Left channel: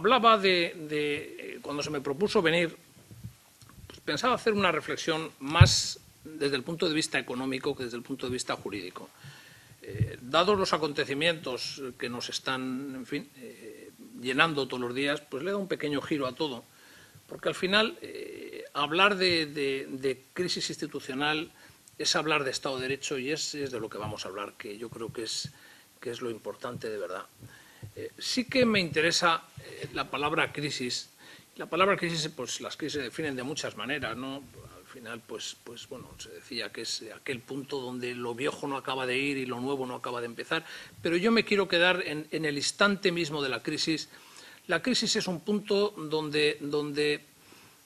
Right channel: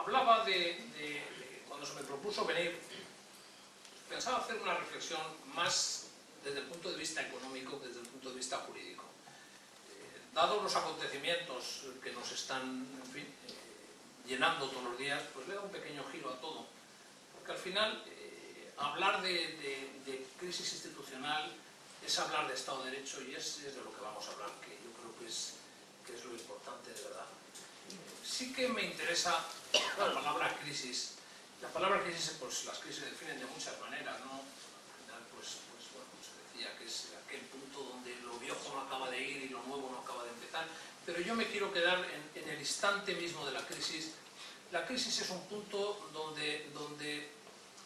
hablaba cuando se me propuso venir, pues pensaba hacer una reflexión más desde el punto de vista económico que desde el punto de vista jurídico. Dados los acontecimientos que nos están, en fin, llenando todos los días, pues le da un pequeño giro a todo, porque al final hablar de crisis institucional es hablar de Estado de Derecho y es de lo que vamos a hablar, que yo creo que es lo importante de verdad. Sí que me interesa la palabra crisis. La palabra crisis, pues las crisis se definen de muchas maneras, ¿no? Al final, pues bueno, se decía que es aquel punto donde lo viejo no acaba de ir y lo nuevo no acaba de empezar, pero yo me quiero quedar en el instante mismo de la crisis. La crisis es un punto donde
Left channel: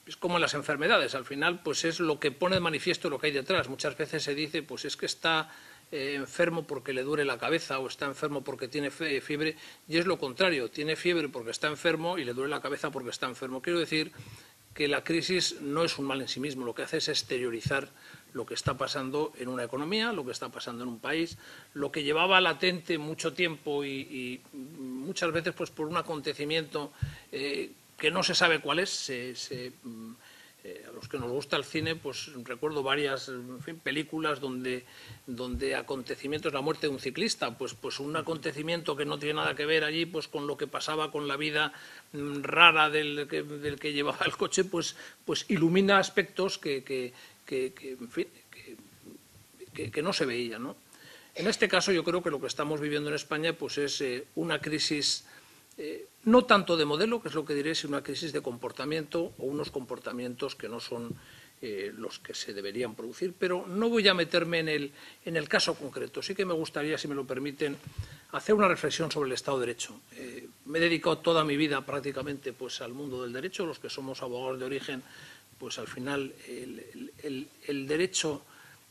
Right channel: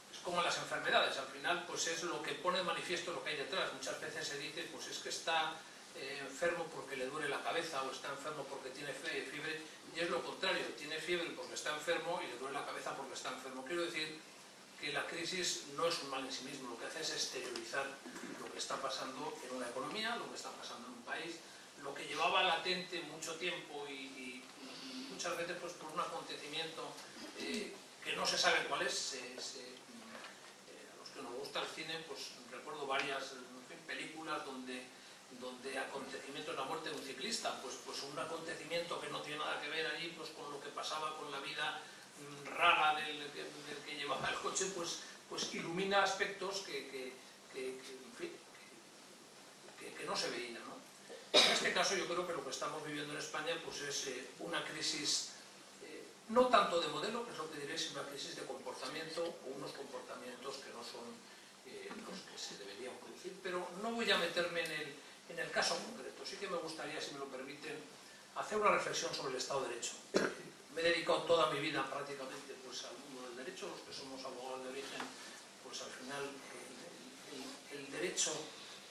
es como en las enfermedades, al final pues es lo que pone de manifiesto lo que hay detrás. Muchas veces se dice, pues es que está enfermo porque le duele la cabeza o está enfermo porque tiene fiebre, y es lo contrario, tiene fiebre porque está enfermo y le duele la cabeza porque está enfermo. Quiero decir que la crisis no es un mal en sí mismo, lo que hace es exteriorizar lo que está pasando en una economía, lo que está pasando en un país, lo que llevaba latente mucho tiempo y muchas veces pues por un acontecimiento que no se sabe cuál es. A los que nos gusta el cine, pues recuerdo varias, en fin, películas donde acontecimientos, la muerte de un ciclista, pues un acontecimiento que no tiene nada que ver allí pues con lo que pasaba con la vida rara del que llevaba el coche, pues ilumina aspectos que en fin, que no se veían, ¿no? En este caso yo creo que lo que estamos viviendo en España pues es una crisis no tanto de modelo, que es lo que diré, sino una crisis de comportamiento o unos comportamientos que no son los que se deberían producir. Pero no voy a meterme en el caso concreto. Sí que me gustaría, si me lo permiten, hacer una reflexión sobre el Estado de Derecho. Me he dedicado toda mi vida prácticamente pues, al mundo del derecho. Los que somos abogados de origen, pues al final el derecho,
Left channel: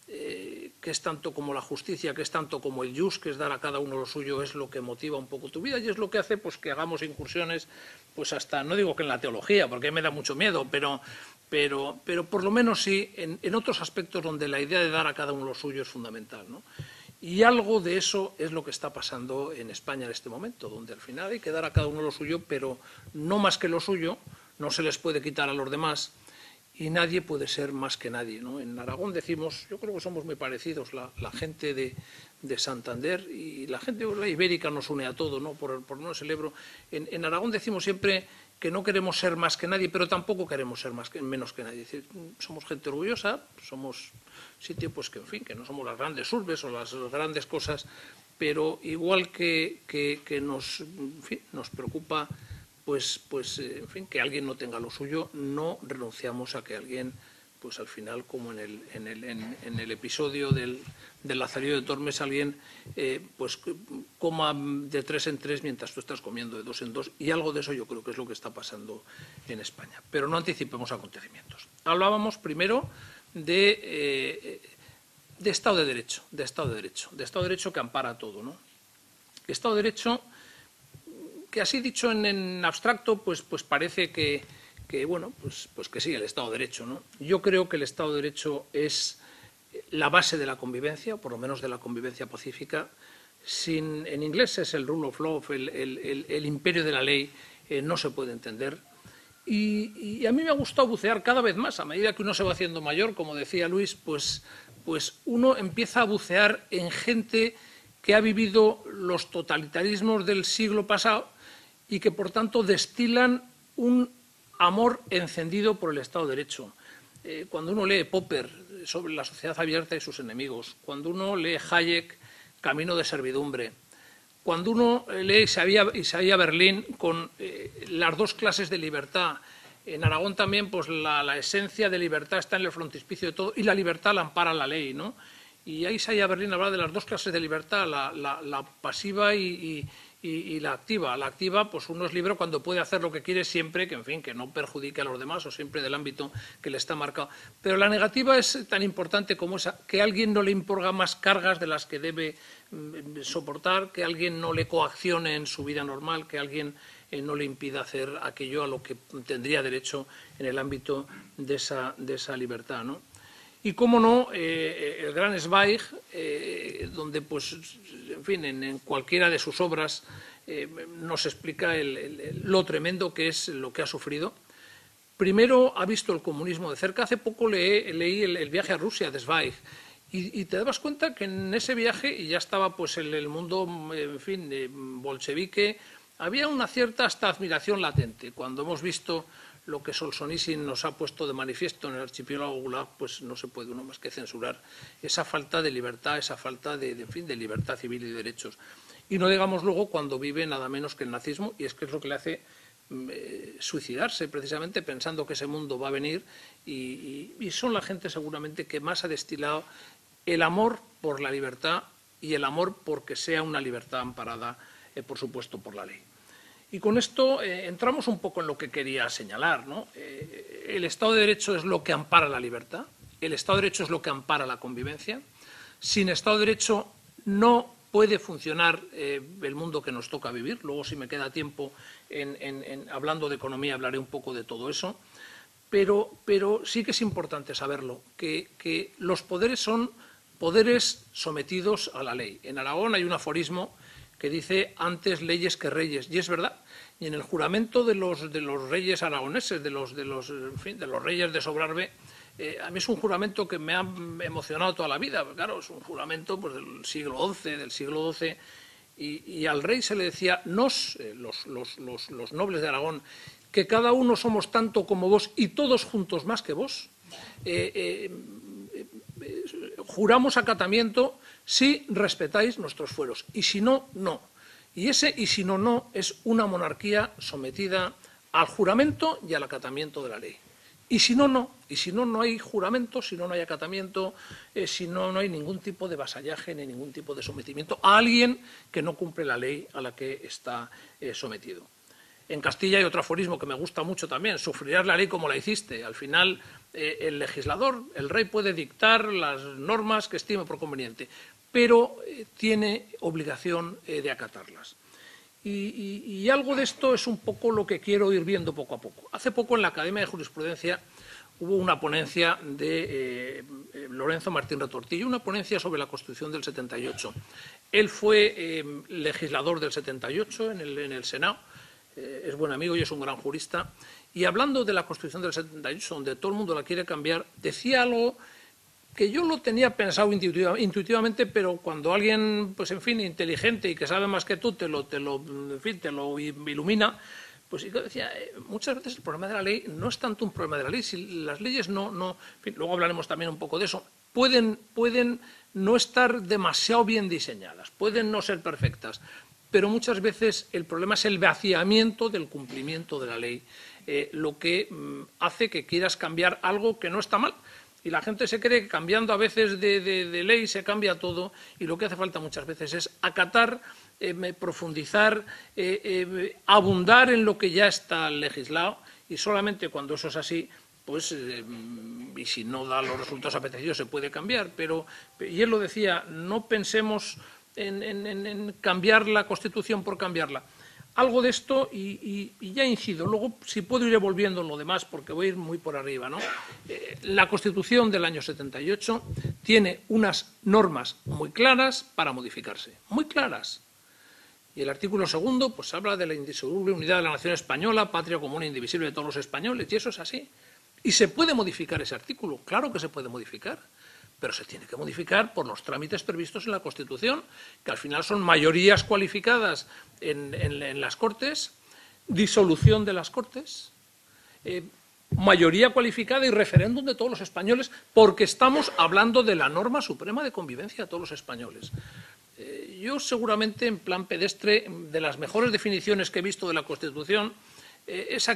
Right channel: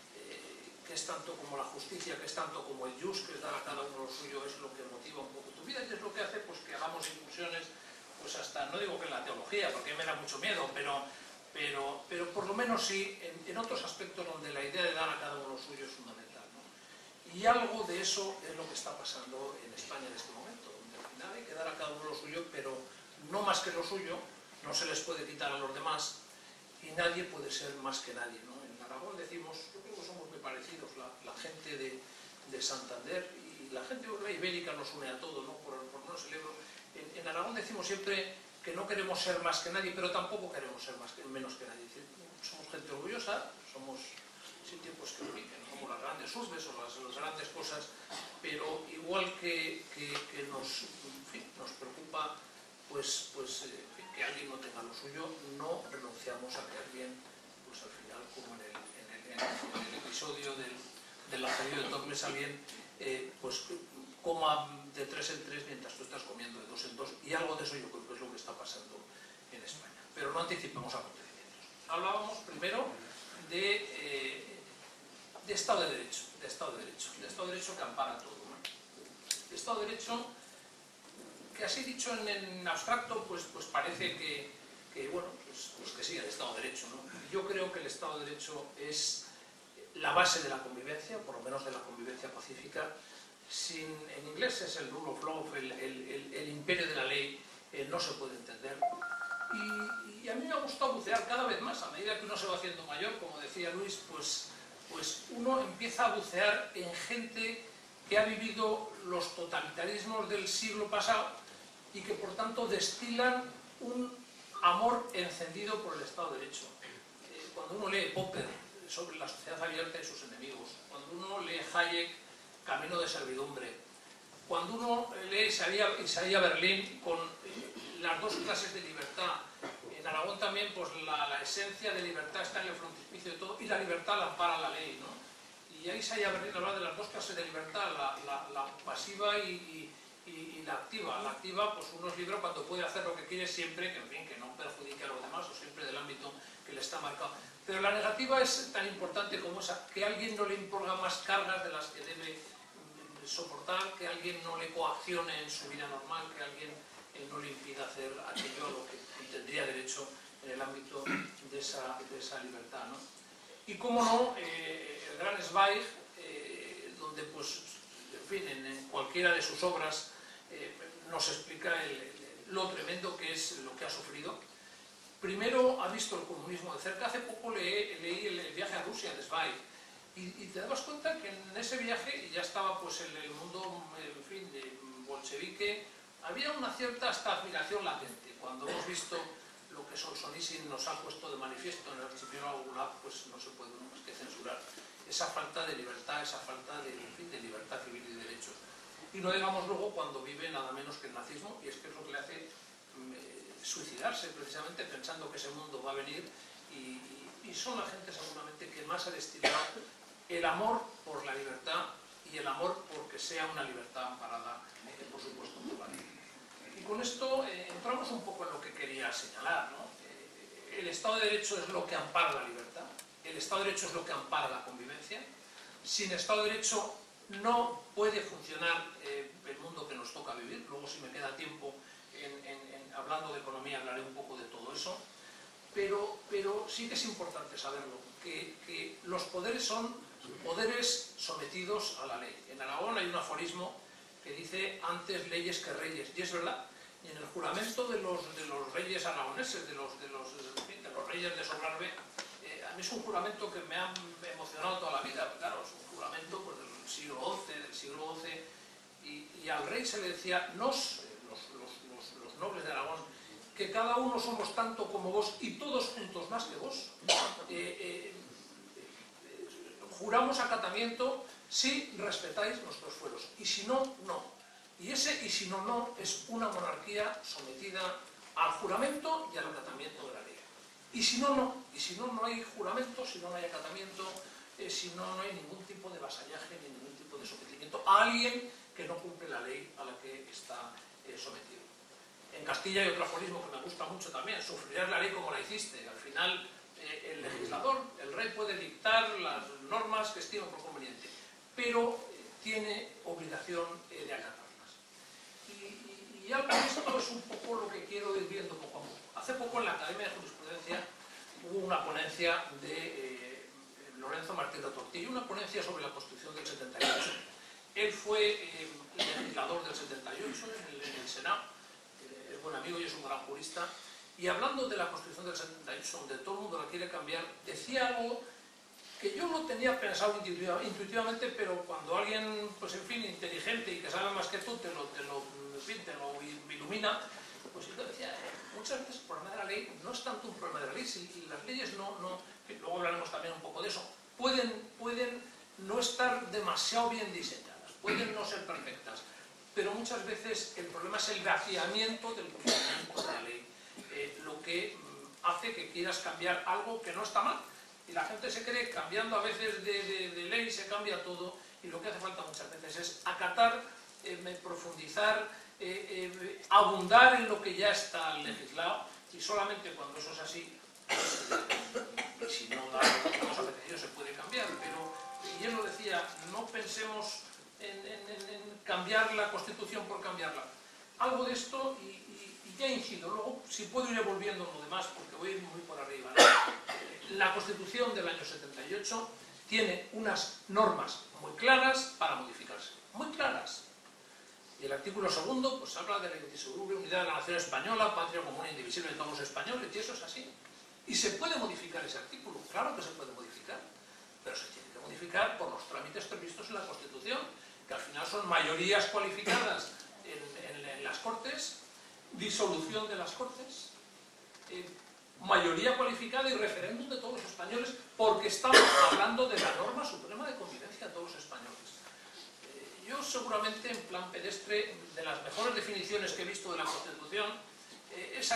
que es tanto como la justicia, que es tanto como el jus, que es dar a cada uno lo suyo, es lo que motiva un poco tu vida y es lo que hace pues, que hagamos incursiones, pues hasta, no digo que en la teología, porque me da mucho miedo, pero por lo menos sí en otros aspectos donde la idea de dar a cada uno lo suyo es fundamental, ¿no? Y algo de eso es lo que está pasando en España en este momento, donde al final hay que dar a cada uno lo suyo, pero no más que lo suyo, no se les puede quitar a los demás, y nadie puede ser más que nadie, ¿no? En Aragón decimos, yo creo que somos muy parecidos, la gente de Santander y la gente la ibérica nos une a todo, ¿no? Por no el Ebro. En Aragón decimos siempre que no queremos ser más que nadie, pero tampoco queremos ser menos que nadie. Es decir, somos gente orgullosa, somos sitio pues que en fin, que no somos las grandes urbes o las grandes cosas, pero igual que nos, en fin, nos preocupa pues en fin, que alguien no tenga lo suyo, no renunciamos a que alguien, pues al final, como en el episodio del Lazarillo de Tormes, alguien pues coma de 3 en 3 mientras tú estás comiendo de 2 en 2, y algo de eso yo creo que es lo que está pasando en España. Pero no anticipemos acontecimientos. Hablábamos primero de Estado de Derecho, de Estado de Derecho que ampara todo, ¿no? Estado de Derecho que así dicho en abstracto, pues parece que bueno, pues que sí, el Estado de Derecho, ¿no? Yo creo que el Estado de Derecho es la base de la convivencia, por lo menos de la convivencia pacífica. En inglés es el rule of law, el imperio de la ley, no se puede entender. Y a mí me ha gustado bucear cada vez más, a medida que uno se va haciendo mayor, como decía Luis, pues uno empieza a bucear en gente que ha vivido los totalitarismos del siglo pasado y que por tanto destilan un amor encendido por el Estado de Derecho. Cuando uno lee Popper sobre la sociedad abierta y sus enemigos, cuando uno lee Hayek, Camino de servidumbre, cuando uno lee Isaiah Berlin con las dos clases de libertad, en Aragón también pues la esencia de libertad está en el frontispicio de todo y la libertad la ampara la ley, ¿no? Y ahí Isaiah Berlin habla de las dos clases de libertad, la pasiva y la activa. La activa, pues uno es libre cuando puede hacer lo que quiere siempre, que en fin, que no perjudique a los demás o siempre del ámbito que le está marcado. Pero la negativa es tan importante como esa, que alguien no le imponga más cargas de las que debe soportar, que alguien no le coaccione en su vida normal, que alguien no le impida hacer aquello a lo que tendría derecho en el ámbito de esa libertad, ¿no? Y cómo no, el gran Zweig, donde pues, en fin, en cualquiera de sus obras nos explica lo tremendo que es lo que ha sufrido. Primero ha visto el comunismo de cerca. Hace poco leí el viaje a Rusia de Zweig y te dabas cuenta que en ese viaje, y ya estaba pues el mundo, en fin, bolchevique, había una cierta hasta admiración latente. Cuando hemos visto lo que Solzhenitsyn nos ha puesto de manifiesto en el archipiélago Gulag, pues no se puede uno más que censurar esa falta de libertad, esa falta de libertad civil y de derechos. Y no digamos luego cuando vive nada menos que el nazismo, y es que es lo que le hace suicidarse precisamente pensando que ese mundo va a venir, y son la gente seguramente que más ha destilado el amor por la libertad y el amor porque sea una libertad amparada, por supuesto, por la ley. Y con esto entramos un poco en lo que quería señalar, ¿no? El Estado de Derecho es lo que ampara la libertad, el Estado de Derecho es lo que ampara la convivencia. Sin Estado de Derecho no puede funcionar el mundo que nos toca vivir. Luego, si me queda tiempo, hablando de economía, hablaré un poco de todo eso. Pero sí que es importante saberlo, que los poderes son poderes sometidos a la ley. En Aragón hay un aforismo que dice antes leyes que reyes, y es verdad. Y en el juramento de los reyes aragoneses, de los reyes de Sobrarbe, a mí es un juramento que me ha emocionado toda la vida. Claro, es un juramento pues, del siglo XI, y al rey se le decía, los nobles de Aragón, que cada uno somos tanto como vos y todos juntos más que vos, juramos acatamiento si respetáis nuestros fueros, y si no, no. Y ese y si no, no es una monarquía sometida al juramento y al acatamiento de la ley. Y si no, no. Y si no, no hay juramento, si no, no hay acatamiento, si no, no hay ningún tipo de vasallaje ni ningún tipo de sometimiento a alguien que no cumple la ley a la que está sometido. En Castilla hay otro aforismo que me gusta mucho también, sufrirás la ley como la hiciste. Al final, el legislador, el rey puede dictar las normas que estime por conveniente, pero tiene obligación de acatarlas. Y algo de esto es un poco lo que quiero ir viendo poco a poco. Hace poco en la Academia de Jurisprudencia hubo una ponencia de Lorenzo Martín Retortillo, una ponencia sobre la Constitución del 78. Él fue legislador del 78 en el Senado, es buen amigo y es un gran jurista, y hablando de la Constitución del 78, donde todo el mundo la quiere cambiar, decía algo que yo lo tenía pensado intuitivamente, pero cuando alguien, pues en fin, inteligente y que sabe más que tú, te lo ilumina, pues yo decía, muchas veces el problema de la ley no es tanto un problema de la ley, si las leyes no en fin, luego hablaremos también un poco de eso, pueden no estar demasiado bien diseñadas, pueden no ser perfectas, pero muchas veces el problema es el vaciamiento del cumplimiento de la ley, lo que hace que quieras cambiar algo que no está mal. Y la gente se cree que cambiando a veces de ley se cambia todo, y lo que hace falta muchas veces es acatar, profundizar, abundar en lo que ya está legislado, y solamente cuando eso es así, pues, y si no da los resultados apetecidos se puede cambiar. Y él lo decía, no pensemos en cambiar la Constitución por cambiarla. Algo de esto, y ya incido, luego si puedo iré volviendo en lo demás porque voy a ir muy por arriba, ¿no? La Constitución del año 78 tiene unas normas muy claras para modificarse, muy claras. Y el artículo 2 pues habla de la indisoluble unidad de la nación española, patria común e indivisible de todos los españoles, y eso es así. ¿Y se puede modificar ese artículo? Claro que se puede modificar, pero se tiene que modificar por los trámites previstos en la Constitución, que al final son mayorías cualificadas en las Cortes, disolución de las Cortes, mayoría cualificada y referéndum de todos los españoles, porque estamos hablando de la norma suprema de convivencia de todos los españoles. Yo seguramente, en plan pedestre, de las mejores definiciones que he visto de la Constitución, es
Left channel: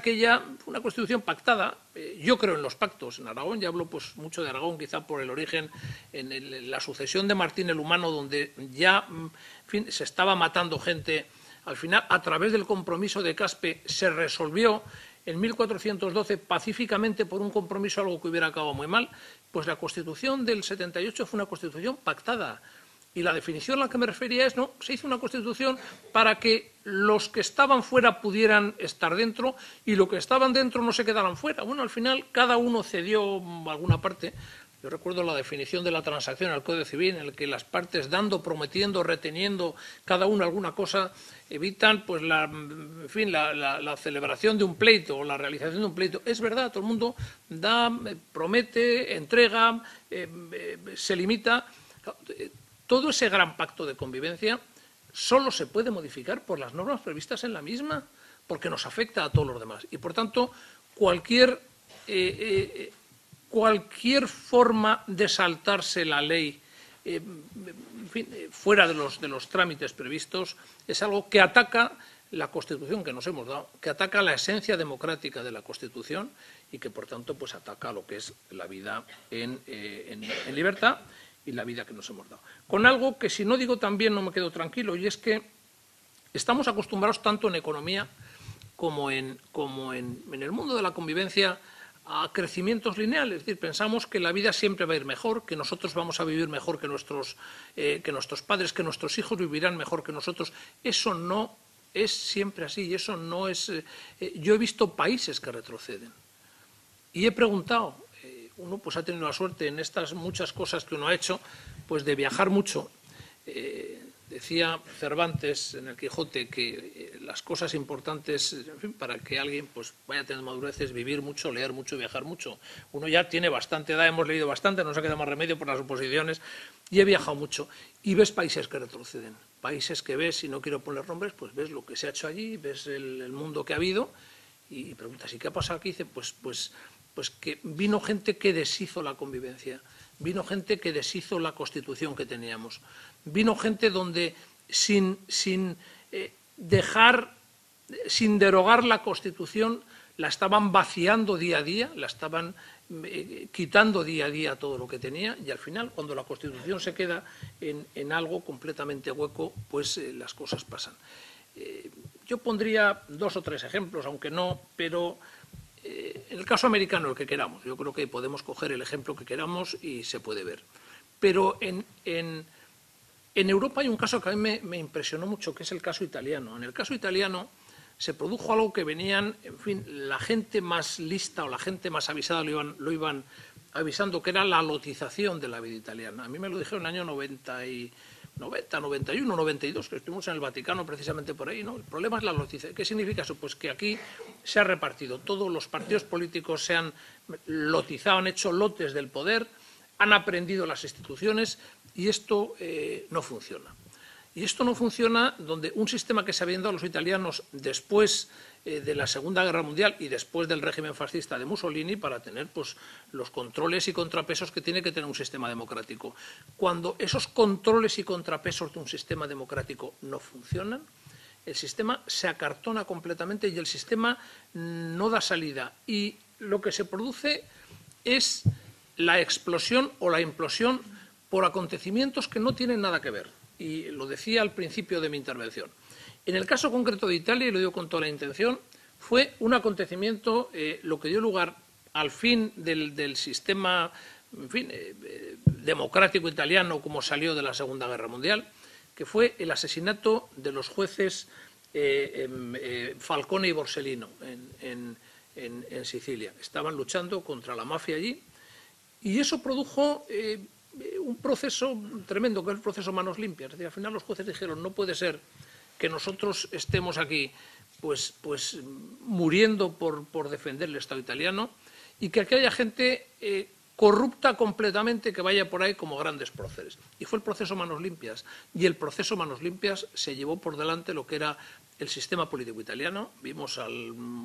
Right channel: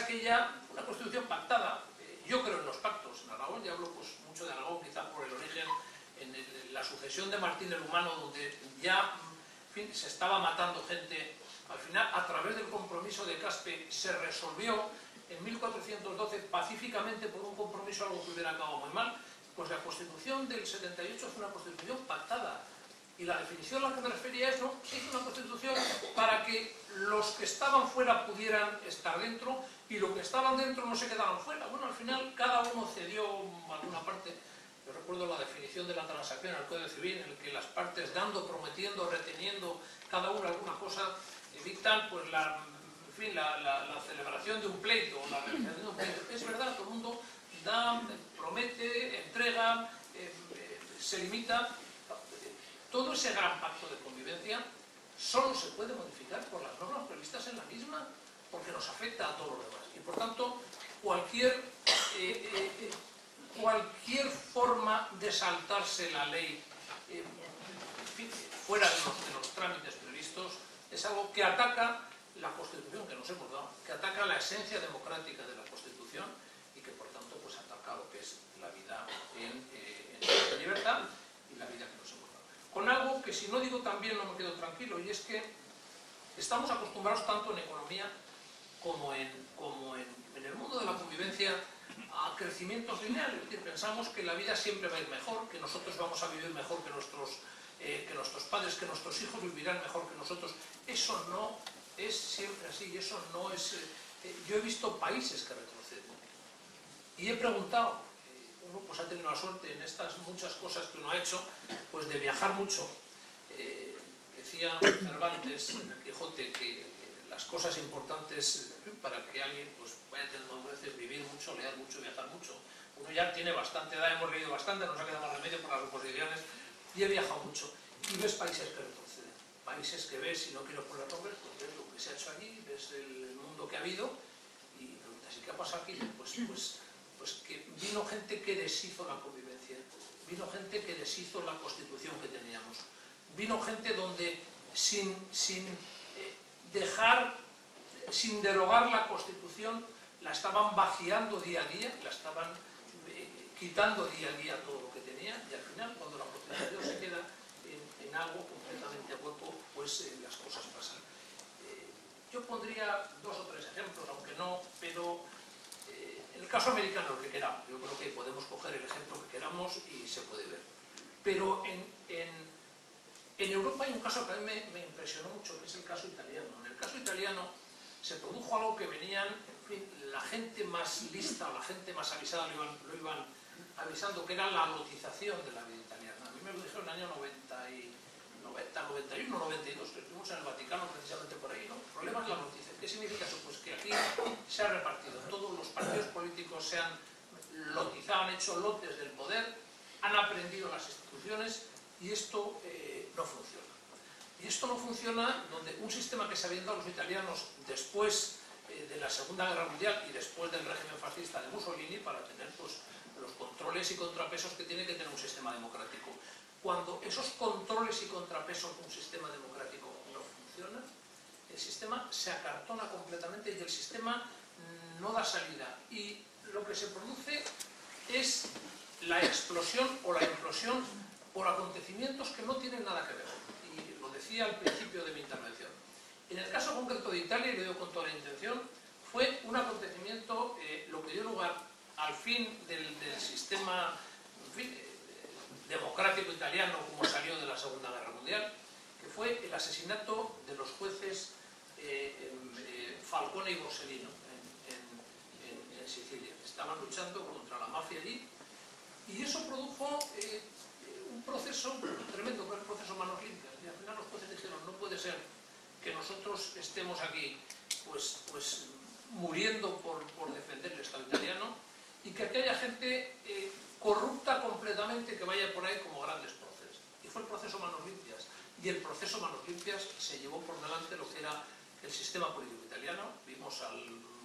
una Constitución pactada. Yo creo en los pactos. En Aragón, ya hablo pues mucho de Aragón, quizá por el origen, en la sucesión de Martín el Humano, donde ya en fin, se estaba matando gente. Al final, a través del compromiso de Caspe, se resolvió en 1412 pacíficamente por un compromiso, algo que hubiera acabado muy mal. Pues la Constitución del 78 fue una Constitución pactada. Y la definición a la que me refería es, no, se hizo una Constitución para que los que estaban fuera pudieran estar dentro y los que estaban dentro no se quedaran fuera. Bueno, al final cada uno cedió alguna parte. Yo recuerdo la definición de la transacción al Código Civil, en el que las partes dando, prometiendo, reteniendo cada una alguna cosa, evitan pues en fin, la celebración de un pleito o la realización de un pleito. Es verdad, todo el mundo da, promete, entrega, se limita. Todo ese gran pacto de convivencia solo se puede modificar por las normas previstas en la misma, porque nos afecta a todos los demás. Y por tanto, cualquier forma de saltarse la ley en fin, fuera de los trámites previstos es algo que ataca la Constitución que nos hemos dado, que ataca la esencia democrática de la Constitución y que por tanto pues ataca lo que es la vida en libertad y la vida que nos hemos dado. Con algo que si no digo también no me quedo tranquilo, y es que estamos acostumbrados tanto en economía como en el mundo de la convivencia a crecimientos lineales. Es decir, pensamos que la vida siempre va a ir mejor, que nosotros vamos a vivir mejor que nuestros padres, que nuestros hijos vivirán mejor que nosotros. Eso no es siempre así, eso no es... yo he visto países que retroceden y he preguntado, uno pues ha tenido la suerte en estas muchas cosas que uno ha hecho, pues de viajar mucho. Decía Cervantes en el Quijote que las cosas importantes, en fin, para que alguien pues vaya a tener madurez es vivir mucho, leer mucho, viajar mucho. Uno ya tiene bastante edad, hemos leído bastante, no nos ha quedado más remedio por las oposiciones, y he viajado mucho. Y ves países que retroceden, países que ves, y no quiero poner nombres, pues ves lo que se ha hecho allí, ves el mundo que ha habido, y preguntas, ¿y qué ha pasado aquí? Dice, pues que vino gente que deshizo la convivencia, vino gente que deshizo la Constitución que teníamos, vino gente donde sin derogar la Constitución la estaban vaciando día a día, la estaban quitando día a día todo lo que tenía, y al final cuando la Constitución se queda en algo completamente hueco, pues las cosas pasan. Yo pondría 2 o 3 ejemplos, aunque no, pero en el caso americano, el que queramos. Yo creo que podemos coger el ejemplo que queramos y se puede ver. Pero en Europa hay un caso que a mí me impresionó mucho, que es el caso italiano. En el caso italiano se produjo algo que venían, en fin, la gente más lista o la gente más avisada lo iban avisando, que era la lotización de la vida italiana. A mí me lo dijeron en el año 90, 91, 92, que estuvimos en el Vaticano precisamente por ahí, ¿no? El problema es la lotización. ¿Qué significa eso? Pues que aquí se ha repartido, todos los partidos políticos se han lotizado, han hecho lotes del poder, han aprendido las instituciones y esto no funciona. Y esto no funciona donde un sistema que se habían dado los italianos después de la Segunda Guerra Mundial y después del régimen fascista de Mussolini para tener pues, los controles y contrapesos que tiene que tener un sistema democrático. Cuando esos controles y contrapesos de un sistema democrático no funcionan, el sistema se acartona completamente y el sistema no da salida. Y lo que se produce es la explosión o la implosión por acontecimientos que no tienen nada que ver. Y lo decía al principio de mi intervención. En el caso concreto de Italia, y lo digo con toda la intención, fue un acontecimiento lo que dio lugar al fin del sistema en fin, democrático italiano como salió de la Segunda Guerra Mundial, que fue el asesinato de los jueces Falcone y Borsellino en Sicilia. Estaban luchando contra la mafia allí y eso produjo un proceso tremendo, que es el proceso manos limpias. Es decir, al final los jueces dijeron, no puede ser que nosotros estemos aquí pues muriendo por defender el Estado italiano y que aquí haya gente corrupta completamente que vaya por ahí como grandes próceres. Y fue el proceso manos limpias. Y el proceso manos limpias se llevó por delante lo que era el sistema político italiano. Vimos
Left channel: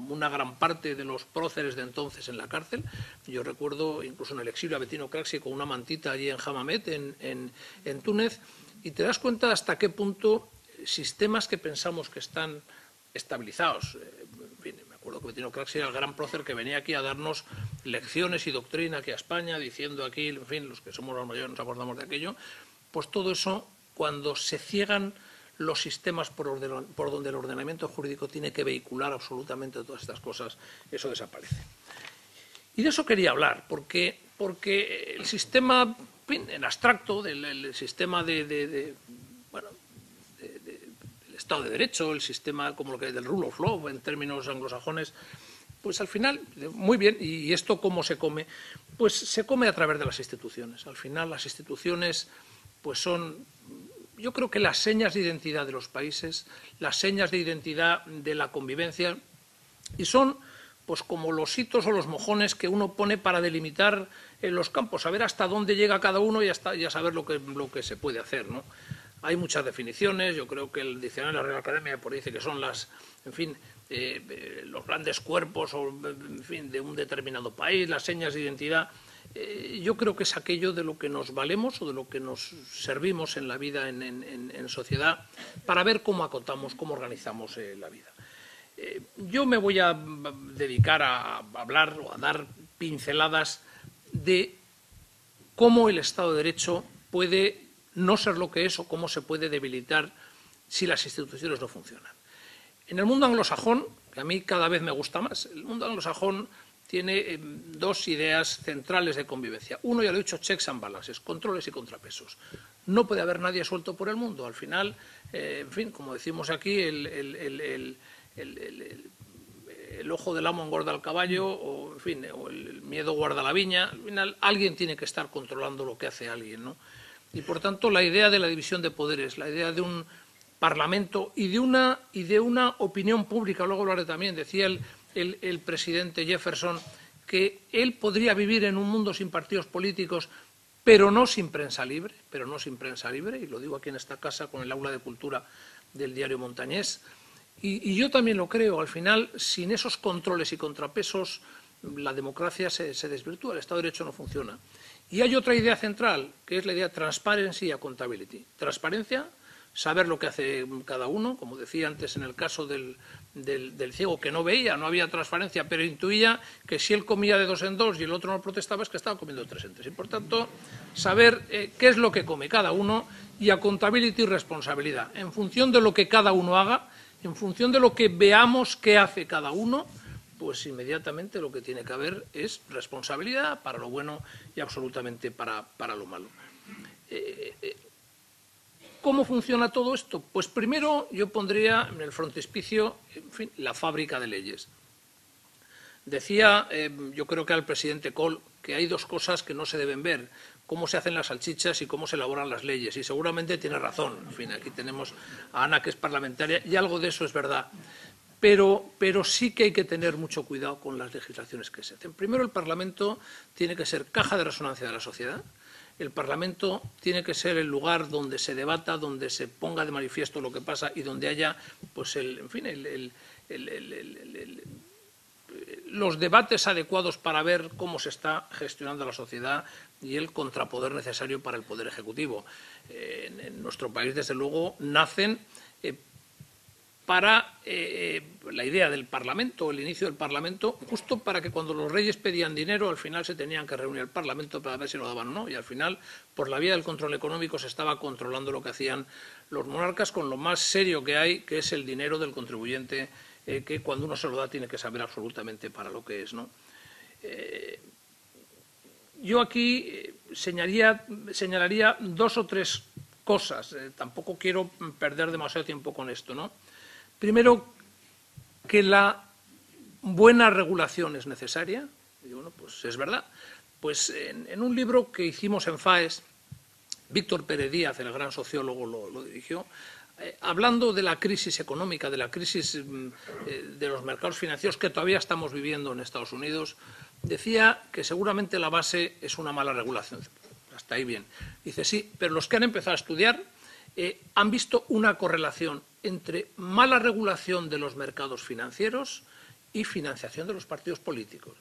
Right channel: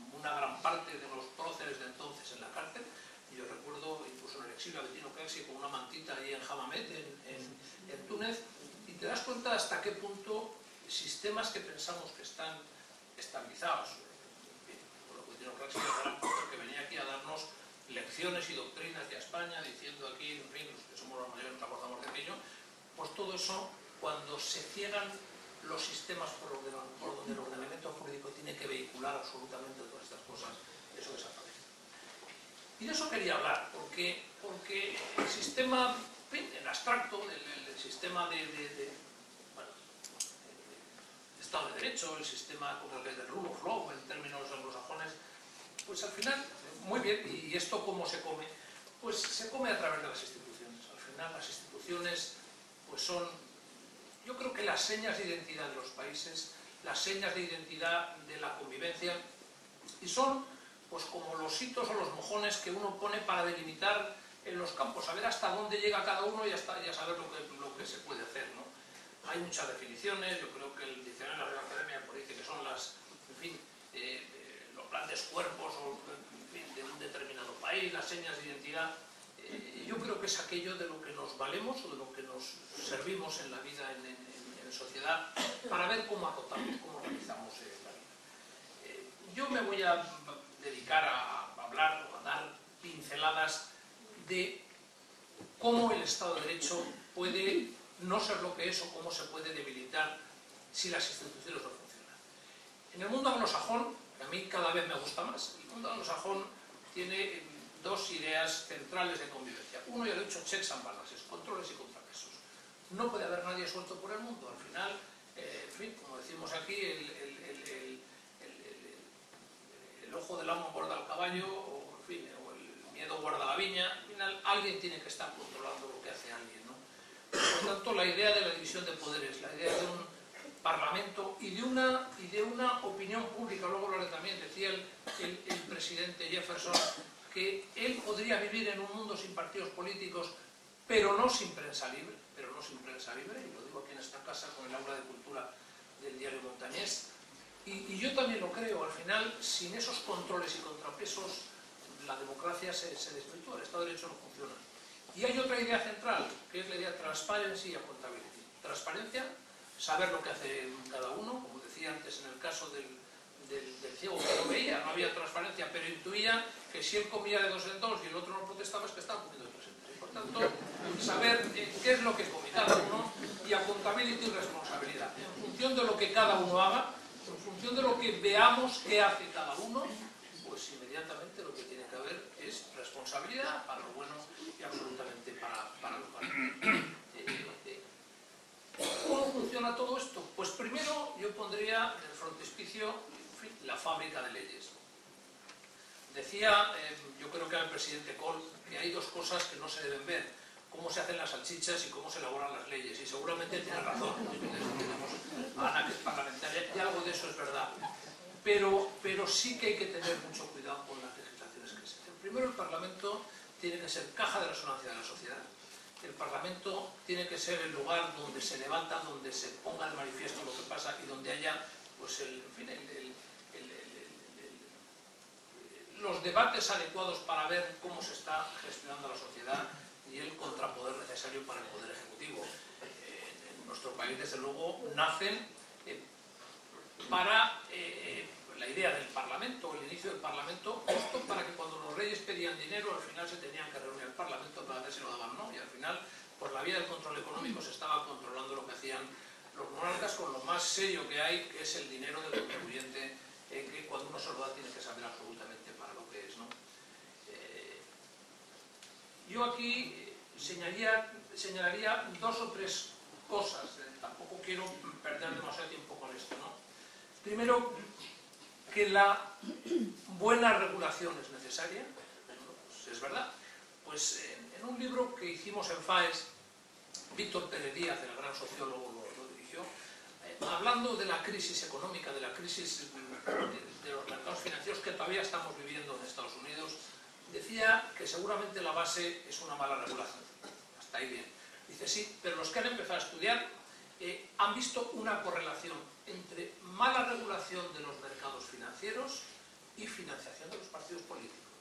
una gran parte de los próceres de entonces en la cárcel. Yo recuerdo incluso en el exilio a Bettino Craxi con una mantita allí en Hammamet, en Túnez, y te das cuenta hasta qué punto sistemas que pensamos que están estabilizados. Me acuerdo que Bettino Craxi era el gran prócer que venía aquí a darnos lecciones y doctrina aquí a España, diciendo aquí, en fin, los que somos los mayores nos acordamos de aquello. Pues todo eso, cuando se ciegan los sistemas por donde el ordenamiento jurídico tiene que vehicular absolutamente todas estas cosas, eso desaparece. Y de eso quería hablar, porque el sistema en abstracto, el sistema del Estado de Derecho, el sistema como lo que es del rule of law en términos anglosajones, pues al final, muy bien, ¿y esto cómo se come? Pues se come a través de las instituciones. Al final las instituciones pues son, yo creo que las señas de identidad de los países, las señas de identidad de la convivencia, y son pues como los hitos o los mojones que uno pone para delimitar en los campos, saber hasta dónde llega cada uno y ya saber lo que se puede hacer, ¿no? Hay muchas definiciones, yo creo que el diccionario de la Real Academia por dice que son en fin, los grandes cuerpos o, en fin, de un determinado país, las señas de identidad. Yo creo que es aquello de lo que nos valemos o de lo que nos servimos en la vida en sociedad para ver cómo acotamos, cómo organizamos la vida. Yo me voy a dedicar a hablar o a dar pinceladas de cómo el Estado de Derecho puede no ser lo que es o cómo se puede debilitar si las instituciones no funcionan. En el mundo anglosajón, que a mí cada vez me gusta más, el mundo anglosajón tiene dos ideas centrales de convivencia. Uno, ya lo he dicho, checks and balances, controles y contrapesos. No puede haber nadie suelto por el mundo. Al final, en fin, como decimos aquí, el ojo del amo engorda al caballo, o, en fin, o el miedo guarda la viña. Al final, alguien tiene que estar controlando lo que hace alguien, ¿no? Y por tanto, la idea de la división de poderes, la idea de un parlamento y de una opinión pública, luego lo haré también, decía el presidente Jefferson que él podría vivir en un mundo sin partidos políticos, pero no sin prensa libre, y lo digo aquí en esta casa con el aula de cultura del diario Montañés, y yo también lo creo. Al final, sin esos controles y contrapesos, la democracia se desvirtúa, el Estado de Derecho no funciona. Y hay otra idea central, que es la idea transparency y accountability. Transparencia, saber lo que hace cada uno, como decía antes en el caso del ciego, que no veía, no había transparencia, pero intuía que si él comía de 2 en 2 y el otro no protestaba, es que estaba comiendo de 3 en 3. Y por tanto, saber qué es lo que come cada uno, y accountability y responsabilidad. En función de lo que cada uno haga, en función de lo que veamos que hace cada uno, pues inmediatamente lo que tiene que haber es responsabilidad para lo bueno y absolutamente para lo malo. ¿Cómo funciona todo esto? Pues primero yo pondría en el frontispicio, en fin, la fábrica de leyes. Decía, yo creo que era el presidente Kohl, que hay dos cosas que no se deben ver: cómo se hacen las salchichas y cómo se elaboran las leyes. Y seguramente tiene razón. En fin, aquí tenemos a Ana, que es parlamentaria, y algo de eso es verdad. Pero sí que hay que tener mucho cuidado con las legislaciones que se hacen. Primero, el Parlamento tiene que ser caja de resonancia de la sociedad. El Parlamento tiene que ser el lugar donde se debata, donde se ponga de manifiesto lo que pasa y donde haya, pues, los debates adecuados para ver cómo se está gestionando la sociedad y el contrapoder necesario para el Poder Ejecutivo. En nuestro país, desde luego, nacen para la idea del Parlamento, el inicio del Parlamento, justo para que cuando los reyes pedían dinero, al final se tenían que reunir el Parlamento para ver si lo daban o no, y al final, por la vía del control económico, se estaba controlando lo que hacían los monarcas con lo más serio que hay, que es el dinero del contribuyente, que cuando uno se lo da tiene que saber absolutamente para lo que es, ¿no? Yo aquí señalaría 2 o 3 cosas, tampoco quiero perder demasiado tiempo con esto, ¿no? Primero, que la buena regulación es necesaria. Bueno, pues es verdad. Pues en un libro que hicimos en FAES, Víctor Pérez Díaz, el gran sociólogo, lo dirigió, hablando de la crisis económica, de la crisis de los mercados financieros que todavía estamos viviendo en Estados Unidos, decía que seguramente la base es una mala regulación. Hasta ahí bien. Dice, sí, pero los que han empezado a estudiar han visto una correlación entre mala regulación de los mercados financieros y financiación de los partidos políticos.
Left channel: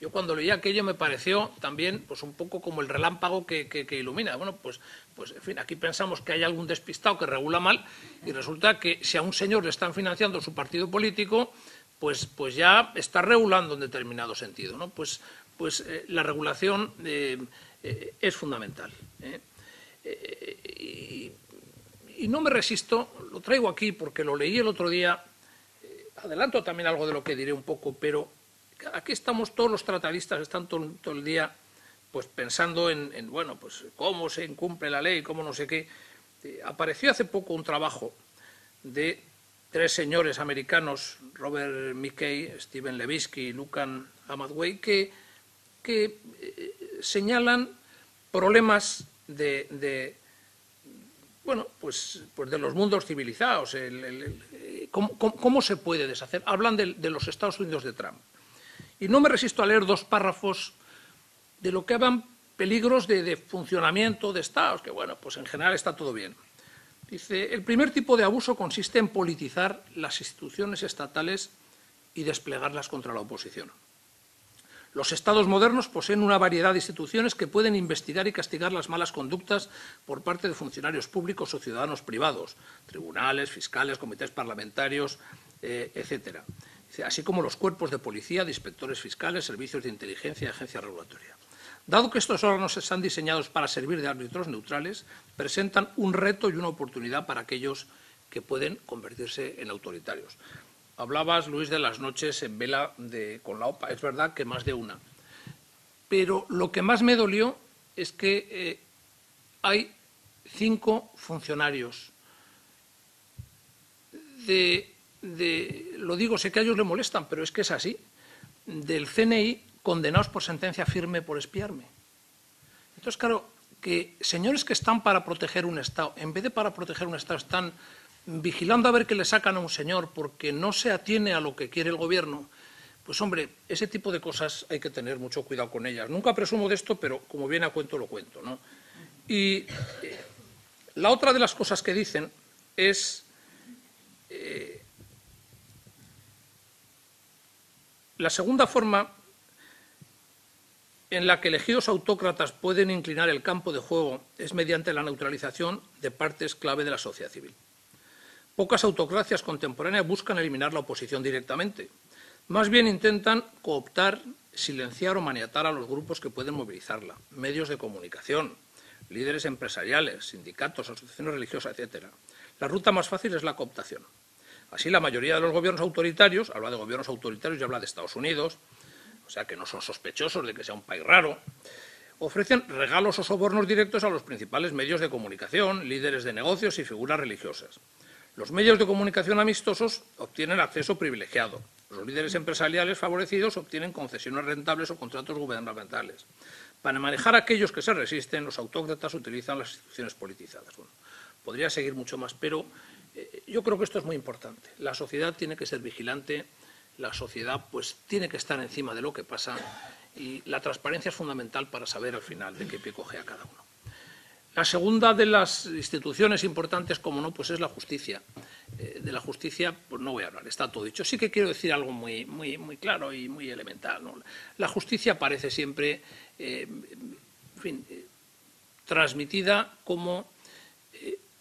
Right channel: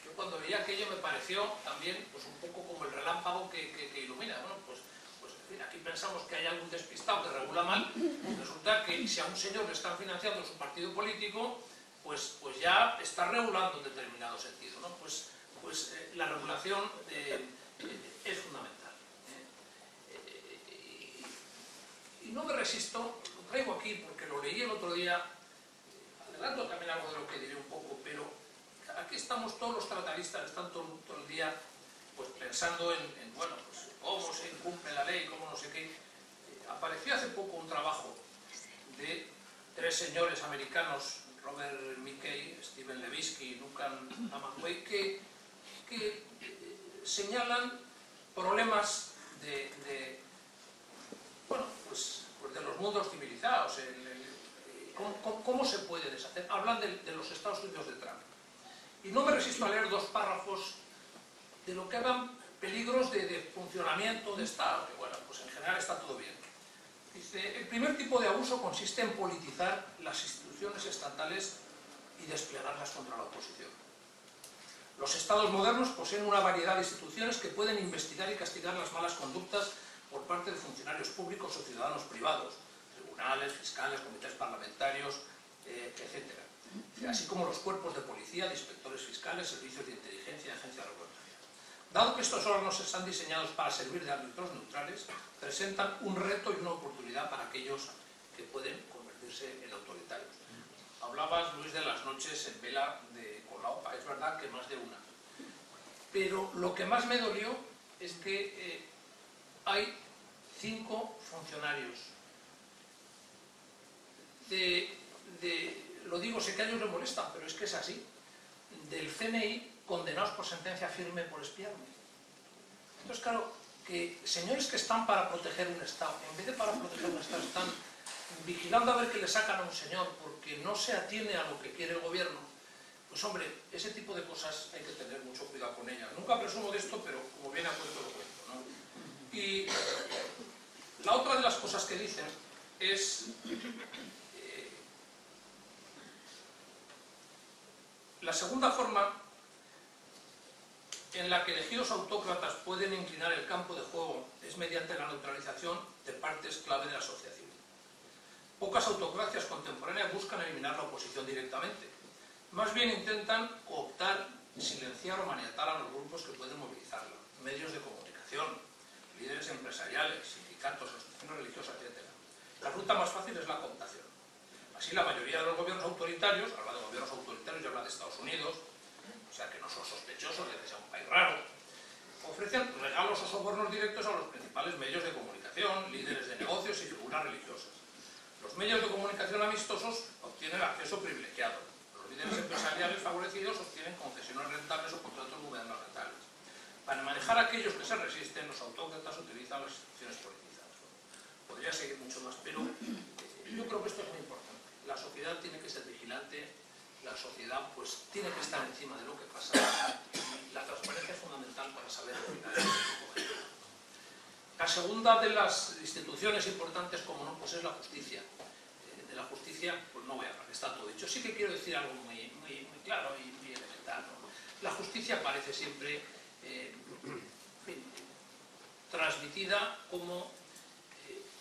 Yo cuando leí aquello me pareció también, pues, un poco como el relámpago que ilumina. Bueno, pues en fin, aquí pensamos que hay algún despistado que regula mal y resulta que si a un señor le están financiando su partido político, pues ya está regulando en determinado sentido, ¿no? Pues la regulación es fundamental. Y no me resisto, lo traigo aquí porque lo leí el otro día, adelanto también algo de lo que diré un poco, pero aquí estamos todos los tratadistas, están todo el día pues pensando en bueno, pues cómo se incumple la ley, cómo no sé qué. Apareció hace poco un trabajo de 3 señores americanos, Robert McKay, Stephen Levitsky y Lucan Amadway, que señalan problemas de bueno, pues de los mundos civilizados, ¿cómo se puede deshacer? Hablan de los Estados Unidos de Trump. Y no me resisto a leer 2 párrafos de lo que hablan peligros de funcionamiento de Estados, que bueno, pues en general está todo bien. Dice, el primer tipo de abuso consiste en politizar las instituciones estatales y desplegarlas contra la oposición. Los estados modernos poseen una variedad de instituciones que pueden investigar y castigar las malas conductas por parte de funcionarios públicos o ciudadanos privados, tribunales, fiscales, comités parlamentarios, etc. Así como los cuerpos de policía, de inspectores fiscales, servicios de inteligencia y agencias regulatorias. Dado que estos órganos están diseñados para servir de árbitros neutrales, presentan un reto y una oportunidad para aquellos que pueden convertirse en autoritarios. Hablabas, Luis, de las noches en vela con la OPA. Es verdad que más de una. Pero lo que más me dolió es que hay 5 funcionarios lo digo, sé que a ellos les molestan, pero es que es así, del CNI condenados por sentencia firme por espiarme. Entonces, claro, que señores que están para proteger un Estado, en vez de para proteger un Estado, están vigilando a ver qué le sacan a un señor porque no se atiene a lo que quiere el gobierno, pues hombre, ese tipo de cosas hay que tener mucho cuidado con ellas. Nunca presumo de esto, pero como viene a cuento lo cuento, ¿no? Y la otra de las cosas que dicen es la segunda forma en la que elegidos autócratas pueden inclinar el campo de juego es mediante la neutralización de partes clave de la sociedad civil. Pocas autocracias contemporáneas buscan eliminar la oposición directamente. Más bien intentan cooptar, silenciar o maniatar a los grupos que pueden movilizarla, medios de comunicación, líderes empresariales, sindicatos, asociaciones religiosas, etc. La ruta más fácil es la cooptación. Así, la mayoría de los gobiernos autoritarios, habla de gobiernos autoritarios y habla de Estados Unidos, o sea que no son sospechosos de que sea un país raro, ofrecen regalos o sobornos directos a los principales medios de comunicación, líderes de negocios y figuras religiosas. Los medios de comunicación amistosos obtienen acceso privilegiado. Los líderes empresariales favorecidos obtienen concesiones rentables o contratos gubernamentales. Para manejar a aquellos que se resisten, los autócratas utilizan las instituciones politizadas. Bueno, podría seguir mucho más, pero yo creo que esto es muy importante. La sociedad tiene que ser vigilante, la sociedad pues tiene que estar encima de lo que pasa y la transparencia es fundamental para saber al final en qué tipo coge cada uno. La segunda de las instituciones importantes, como no, pues es la justicia. De la justicia pues no voy a hablar, está todo dicho. Sí que quiero decir algo muy claro y muy elemental, ¿no? La justicia aparece siempre en fin, transmitida como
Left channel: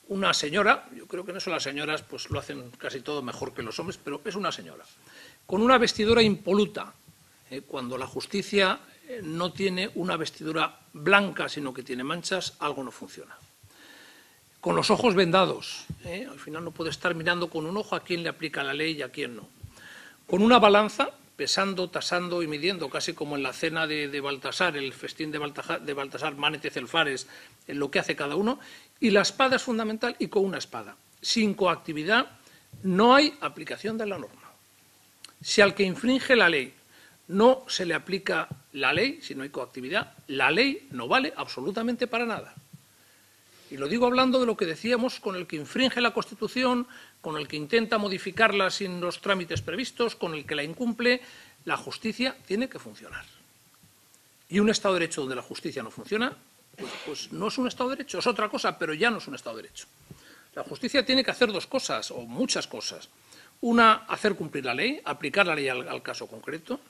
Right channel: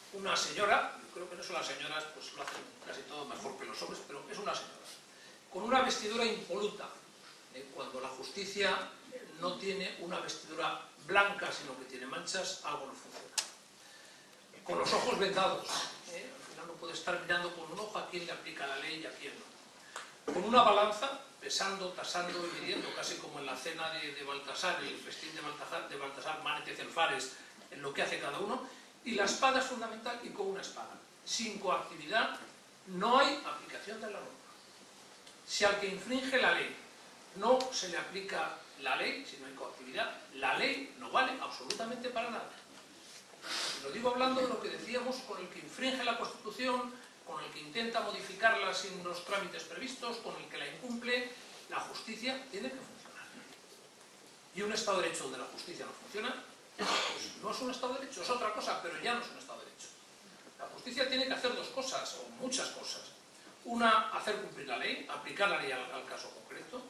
una señora, yo creo que en eso las señoras pues lo hacen casi todo mejor que los hombres, pero es una señora, con una vestidura impoluta. Cuando la justicia no tiene una vestidura blanca, sino que tiene manchas, algo no funciona. Con los ojos vendados, al final no puede estar mirando con un ojo a quién le aplica la ley y a quién no. Con una balanza, pesando, tasando y midiendo, casi como en la cena de Baltasar, el festín de Baltasar, Manetez el Fares, en lo que hace cada uno, y la espada es fundamental, y con una espada. Sin coactividad no hay aplicación de la norma. Si al que infringe la ley no se le aplica la ley, si no hay coactividad, la ley no vale absolutamente para nada. Y lo digo hablando de lo que decíamos con el que infringe la Constitución, con el que intenta modificarla sin los trámites previstos, con el que la incumple. La justicia tiene que funcionar. Y un Estado de Derecho donde la justicia no funciona, pues no es un Estado de Derecho, es otra cosa, pero ya no es un Estado de Derecho. La justicia tiene que hacer 2 cosas, o muchas cosas. Una, hacer cumplir la ley, aplicar la ley al caso concreto.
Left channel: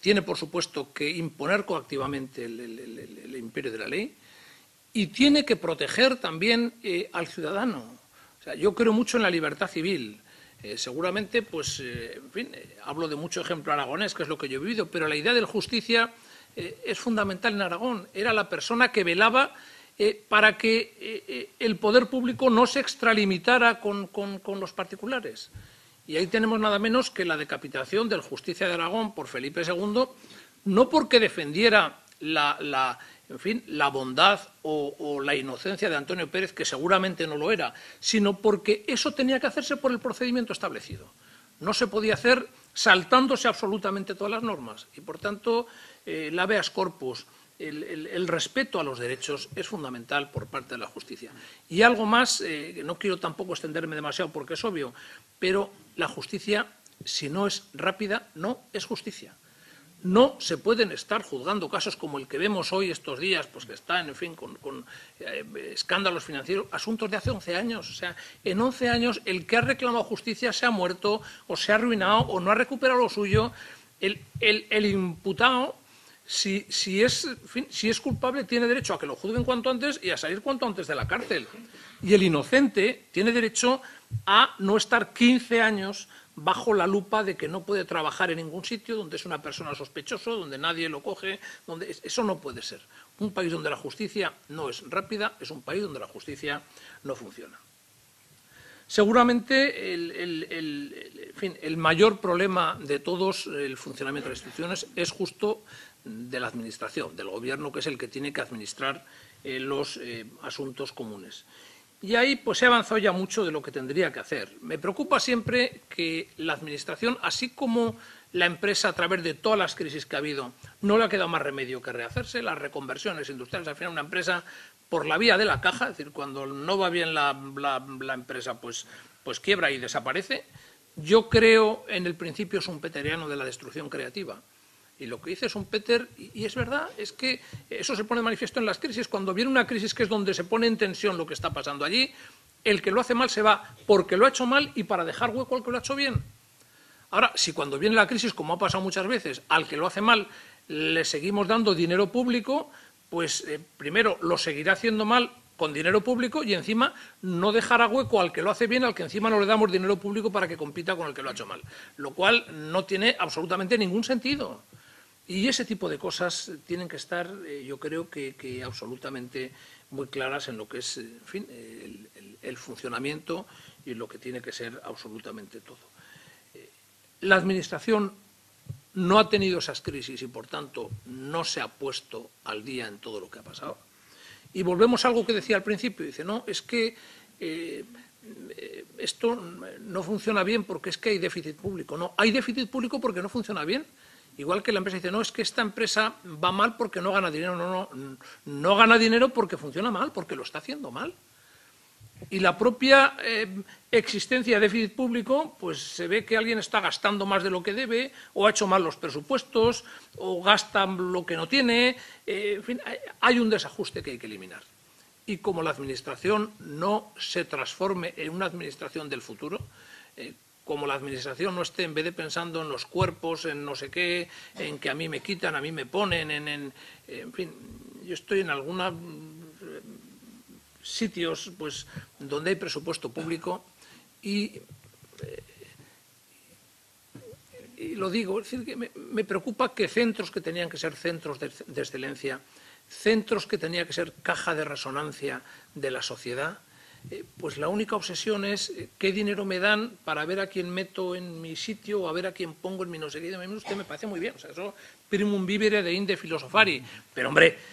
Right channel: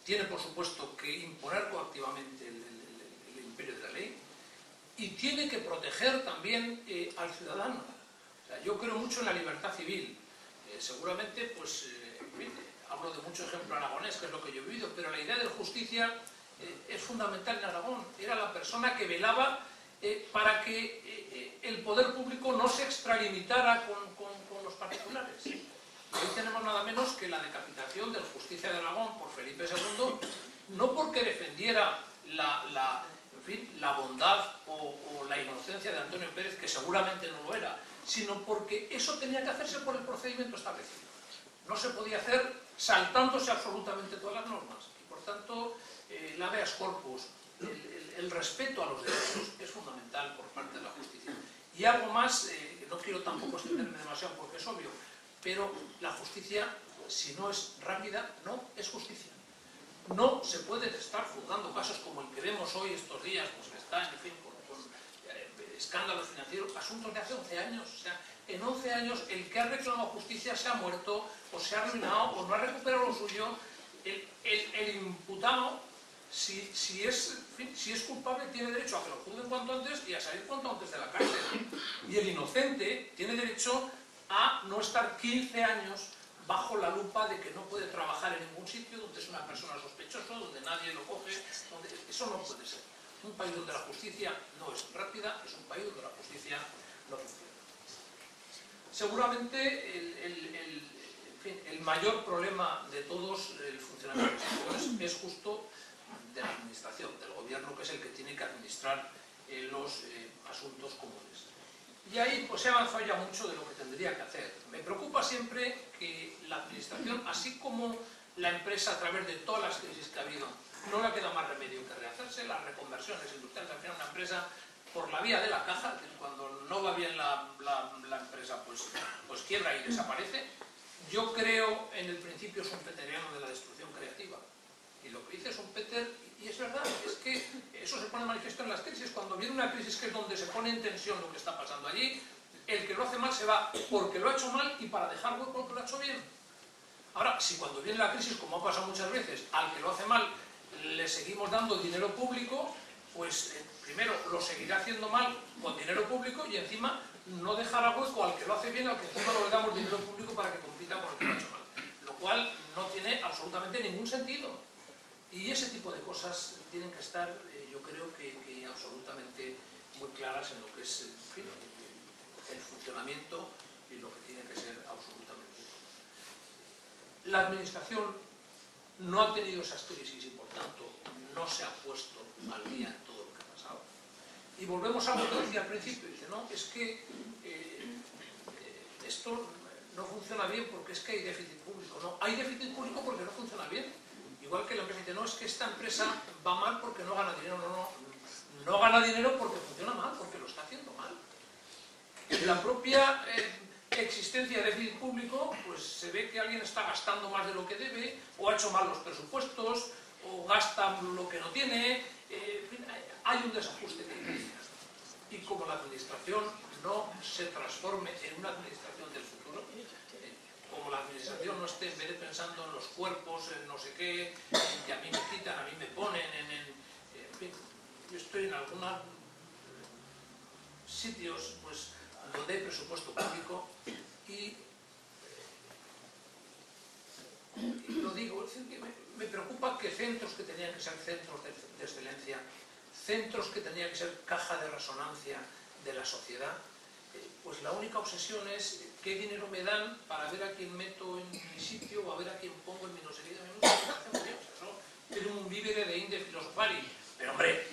Tiene, por supuesto, que imponer coactivamente el imperio de la ley. Y tiene que proteger también al ciudadano. O sea, yo creo mucho en la libertad civil. Seguramente, pues, en fin, hablo de mucho ejemplo aragonés, que es lo que yo he vivido, pero la idea de la justicia es fundamental en Aragón. Era la persona que velaba para que el poder público no se extralimitara con los particulares. Y ahí tenemos nada menos que la decapitación del Justicia de Aragón por Felipe II, no porque defendiera en fin, la bondad o la inocencia de Antonio Pérez, que seguramente no lo era, sino porque eso tenía que hacerse por el procedimiento establecido. No se podía hacer saltándose absolutamente todas las normas. Y, por tanto, el habeas corpus, el respeto a los derechos es fundamental por parte de la justicia. Y algo más, no quiero tampoco extenderme demasiado porque es obvio, pero la justicia, si no es rápida, no es justicia. No se pueden estar juzgando casos como el que vemos hoy estos días, pues que está, en fin, con escándalos financieros, asuntos de hace 11 años. O sea, en 11 años el que ha reclamado justicia se ha muerto, o se ha arruinado, o no ha recuperado lo suyo. El imputado, si es culpable, tiene derecho a que lo juzguen cuanto antes y a salir cuanto antes de la cárcel. Y el inocente tiene derecho a no estar 15 años bajo la lupa de que no puede trabajar en ningún sitio, donde es una persona sospechosa, donde nadie lo coge, donde eso no puede ser. Un país donde la justicia no es rápida es un país donde la justicia no funciona. Seguramente el mayor problema de todos el funcionamiento de las instituciones es justo de la administración, del gobierno, que es el que tiene que administrar los asuntos comunes. Y ahí pues se ha avanzado ya mucho de lo que tendría que hacer. Me preocupa siempre que la administración, así como la empresa a través de todas las crisis que ha habido, no le ha quedado más remedio que rehacerse, las reconversiones industriales, al final una empresa por la vía de la caja, es decir, cuando no va bien la empresa pues quiebra y desaparece. Yo creo en el principio schumpeteriano de la destrucción creativa. Y lo que dice Schumpeter, y es verdad, es que eso se pone de manifiesto en las crisis. Cuando viene una crisis, que es donde se pone en tensión lo que está pasando allí, el que lo hace mal se va porque lo ha hecho mal y para dejar hueco al que lo ha hecho bien. Ahora, si cuando viene la crisis, como ha pasado muchas veces, al que lo hace mal le seguimos dando dinero público, pues primero lo seguirá haciendo mal con dinero público y encima no dejará hueco al que lo hace bien, al que encima no le damos dinero público para que compita con el que lo ha hecho mal. Lo cual no tiene absolutamente ningún sentido. Y ese tipo de cosas tienen que estar, yo creo que absolutamente muy claras en lo que es, en fin, el funcionamiento y lo que tiene que ser absolutamente todo. La Administración no ha tenido esas crisis y, por tanto, no se ha puesto al día en todo lo que ha pasado. Y volvemos a algo que decía al principio, dice, no, es que esto no funciona bien porque es que hay déficit público. No, hay déficit público porque no funciona bien. Igual que la empresa dice, no, es que esta empresa va mal porque no gana dinero. No gana dinero porque funciona mal, porque lo está haciendo mal. Y la propia existencia de déficit público, pues se ve que alguien está gastando más de lo que debe, o ha hecho mal los presupuestos, o gasta lo que no tiene. En fin, hay un desajuste que hay que eliminar. Y como la administración no se transforme en una administración del futuro, como la administración no esté, en vez de pensando en los cuerpos, en no sé qué, en que a mí me quitan, a mí me ponen, en fin, yo estoy en algunos sitios pues, donde hay presupuesto público y lo digo, es decir, que me preocupa que centros que tenían que ser centros de excelencia, centros que tenían que ser caja de resonancia de la sociedad, pues la única obsesión es qué dinero me dan para ver a quién meto en mi sitio o a ver a quién pongo en mi no sé qué. Me parece muy bien, o sea, eso primum vivere de inde filosofari, pero hombre,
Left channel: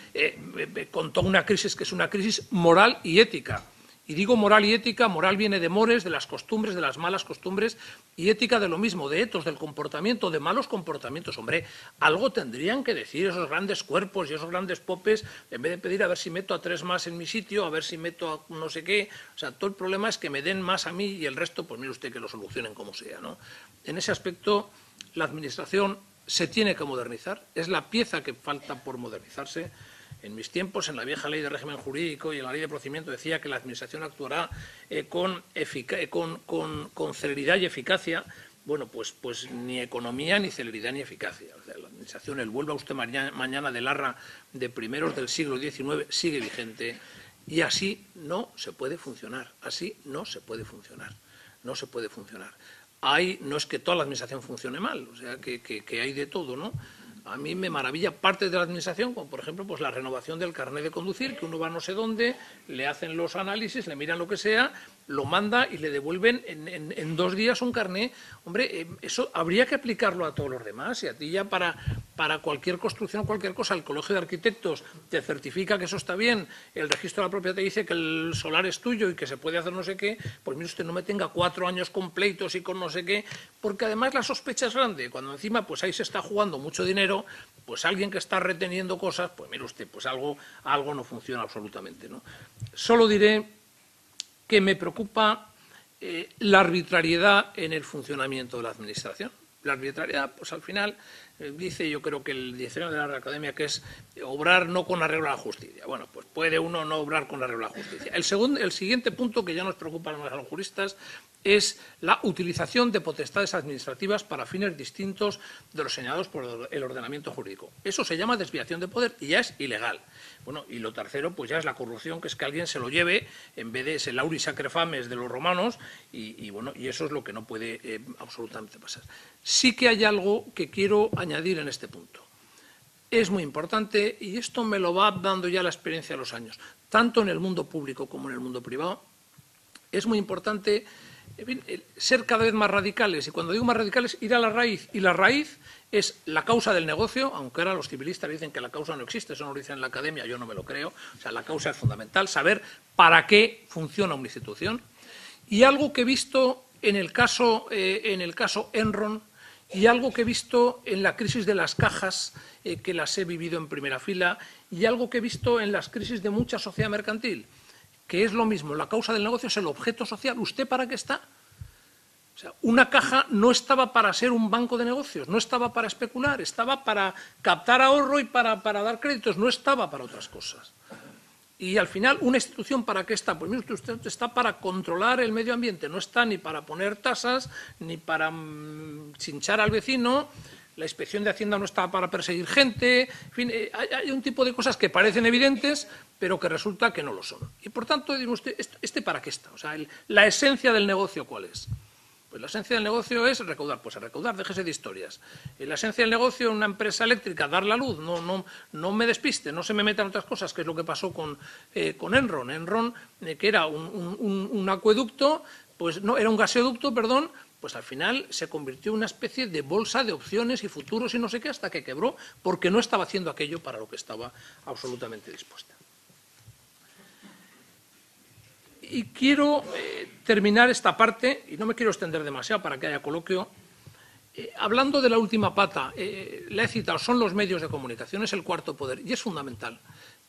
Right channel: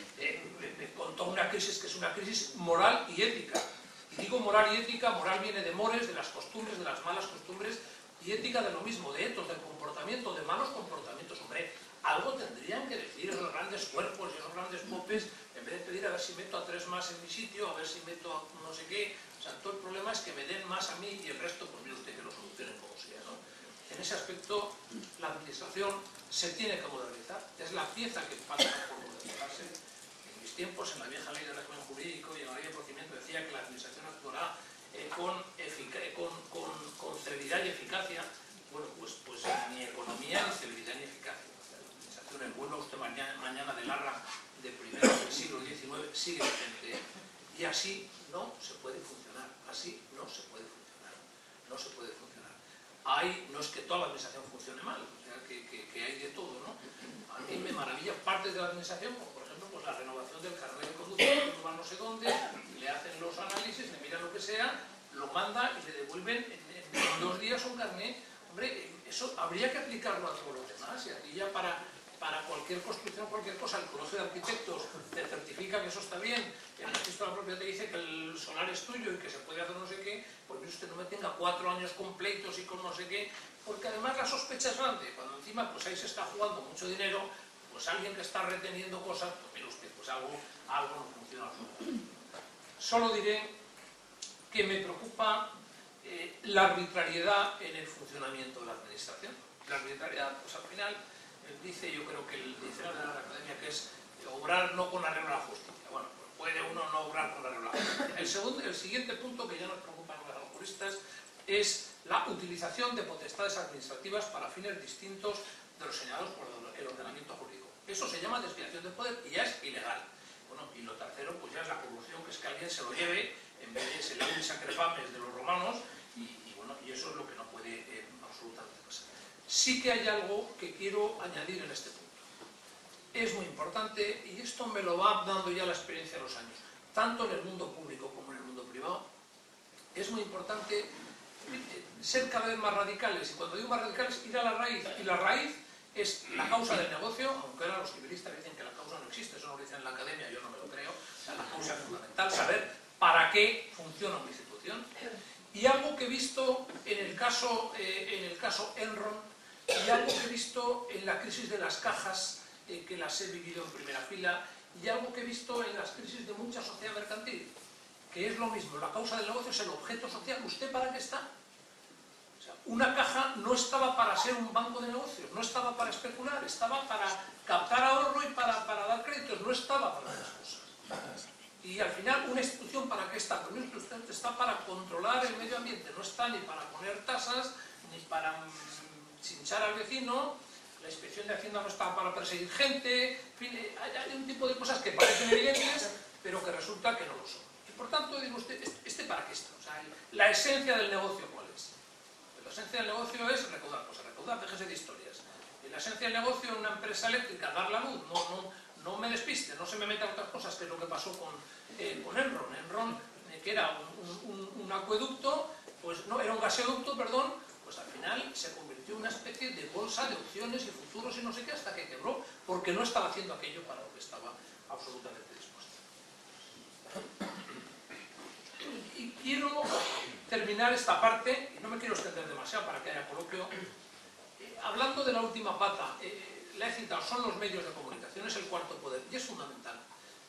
con toda una crisis que es una crisis moral y ética. Y digo moral y ética, moral viene de mores, de las costumbres, de las malas costumbres, y ética de lo mismo, de etos, del comportamiento, de malos comportamientos. Hombre, algo tendrían que decir esos grandes cuerpos y esos grandes popes, en vez de pedir a ver si meto a 3 más en mi sitio, a ver si meto a no sé qué. O sea, todo el problema es que me den más a mí y el resto, pues mire usted que lo solucionen como sea, ¿no? En ese aspecto, la administración se tiene que modernizar, es la pieza que falta por modernizarse. En mis tiempos, en la vieja ley de régimen jurídico y en la ley de procedimiento decía que la administración actuará con celeridad y eficacia. Bueno, pues ni economía, ni celeridad, ni eficacia. O sea, la administración, el vuelva usted mañana del Arra de primeros del siglo XIX, sigue vigente. Y así no se puede funcionar. Así no se puede funcionar. No se puede funcionar. No es que toda la administración funcione mal, o sea, que hay de todo, ¿no? A mí me maravilla parte de la administración, como por ejemplo pues la renovación del carnet de conducir, que uno va no sé dónde, le hacen los análisis, le miran lo que sea, lo manda y le devuelven en 2 días un carnet. Hombre, eso habría que aplicarlo a todos los demás, y a ti ya para cualquier construcción, cualquier cosa, el Colegio de Arquitectos te certifica que eso está bien, el registro de la propiedad te dice que el solar es tuyo y que se puede hacer no sé qué, pues mire usted, no me tenga 4 años completos y con no sé qué, porque además la sospecha es grande, cuando encima pues ahí se está jugando mucho dinero, pues alguien que está reteniendo cosas, pues mire usted, pues algo no funciona absolutamente, ¿no? Solo diré que me preocupa la arbitrariedad en el funcionamiento de la Administración. La arbitrariedad, pues al final, dice, yo creo que el diccionario de la Real Academia, que es obrar no con arreglo a la justicia. Bueno, pues puede uno no obrar con arreglo a la justicia. El siguiente punto que ya nos preocupa a los juristas es la utilización de potestades administrativas para fines distintos de los señalados por el ordenamiento jurídico. Eso se llama desviación de poder y ya es ilegal. Bueno, y lo tercero, pues ya es la corrupción, que es que alguien se lo lleve en vez de ese lauris acrefames de los romanos, y bueno, y eso es lo que no puede absolutamente pasar. Sí que hay algo que quiero añadir en este punto. Es muy importante, y esto me lo va dando ya la experiencia de los años, tanto en el mundo público como en el mundo privado. Es muy importante, en fin, ser cada vez más radicales, y cuando digo más radicales, ir a la raíz, y la raíz es la causa del negocio, aunque ahora los civilistas dicen que la causa no existe, eso no lo dicen en la academia, yo no me lo creo. O sea, la causa es fundamental, saber para qué funciona una institución. Y algo que he visto en el caso Enron, y algo que he visto en la crisis de las cajas, que las he vivido en primera fila, y algo que he visto en las crisis de mucha sociedad mercantil, que es lo mismo, la causa del negocio es el objeto social. ¿Usted para qué está? O sea, una caja no estaba para ser un banco de negocios, no estaba para especular, estaba para captar ahorro y para dar créditos, no estaba para otras cosas. Y al final, ¿una institución para qué está? Pues mire, usted está para controlar el medio ambiente, no está ni para poner tasas, ni para chinchar al vecino. La inspección de Hacienda no está para perseguir gente. En fin, hay un tipo de cosas que parecen evidentes, pero que resulta que no lo son. Y por tanto, digo usted, ¿este para qué está? O sea, la esencia del negocio, ¿cuál es? Pues la esencia del negocio es recaudar. Pues a recaudar, déjese de historias. La esencia del negocio en una empresa eléctrica, dar la luz, no me despiste, no se me metan otras cosas, que es lo que pasó con Enron. Enron, que era un acueducto, pues no, era un gasoducto, perdón, pues al final se convirtió en una especie de bolsa de opciones y futuros y no sé qué, hasta que quebró, porque no estaba haciendo aquello para lo que estaba absolutamente dispuesta. Y quiero terminar esta parte, y no me quiero extender demasiado para que haya coloquio, hablando de la última pata. La he citado, son los medios de comunicación, es el cuarto poder, y es fundamental.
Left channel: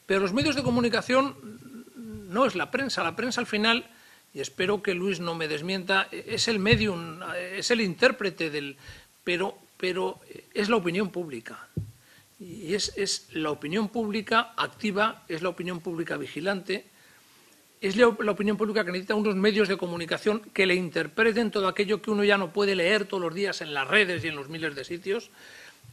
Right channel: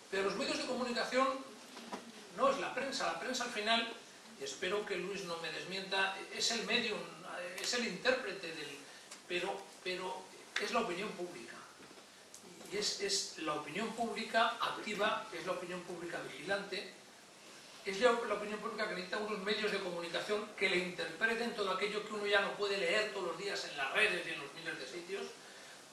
Pero los medios de comunicación no es la prensa al final, y espero que Luis no me desmienta, es el medium, es el intérprete del... Pero es la opinión pública. Y es la opinión pública activa, es la opinión pública vigilante, es la opinión pública que necesita unos medios de comunicación que le interpreten todo aquello que uno ya no puede leer todos los días en las redes y en los miles de sitios,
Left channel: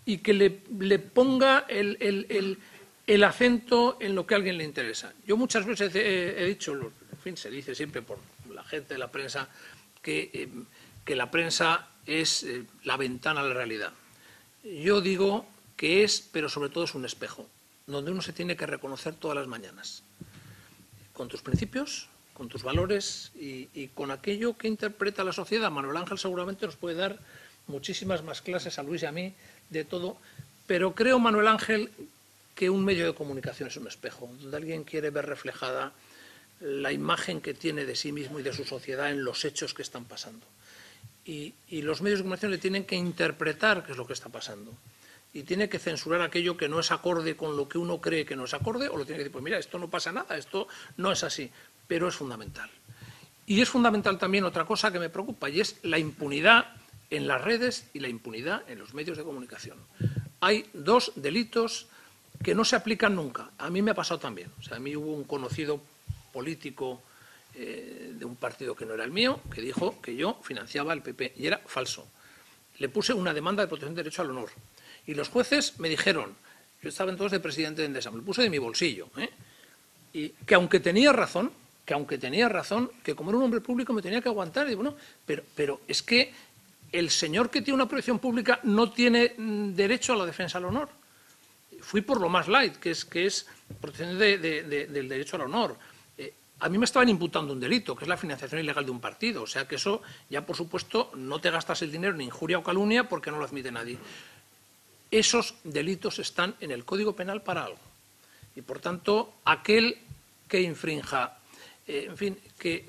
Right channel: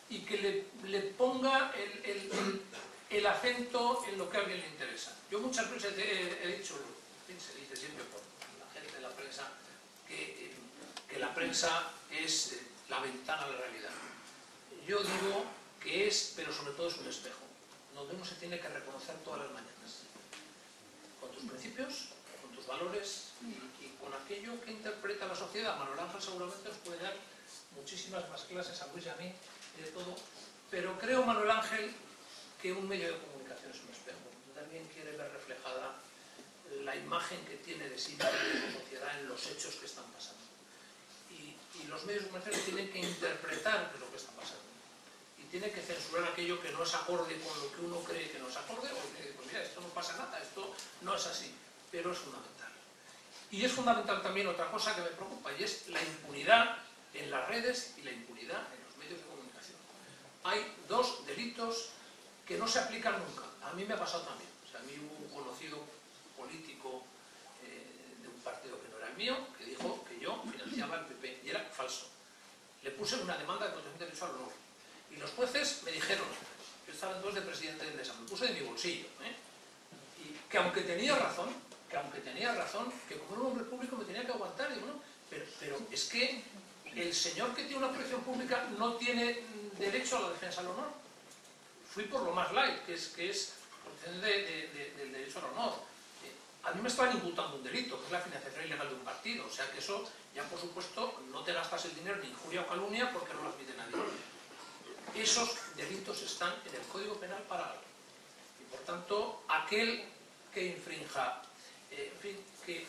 y que le ponga el acento en lo que a alguien le interesa. Yo muchas veces he dicho, en fin, se dice siempre por la gente de la prensa, que la prensa es la ventana a la realidad. Yo digo que es, pero sobre todo es un espejo, donde uno se tiene que reconocer todas las mañanas, con tus principios, con tus valores y con aquello que interpreta la sociedad. Manuel Ángel seguramente nos puede dar muchísimas más clases a Luis y a mí de todo, pero creo, Manuel Ángel, que un medio de comunicación es un espejo, donde alguien quiere ver reflejada la imagen que tiene de sí mismo y de su sociedad en los hechos que están pasando. Y los medios de comunicación le tienen que interpretar qué es lo que está pasando. Y tiene que censurar aquello que no es acorde con lo que uno cree que no es acorde, o lo tiene que decir, pues mira, esto no pasa nada, esto no es así, pero es fundamental. Y es fundamental también otra cosa que me preocupa, y es la impunidad en las redes y la impunidad en los medios de comunicación. Hay dos delitos que no se aplican nunca. A mí me ha pasado también. O sea, a mí hubo un conocido político de un partido que no era el mío, que dijo que yo financiaba al PP, y era falso. Le puse una demanda de protección de derecho al honor. Y los jueces me dijeron, yo estaba entonces de presidente de Endesa, me lo puse de mi bolsillo, y que aunque tenía razón, que como era un hombre público me tenía que aguantar. Y digo, bueno, pero es que el señor que tiene una protección pública no tiene derecho a la defensa al honor. Fui por lo más light, que es protección del derecho al honor. A mí me estaban imputando un delito, que es la financiación ilegal de un partido. O sea que eso, ya por supuesto, no te gastas el dinero en injuria o calumnia porque no lo admite nadie. Esos delitos están en el Código Penal para algo. Y por tanto, aquel que infrinja, en fin, que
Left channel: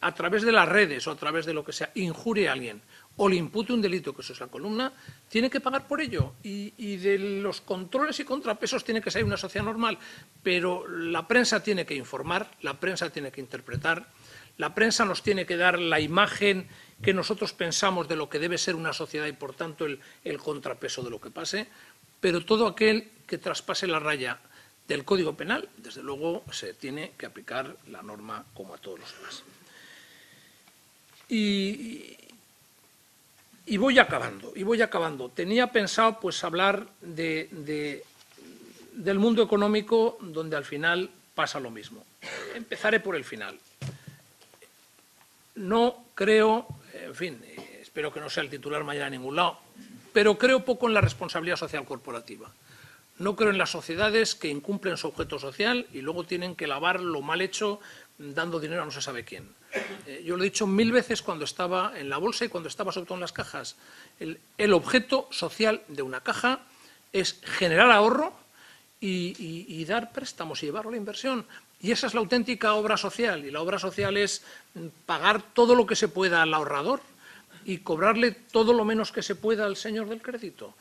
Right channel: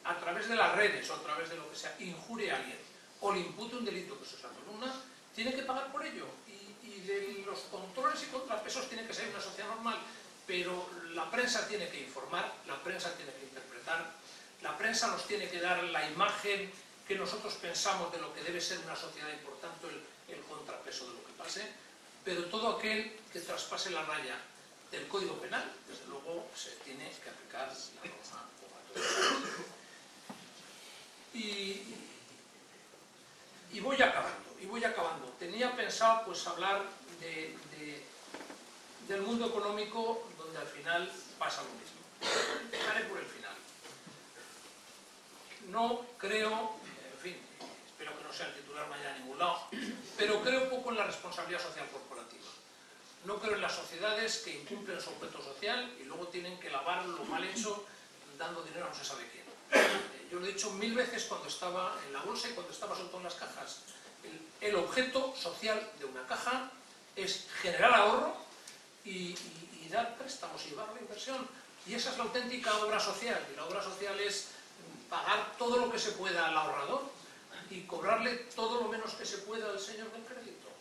a través de las redes o a través de lo que sea, injurie a alguien o le impute un delito, que eso es la columna, tiene que pagar por ello. Y de los controles y contrapesos tiene que ser una sociedad normal. Pero la prensa tiene que informar, la prensa tiene que interpretar, la prensa nos tiene que dar la imagen que nosotros pensamos de lo que debe ser una sociedad y, por tanto, el contrapeso de lo que pase, pero todo aquel que traspase la raya del Código Penal, desde luego, se tiene que aplicar la norma como a todos los demás. Y voy acabando. Tenía pensado pues hablar del mundo económico, donde al final pasa lo mismo. Empezaré por el final. No creo, en fin, espero que no sea el titular mañana en ningún lado, pero creo poco en la responsabilidad social corporativa. No creo en las sociedades que incumplen su objeto social y luego tienen que lavar lo mal hecho dando dinero a no se sabe quién. Yo lo he dicho 1000 veces cuando estaba en la bolsa y cuando estaba sobre todo en las cajas. El objeto social de una caja es generar ahorro y dar préstamos y llevarlo a la inversión. Y esa es la auténtica obra social. Y la obra social es pagar todo lo que se pueda al ahorrador y cobrarle todo lo menos que se pueda al señor del crédito.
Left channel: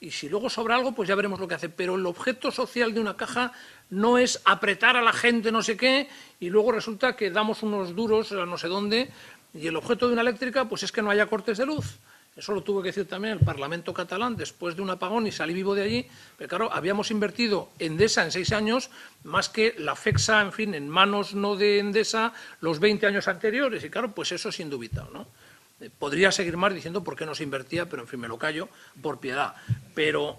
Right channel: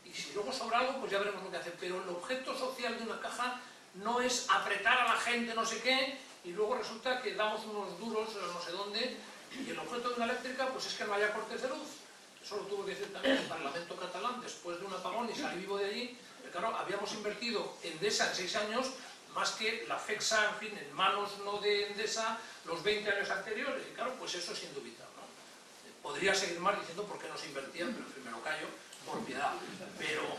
Y si luego sobra algo, pues ya veremos lo que hace. Pero el objeto social de una caja no es apretar a la gente no sé qué y luego resulta que damos unos duros a no sé dónde y el objeto de una eléctrica pues es que no haya cortes de luz. Eso lo tuve que decir también el Parlamento catalán después de un apagón y salí vivo de allí. Pero claro, habíamos invertido en Endesa en 6 años más que la FEXA, en fin, en manos no de Endesa los 20 años anteriores. Y claro, pues eso es indubitable, ¿no? Podría seguir más diciendo por qué no se invertía, pero en fin, me lo callo por piedad. Pero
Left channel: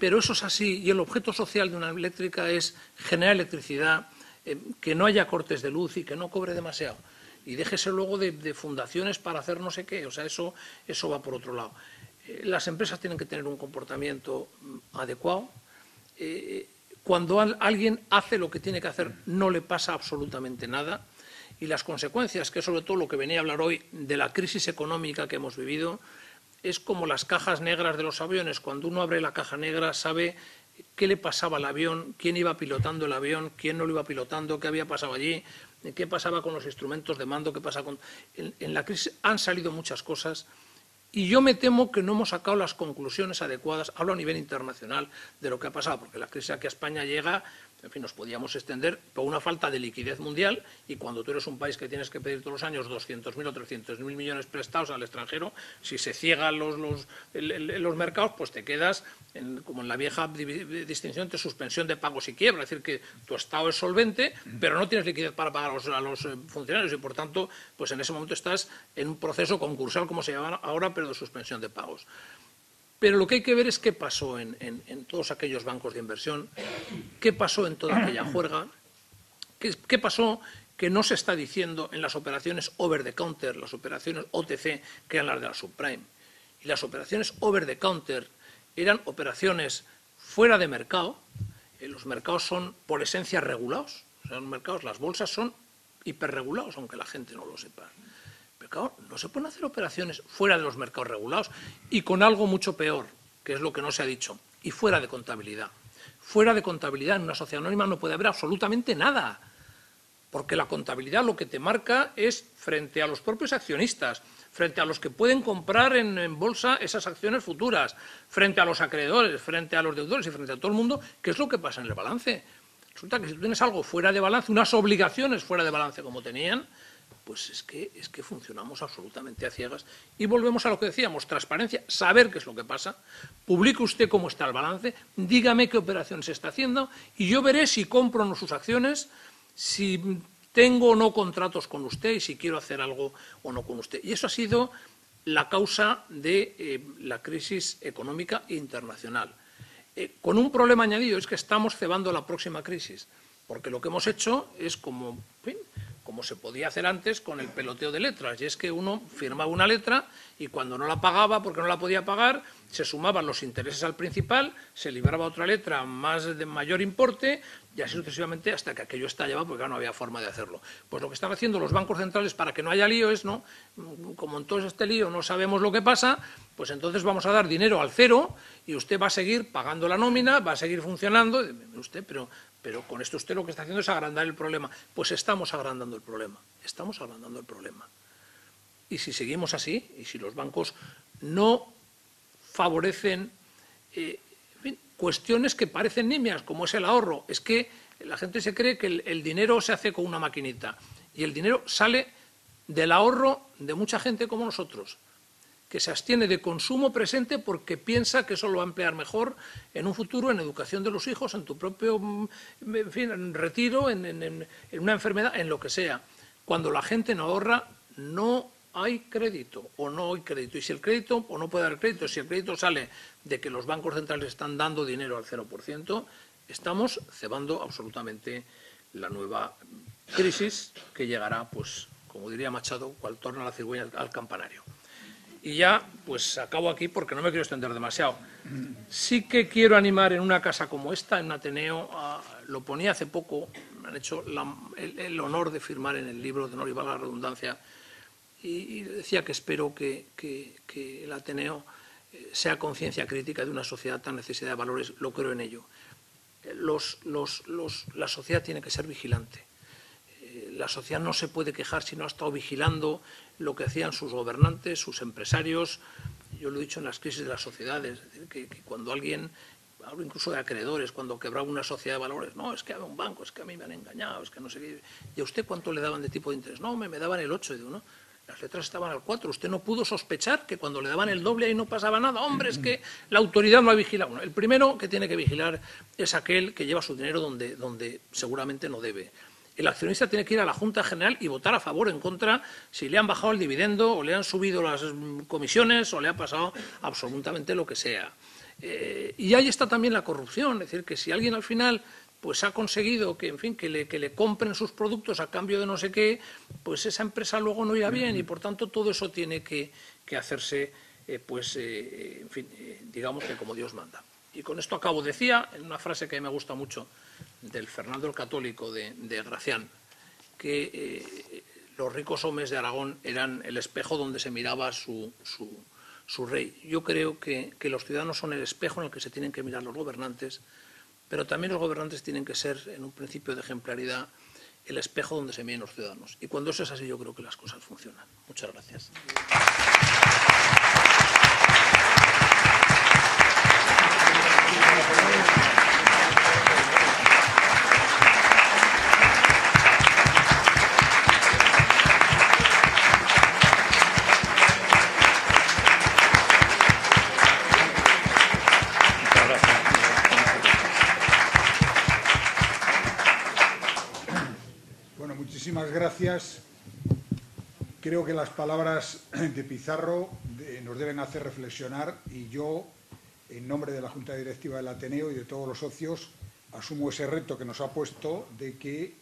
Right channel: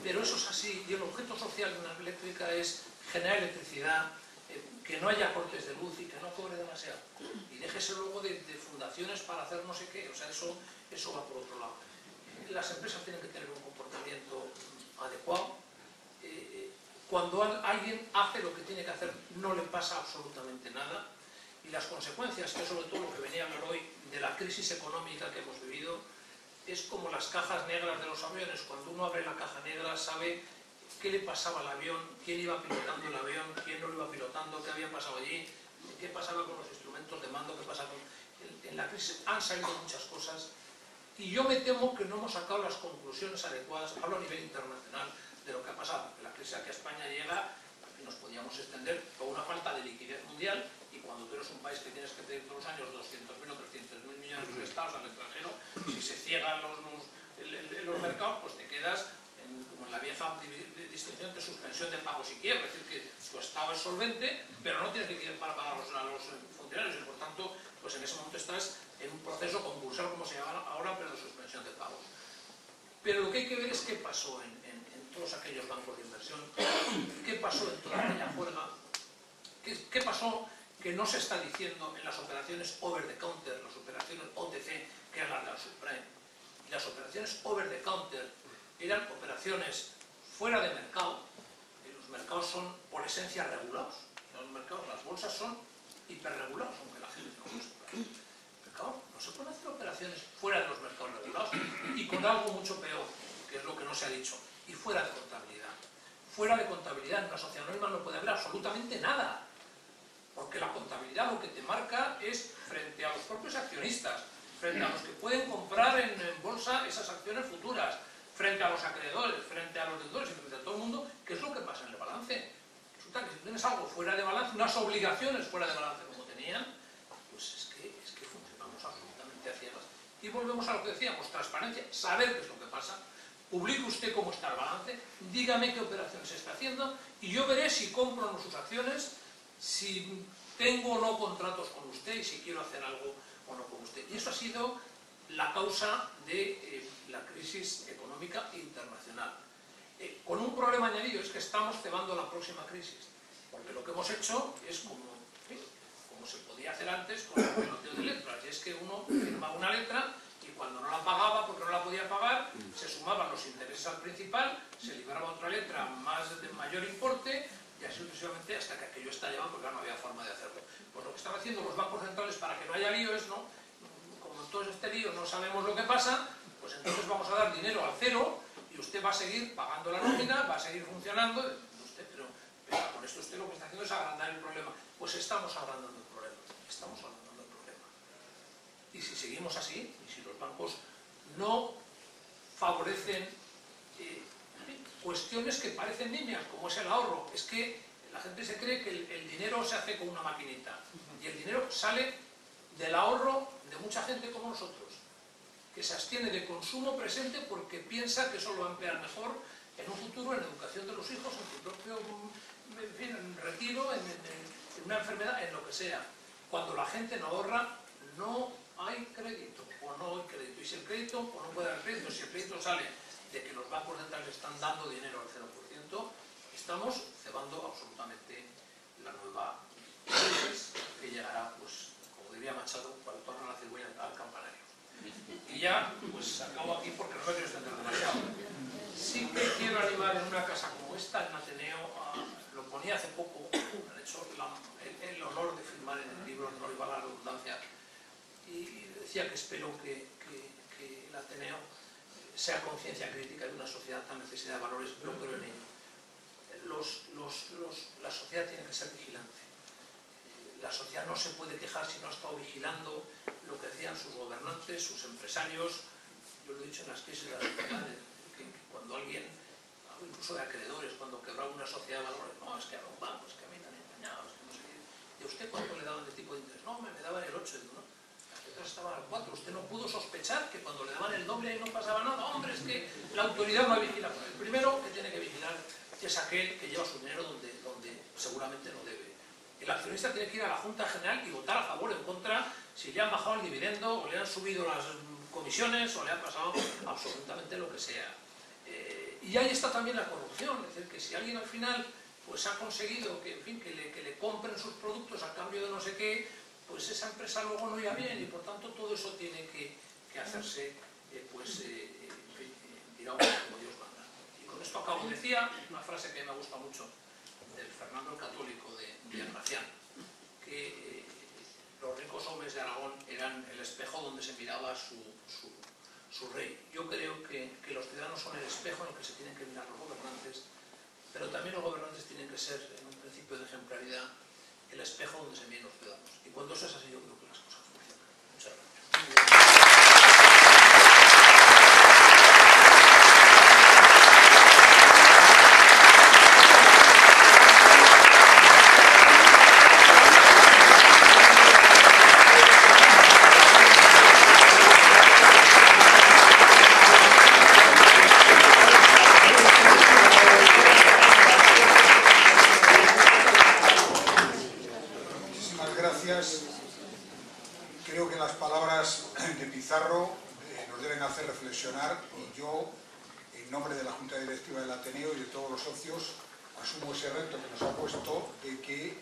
eso es así, y el objeto social de una eléctrica es generar electricidad, que no haya cortes de luz y que no cobre demasiado. Y déjese luego de fundaciones para hacer no sé qué, o sea, eso va por otro lado. Las empresas tienen que tener un comportamiento adecuado. Cuando alguien hace lo que tiene que hacer, no le pasa absolutamente nada. Y las consecuencias, que es sobre todo lo que venía a hablar hoy de la crisis económica que hemos vivido, es como las cajas negras de los aviones. Cuando uno abre la caja negra sabe qué le pasaba al avión, quién iba pilotando el avión, quién no lo iba pilotando, qué había pasado allí, qué pasaba con los instrumentos de mando, qué pasa con... En la crisis han salido muchas cosas y yo me temo que no hemos sacado las conclusiones adecuadas, hablo a nivel internacional, de lo que ha pasado, porque la crisis aquí a España llega... En fin, nos podíamos extender por una falta de liquidez mundial y cuando tú eres un país que tienes que pedir todos los años 200.000 o 300.000 millones prestados al extranjero, si se ciegan los mercados, pues te quedas, como en la vieja distinción de suspensión de pagos y quiebra, es decir, que tu Estado es solvente, pero no tienes liquidez para pagar a los funcionarios y por tanto, pues en ese momento estás en un proceso concursal, como se llama ahora, pero de suspensión de pagos. Pero lo que hay que ver es qué pasó en todos aquellos bancos de inversión, qué pasó en toda aquella juerga, qué pasó que no se está diciendo en las operaciones over the counter, las operaciones OTC, que eran las de la subprime. Y las operaciones over the counter eran operaciones fuera de mercado. Los mercados son por esencia regulados. O sea, los mercados, las bolsas son hiperregulados, aunque la gente no lo sepa. Claro, no se pueden hacer operaciones fuera de los mercados regulados y con algo mucho peor, que es lo que no se ha dicho, y fuera de contabilidad. Fuera de contabilidad en una sociedad anónima no puede haber absolutamente nada, porque la contabilidad lo que te marca es frente a los propios accionistas, frente a los que pueden comprar en bolsa esas acciones futuras, frente a los acreedores, frente a los deudores y frente a todo el mundo, ¿qué es lo que pasa en el balance? Resulta que si tú tienes algo fuera de balance, unas obligaciones fuera de balance como tenían, pues es que funcionamos absolutamente a ciegas y volvemos a lo que decíamos, transparencia, saber qué es lo que pasa, publique usted cómo está el balance, dígame qué operación se está haciendo y yo veré si compro o no sus acciones, si tengo o no contratos con usted y si quiero hacer algo o no con usted. Y eso ha sido la causa de la crisis económica internacional. Con un problema añadido, es que estamos cebando la próxima crisis, porque lo que hemos hecho es como... En fin, como se podía hacer antes con el peloteo de letras, y es que uno firmaba una letra y cuando no la pagaba, porque no la podía pagar, se sumaban los intereses al principal, se libraba otra letra de mayor importe, y así sucesivamente hasta que aquello estallaba, porque no había forma de hacerlo. Pues lo que están haciendo los bancos centrales para que no haya lío es, ¿no? Como en todo este lío no sabemos lo que pasa, pues entonces vamos a dar dinero al cero y usted va a seguir pagando la nómina, va a seguir funcionando, usted, pero con esto usted lo que está haciendo es agrandar el problema. Pues estamos agrandando el problema, estamos agrandando el problema. Y si seguimos así, y si los bancos no favorecen cuestiones que parecen nimias, como es el ahorro, es que la gente se cree que el dinero se hace con una maquinita. Y el dinero sale del ahorro de mucha gente como nosotros, que se abstiene de consumo presente porque piensa que eso lo va a emplear mejor en un futuro, en educación de los hijos, en tu propio, en fin, en retiro, en una enfermedad, en lo que sea. Cuando la gente no ahorra, no hay crédito, o no hay crédito. Y si el crédito, o no puede dar crédito, si el crédito sale de que los bancos centrales están dando dinero al 0%, estamos cebando absolutamente la nueva crisis que llegará, pues, como diría Machado, cual torna la cigüeña al campanario. Y ya, pues acabo aquí porque no me quiero extender demasiado. Sí que quiero animar en una casa como esta, en Ateneo, lo ponía hace poco, han hecho el honor de firmar en el libro, de honor y valga la redundancia, y decía que espero que el Ateneo sea conciencia crítica de una sociedad tan necesitada de valores, lo creo en ello. La sociedad tiene que ser vigilante. La sociedad no se puede quejar si no ha estado vigilando lo que hacían sus gobernantes, sus empresarios. Yo lo he dicho en las crisis de las sociedades, que cuando alguien, hablo incluso de acreedores, cuando quebraba una sociedad de valores, no, es que era un banco, es que a mí me han engañado, es que no sé qué. ¿Y a usted cuánto le daban de tipo de interés? No, me daban el 8, digo, ¿no? Las letras estaban al 4, usted no pudo sospechar que cuando le daban el doble ahí no pasaba nada. Hombre, es que la autoridad no ha vigilado. Bueno, el primero que tiene que vigilar es aquel que lleva su dinero donde seguramente no debe. El accionista tiene que ir a la Junta General y votar a favor o en contra si le han bajado el dividendo o le han subido las comisiones o le ha pasado absolutamente lo que sea. Y ahí está también la corrupción, es decir, que si alguien al final pues ha conseguido que, en fin, que le compren sus productos a cambio de no sé qué, pues esa empresa luego no irá bien y por tanto todo eso tiene que hacerse, en fin, digamos como Dios manda. Y con esto acabo. Decía, en una frase que a mí me gusta mucho, del Fernando el Católico de Gracián, que los ricos hombres de Aragón eran el espejo donde se miraba su rey. Yo creo que los ciudadanos son el espejo en el que se tienen que mirar los gobernantes, pero también los gobernantes tienen que ser, en un principio de ejemplaridad, el espejo donde se miren los ciudadanos. Y cuando eso es así, yo creo que las cosas funcionan. Muchas gracias. Creo que las palabras de Pizarro nos deben hacer reflexionar y yo, en nombre de la Junta Directiva del Ateneo y de todos los socios, asumo ese reto que nos ha puesto de que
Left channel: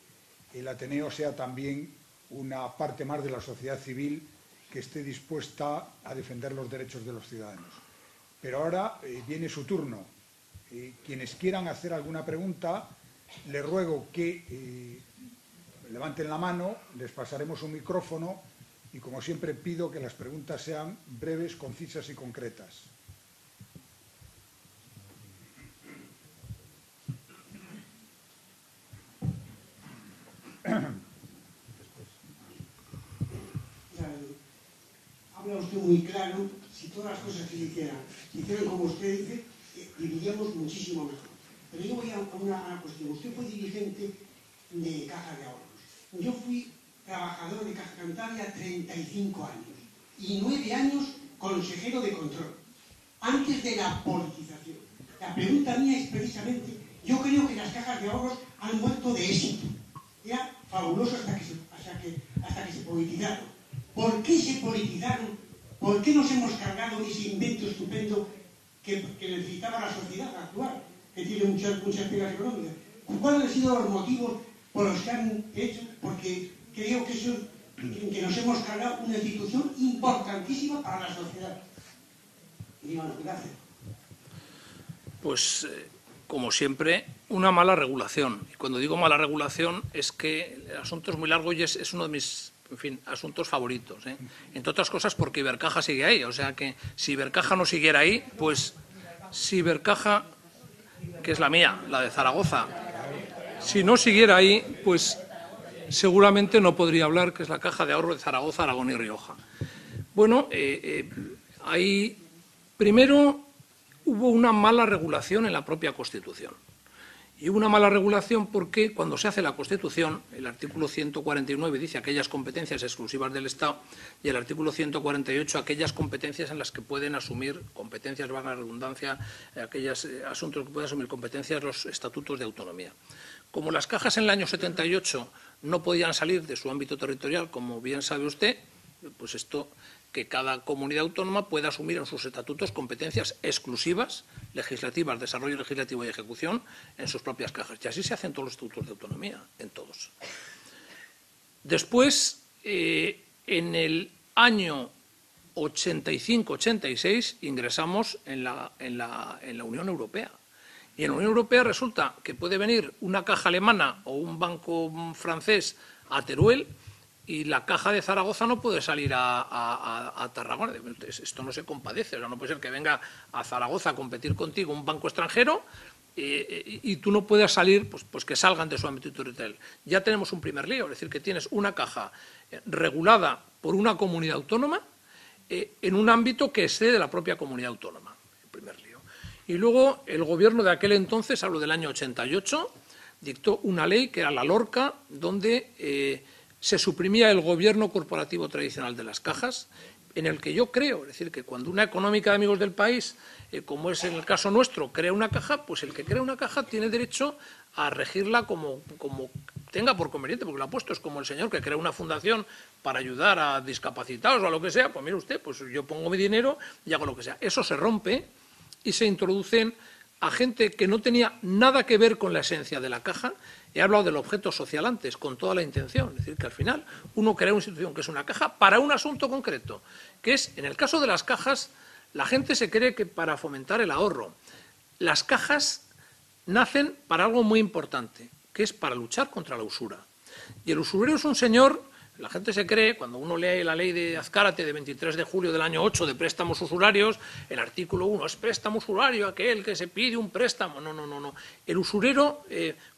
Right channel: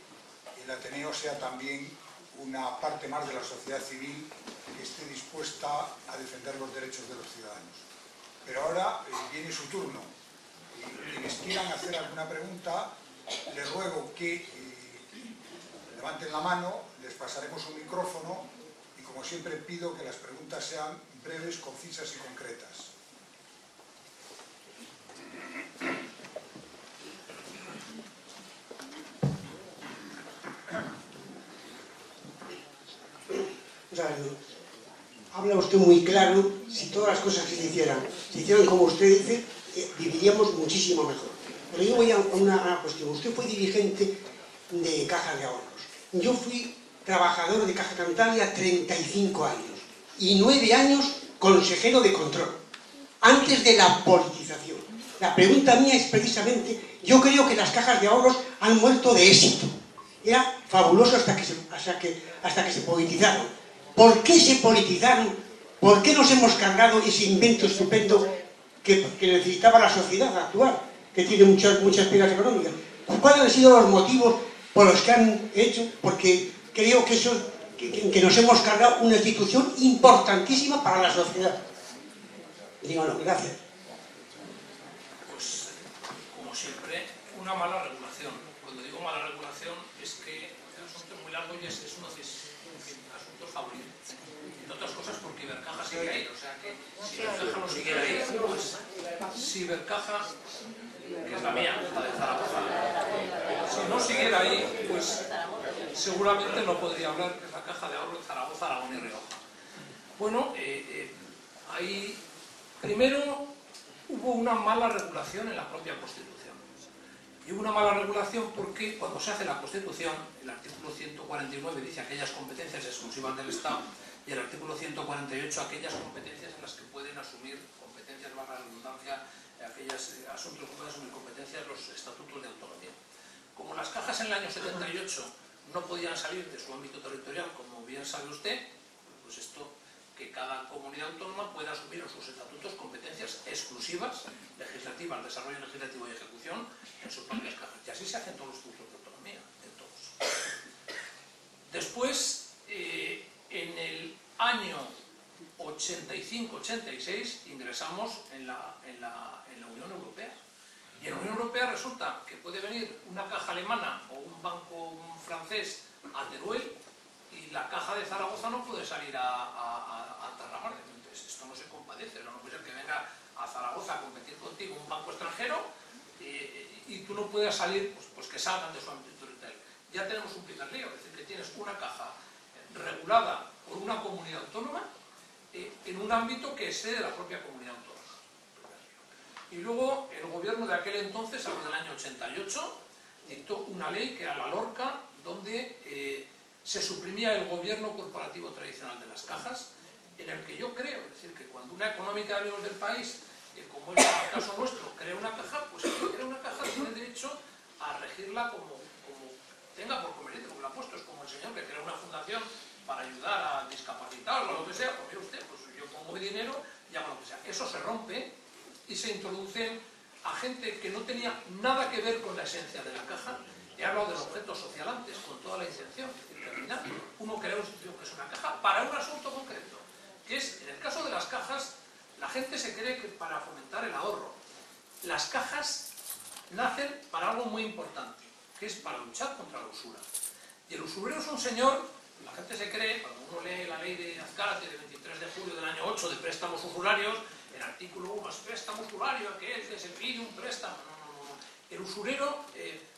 el Ateneo sea también una parte más de la sociedad civil que esté dispuesta a defender los derechos de los ciudadanos. Pero ahora viene su turno. Quienes quieran hacer alguna pregunta, les ruego que levanten la mano, les pasaremos un micrófono y, como siempre, pido que las preguntas sean breves, concisas y concretas. Habla usted muy claro. Si todas las cosas que se hicieran como usted dice, viviríamos muchísimo mejor. Pero yo voy a una cuestión. Usted fue dirigente de Caja de Ahorros. Yo fui trabajador de Caja Cantabria 35 años y 9 años consejero de control, antes de la politización. La pregunta mía es precisamente, yo creo que las cajas de ahorros han muerto de éxito. Era fabuloso hasta que se politizaron. ¿Por qué se politizaron? ¿Por qué nos hemos cargado ese invento estupendo que necesitaba la sociedad actual, que tiene muchas pegas económicas? ¿Cuáles han sido los motivos por los que han hecho? Porque creo que eso, que nos hemos cargado una institución importantísima para la sociedad. Digo, no, gracias. Pues, como siempre, una mala regulación. Cuando digo mala regulación es que el asunto es muy largo y es uno de mis, en fin, asuntos favoritos, ¿eh? Entre otras cosas porque Ibercaja sigue ahí. O sea que si Ibercaja no siguiera ahí, pues si Ibercaja, que es la mía, la de Zaragoza, si no siguiera ahí, pues seguramente no podría hablar, que es la Caja de Ahorro de Zaragoza, Aragón y Rioja. Bueno, ahí primero hubo una mala regulación en la propia Constitución. Y hubo una mala regulación porque cuando se hace la Constitución, el artículo 149 dice aquellas competencias exclusivas del Estado y el artículo 148 aquellas competencias en las que pueden asumir competencias, valga la redundancia, aquellos asuntos que pueden asumir competencias los estatutos de autonomía. Como las cajas en el año 78 no podían salir de su ámbito territorial, como bien sabe usted, pues esto, que cada comunidad autónoma pueda asumir en sus estatutos competencias exclusivas, legislativas, desarrollo legislativo y ejecución, en sus propias cajas. Y así se hacen todos los estatutos de autonomía, en todos. Después, en el año 85-86, ingresamos en la Unión Europea. Y en la Unión Europea resulta que puede venir una caja alemana o un banco francés a Teruel y la caja de Zaragoza no puede salir a Tarragona. Esto no se compadece, o sea, no puede ser que venga a Zaragoza a competir contigo un banco extranjero y tú no puedas salir, pues que salgan de su ámbito territorial. Ya tenemos un primer lío, es decir, que tienes una caja regulada por una comunidad autónoma en un ámbito que excede de la propia comunidad autónoma. Primer lío. Y luego el gobierno de aquel entonces, hablo del año 88, dictó una ley que era la LORCA, donde se suprimía el gobierno corporativo tradicional de las cajas, en el que yo creo, es decir, que cuando una económica de amigos del país, como es en el caso nuestro, crea una caja, pues el que crea una caja tiene derecho a regirla como tenga por conveniente, porque lo ha puesto, es como el señor que crea una fundación para ayudar a discapacitados o a lo que sea, pues mire usted, pues yo pongo mi dinero y hago lo que sea. Eso se rompe y se introducen a gente que no tenía nada que ver con la esencia de la caja. He hablado del objeto social antes, con toda la intención, es decir, que al final uno crea una institución que es una caja para un asunto concreto, que es, en el caso de las cajas, la gente se cree que para fomentar el ahorro. Las cajas nacen para algo muy importante, que es para luchar contra la usura. Y el usurero es un señor, la gente se cree, cuando uno lee la ley de Azcárate de 23 de julio del año 8 de préstamos usurarios, el artículo 1 es préstamo usurario, aquel que se pide un préstamo. No. El usurero,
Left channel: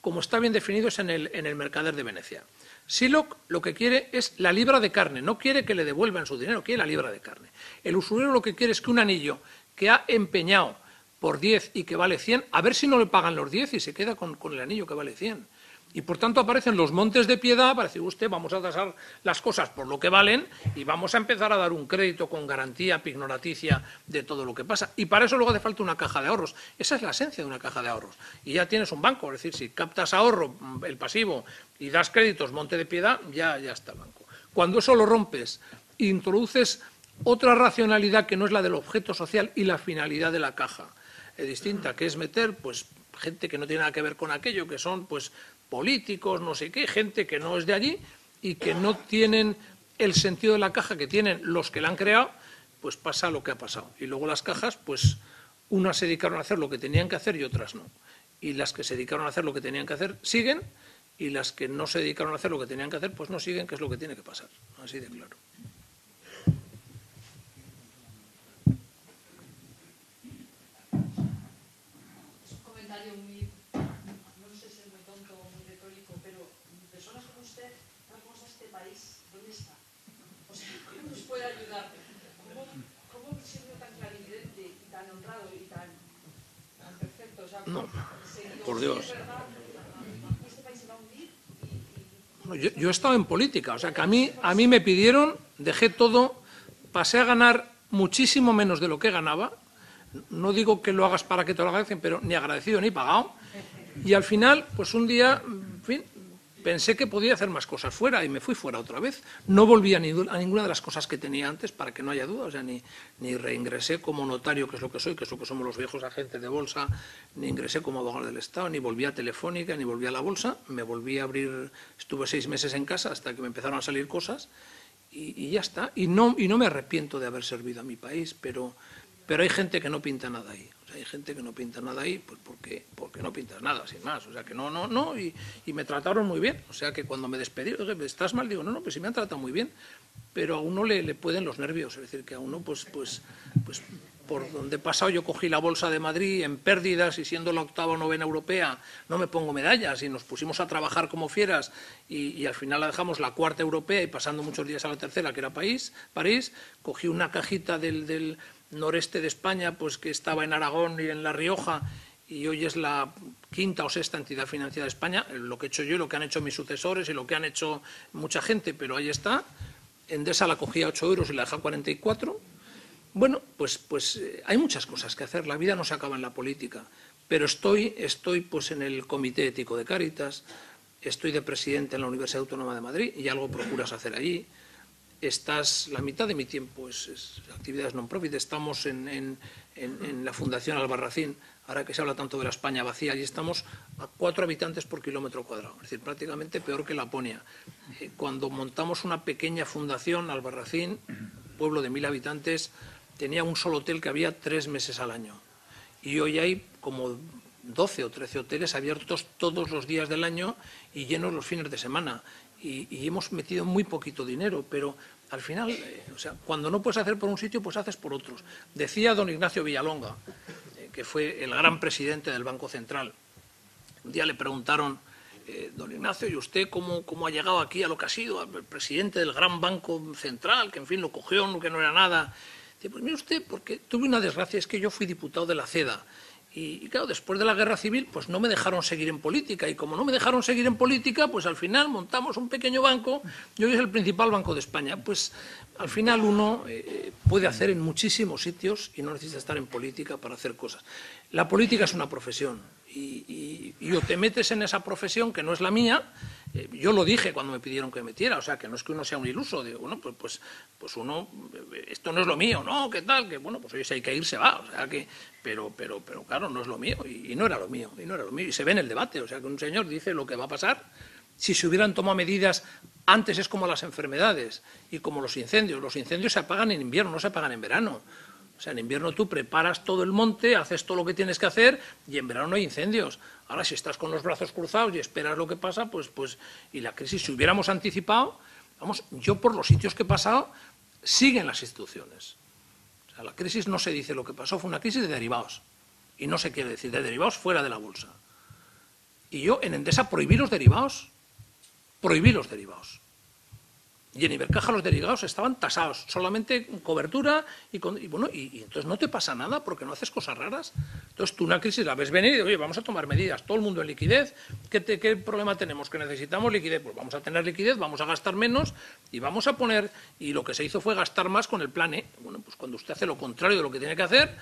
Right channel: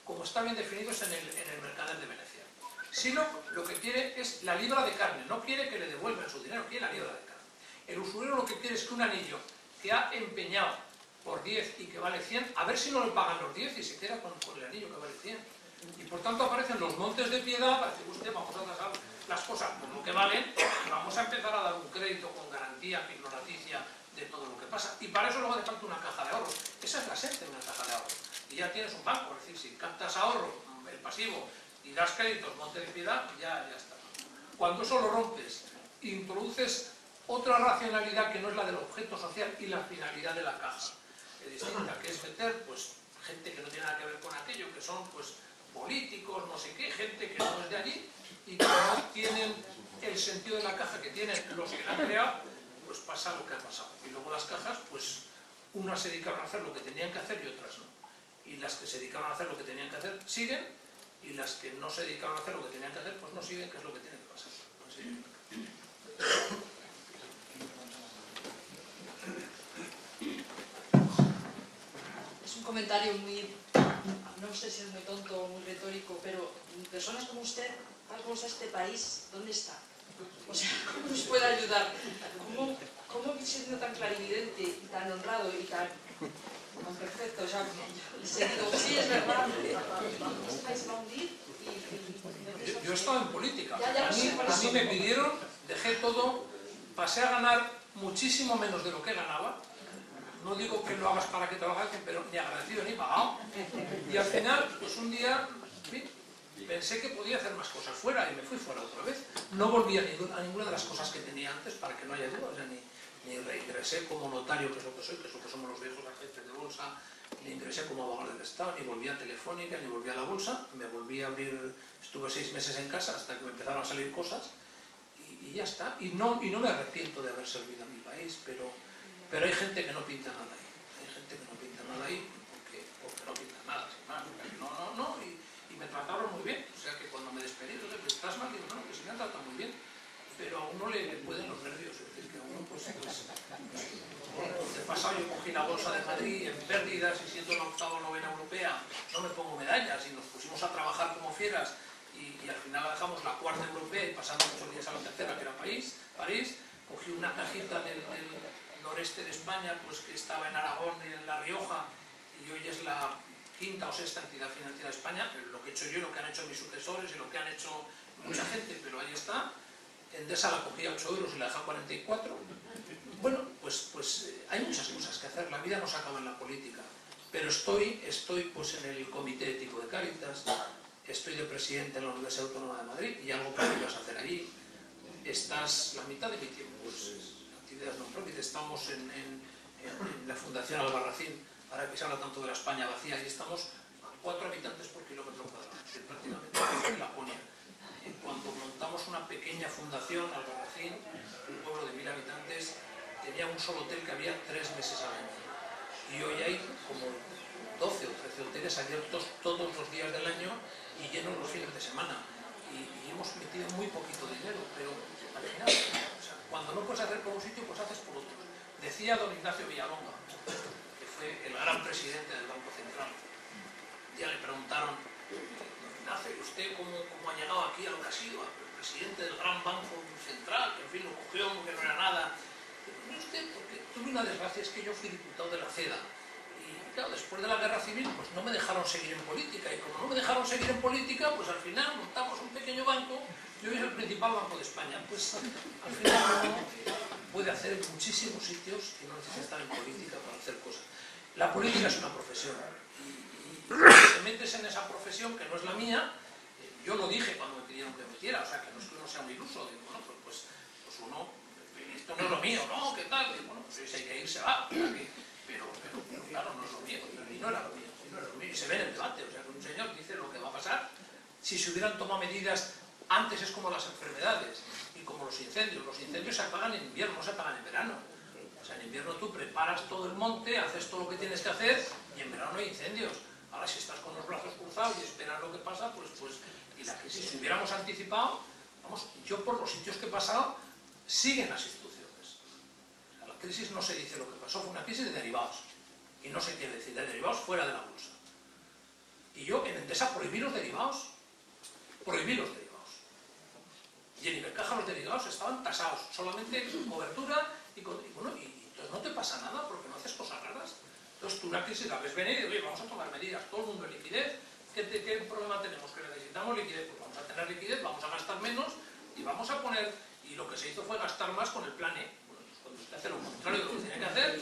como está bien definido, es en el Mercader de Venecia. Sylock lo que quiere es la libra de carne, no quiere que le devuelvan su dinero, quiere la libra de carne. El usurero lo que quiere es que un anillo que ha empeñado por 10 y que vale 100, a ver si no le pagan los 10 y se queda con el anillo que vale 100. Y por tanto aparecen los montes de piedad para decir, usted, vamos a tasar las cosas por lo que valen y vamos a empezar a dar un crédito con garantía pignoraticia de todo lo que pasa. Y para eso luego hace falta una caja de ahorros. Esa es la esencia de una caja de ahorros. Y ya tienes un banco, es decir, si captas ahorro, el pasivo, y das créditos, monte de piedad, ya está el banco. Cuando eso lo rompes, introduces otra racionalidad que no es la del objeto social y la finalidad de la caja distinta, que es meter pues gente que no tiene nada que ver con aquello, que son pues políticos, no sé qué, gente que no es de allí y que no tienen el sentido de la caja que tienen los que la han creado, pues pasa lo que ha pasado. Y luego las cajas, pues unas se dedicaron a hacer lo que tenían que hacer y otras no. Y las que se dedicaron a hacer lo que tenían que hacer siguen, y las que no se dedicaron a hacer lo que tenían que hacer, pues no siguen, que es lo que tiene que pasar. Así de claro. Es un comentario muy, no sé si es muy tonto o muy retórico, pero personas como usted, algo de este país, ¿dónde está? O sea, ¿cómo nos puede ayudar? ¿Cómo siendo tan clarividente y tan honrado y tan perfecto? O sea, sí, es verdad, este país va a hundir. Yo he estado en política, o sea que a mí me pidieron, dejé todo, pasé a ganar muchísimo menos de lo que ganaba. No digo que lo hagas para que te lo agradecen, pero ni agradecido ni pagado. Y al final, pues un día, en fin, pensé que podía hacer más cosas fuera y me fui fuera otra vez. No volví a ninguna de las cosas que tenía antes, para que no haya duda. O sea, ni reingresé como notario, que es lo que soy, que es lo que somos los viejos agentes de bolsa, ni ingresé como abogado del Estado, ni volví a Telefónica, ni volví a la bolsa. Me volví a abrir, estuve 6 meses en casa hasta que me empezaron a salir cosas y ya está. Y no me arrepiento de haber servido a mi país, pero hay gente que no pinta nada ahí. O sea, hay gente que no pinta nada ahí pues porque no pinta nada, sin más. O sea, que no, y me trataron muy bien. O sea, que cuando me despedí, ¿estás mal? Digo, no, pues sí me han tratado muy bien, pero a uno le pueden los nervios. Es decir, que a uno, pues por donde he pasado, yo cogí la Bolsa de Madrid en pérdidas y siendo la 8ª o 9ª europea, no me pongo medallas y nos pusimos a trabajar como fieras y al final la dejamos la 4ª europea y pasando muchos días a la 3ª, que era París, cogí una cajita del noreste de España, pues que estaba en Aragón y en La Rioja, y hoy es la quinta o sexta entidad financiera de España, lo que he hecho yo, lo que han hecho mis sucesores y lo que han hecho mucha gente, pero ahí está. Endesa la cogía a 8 euros y la deja a 44. Bueno, pues hay muchas cosas que hacer, la vida no se acaba en la política, pero estoy pues en el Comité Ético de Cáritas, estoy de presidente en la Universidad Autónoma de Madrid y algo procuras hacer allí. La mitad de mi tiempo es actividades non-profit, estamos en la Fundación Albarracín, ahora que se habla tanto de la España vacía, y estamos a 4 habitantes por kilómetro cuadrado, es decir, prácticamente peor que Laponia. Cuando montamos una pequeña fundación, Albarracín, pueblo de 1000 habitantes, tenía un solo hotel que había 3 meses al año. Y hoy hay como 12 o 13 hoteles abiertos todos los días del año y llenos los fines de semana. Y hemos metido muy poquito dinero, pero al final, o sea, cuando no puedes hacer por un sitio, pues haces por otros. Decía don Ignacio Villalonga, que fue el gran presidente del Banco Central. Un día le preguntaron, don Ignacio, ¿y usted cómo ha llegado aquí a lo que ha sido? El presidente del gran Banco Central, que en fin lo cogió, que no era nada. Dice, pues mire usted, porque tuve una desgracia, es que yo fui diputado de la CEDA. Y claro, después de la guerra civil, pues no me dejaron seguir en política. Y como no me dejaron seguir en política, pues al final montamos un pequeño banco, y hoy es el principal banco de España. Pues al final uno puede hacer en muchísimos sitios y no necesita estar en política para hacer cosas. La política es una profesión. Y cuando te metes en esa profesión, que no es la mía, yo lo dije cuando me pidieron que me metiera, o sea, que no es que uno sea un iluso, digo, bueno, pues uno, esto no es lo mío, ¿no? ¿Qué tal? Que bueno, pues si hay que ir, se va, o sea, que... Pero claro, no es lo mío, y no era lo mío, y se ve en el debate, o sea, que un señor dice lo que va a pasar. Si se hubieran tomado medidas, antes es como las enfermedades, y como los incendios se apagan en invierno, no se apagan en verano. O sea, en invierno tú preparas todo el monte, haces todo lo que tienes que hacer, y en verano no hay incendios. Ahora, si estás con los brazos cruzados y esperas lo que pasa, pues y la crisis, si hubiéramos anticipado, vamos, yo por los sitios que he pasado, siguen las instituciones. La crisis no se dice lo que pasó, fue una crisis de derivados. Y no se quiere decir de derivados fuera de la bolsa. Y yo en Endesa prohibí los derivados. Prohibí los derivados. Y en Ibercaja los derivados estaban tasados, solamente con cobertura y entonces no te pasa nada porque no haces cosas raras. Entonces tú una crisis la ves venir y dices, oye, vamos a tomar medidas, todo el mundo en liquidez, ¿qué problema tenemos? Que necesitamos liquidez, pues vamos a tener liquidez, vamos a gastar menos y vamos a poner, y lo que se hizo fue gastar más con el plan E. Bueno, pues cuando usted hace lo contrario de lo que tiene que hacer,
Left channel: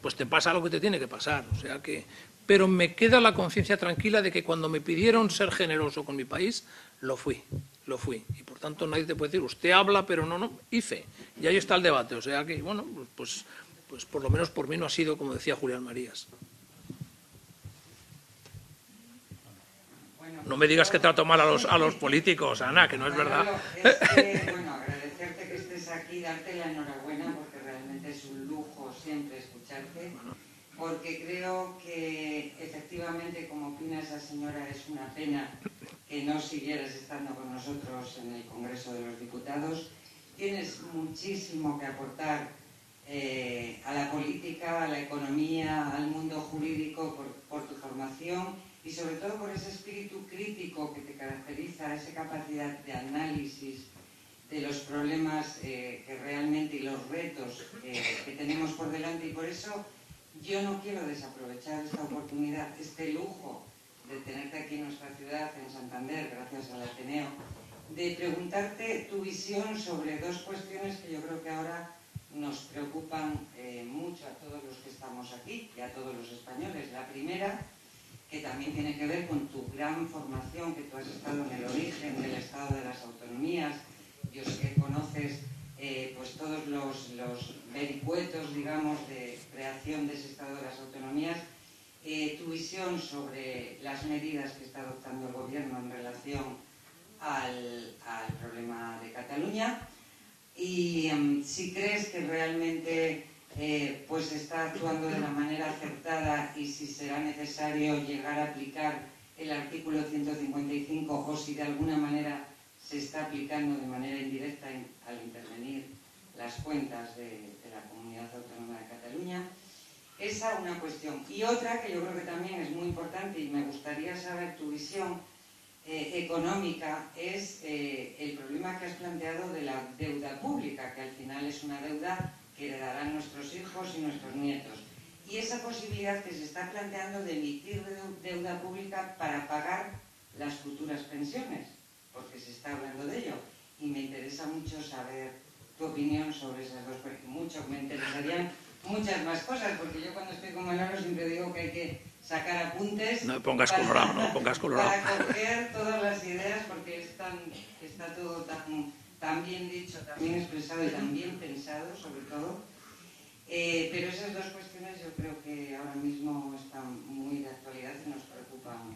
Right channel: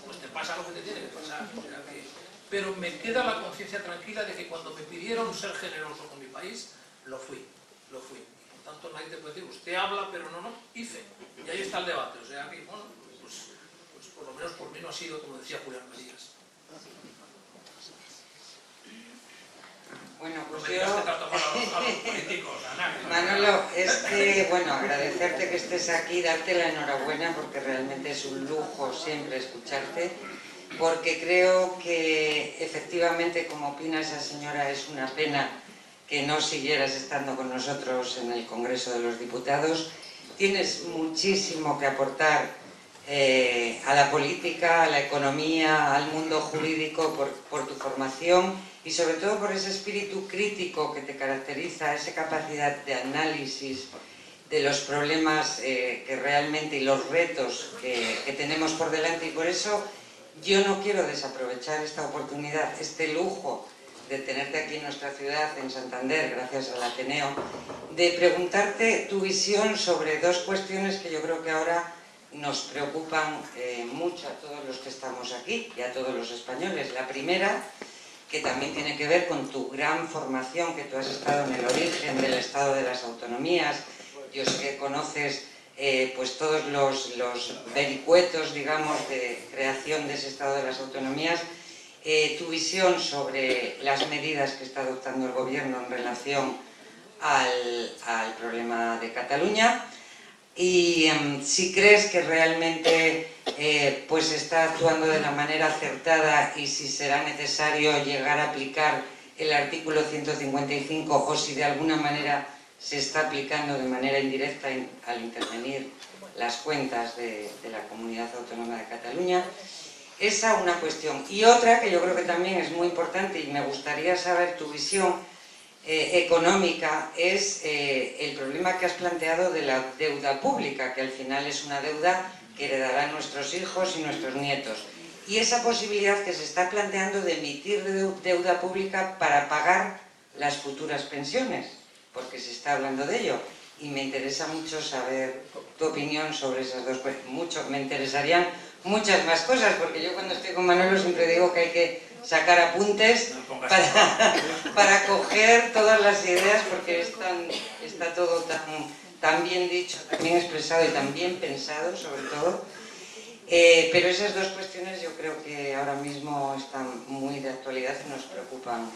pues te pasa lo que te tiene que pasar. O sea que, pero me queda la conciencia tranquila de que cuando me pidieron ser generoso con mi país, lo fui. Y por tanto nadie te puede decir, usted habla, pero no, hice. Y ahí está el debate. O sea que, bueno, pues por lo menos por mí no ha sido, como decía Julián Marías. Bueno, pues no me digas que trato mal a los políticos, Ana, que no es Manolo, verdad. es que, bueno, agradecerte que estés aquí, darte la enhorabuena, porque realmente es un lujo siempre escucharte, porque creo que efectivamente, como opina esa señora, es una pena que no siguieras estando con nosotros en el Congreso de los Diputados. Tienes muchísimo que aportar a la política, a la economía, al mundo jurídico por tu formación y sobre todo por ese espíritu crítico que te caracteriza, esa capacidad de análisis de los problemas que realmente y los retos que tenemos por delante, y por eso yo no quiero desaprovechar esta oportunidad, este lujo de tenerte aquí en nuestra ciudad, en Santander, gracias al Ateneo, de preguntarte tu visión sobre dos cuestiones que yo creo que ahora nos preocupan mucho a todos los que estamos aquí y a todos los españoles. La primera, que también tiene que ver con tu gran formación, que tú has estado en el origen del Estado de las Autonomías. Yo sé que conoces pues todos los vericuetos, digamos, de creación de ese Estado de las Autonomías. Tu visión sobre las medidas que está adoptando el Gobierno en relación al problema de Cataluña, y si crees que realmente pues está actuando de la manera acertada y si será necesario llegar a aplicar el artículo 155 o si de alguna manera se está aplicando de manera indirecta al intervenir las cuentas de la Comunidad Autónoma de Cataluña. Esa una cuestión. Y otra que yo creo que también es muy importante y me gustaría saber tu visión económica es el problema que has planteado de la deuda pública, que al final es una deuda que heredarán nuestros hijos y nuestros nietos. y esa posibilidad que se está planteando de emitir deuda pública para pagar las futuras pensiones, porque se está hablando de ello. Y me interesa mucho saber tu opinión sobre esas dos cosas. Me interesarían muchas más cosas, porque yo cuando estoy con Manolo siempre digo que hay que sacar apuntes para coger todas las ideas, porque está todo tan bien dicho, tan bien expresado y tan bien pensado, sobre todo. Pero esas dos cuestiones yo creo que ahora mismo están muy de actualidad y nos preocupan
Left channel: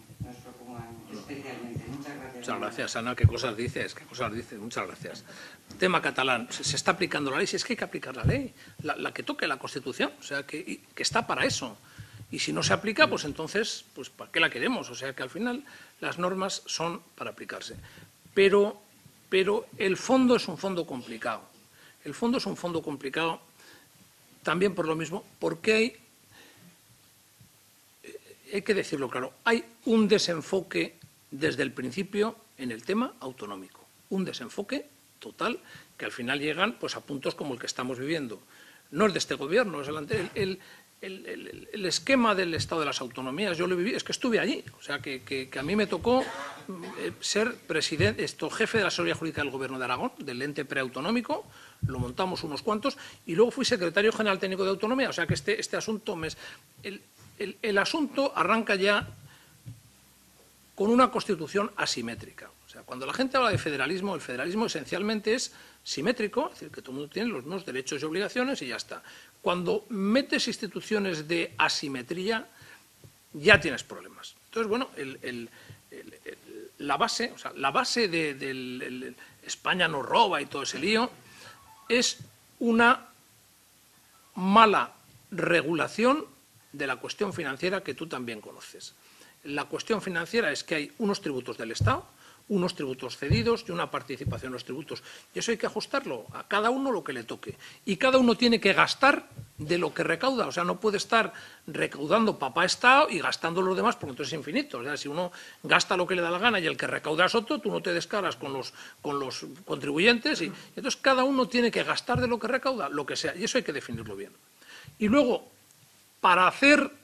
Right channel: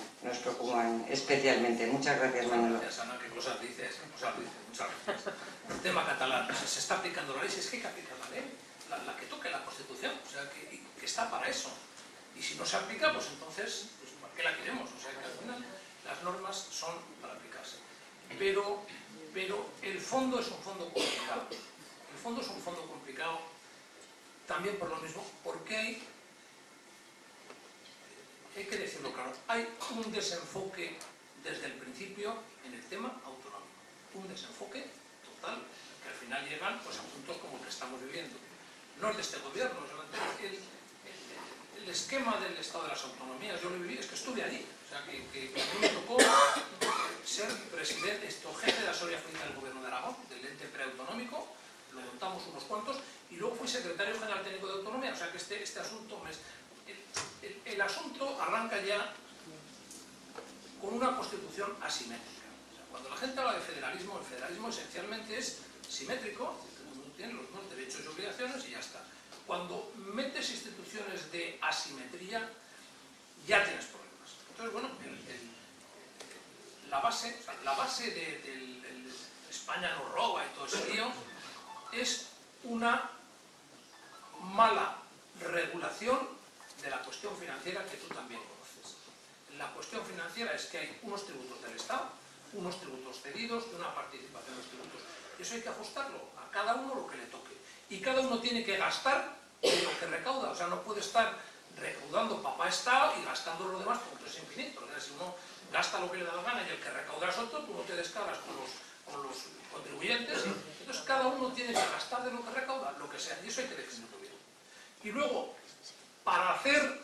especialmente. Muchas gracias. Muchas gracias, Ana. ¿Qué cosas dices? Muchas gracias. El tema catalán, se está aplicando la ley, si es que hay que aplicar la ley, la que toque la Constitución, o sea, que está para eso. Y si no se aplica, pues entonces, pues ¿para qué la queremos? O sea, que al final las normas son para aplicarse. Pero el fondo es un fondo complicado. El fondo es un fondo complicado también por lo mismo, porque hay que decirlo claro, hay un desenfoque desde el principio en el tema autonómico. Un desenfoque total que al final llegan pues, a puntos como el que estamos viviendo. No es de este gobierno, es el esquema del Estado de las Autonomías, yo lo viví, es que estuve allí, o sea, que a mí me tocó ser jefe de la asesoría jurídica del Gobierno de Aragón, del ente preautonómico, lo montamos unos cuantos, y luego fui secretario general técnico de autonomía, o sea que este asunto, el asunto arranca ya con una constitución asimétrica. O sea, cuando la gente habla de federalismo, el federalismo esencialmente es simétrico, es decir, que todo el mundo tiene los mismos derechos y obligaciones y ya está. Cuando metes instituciones de asimetría, ya tienes problemas. Entonces, bueno, la base del España nos roba y todo ese lío es una mala regulación de la cuestión financiera que tú también conoces. La cuestión financiera es que hay unos tributos del Estado, unos tributos cedidos y una participación en los tributos. Y eso hay que ajustarlo a cada uno lo que le toque. Y cada uno tiene que gastar de lo que recauda. O sea, no puede estar recaudando papá Estado y gastando los demás porque entonces es infinito. O sea, si uno gasta lo que le da la gana y el que recauda es otro, tú no te descaras con los contribuyentes. Y entonces cada uno tiene que gastar de lo que recauda, lo que sea. Y eso hay que definirlo bien. Y luego, para hacer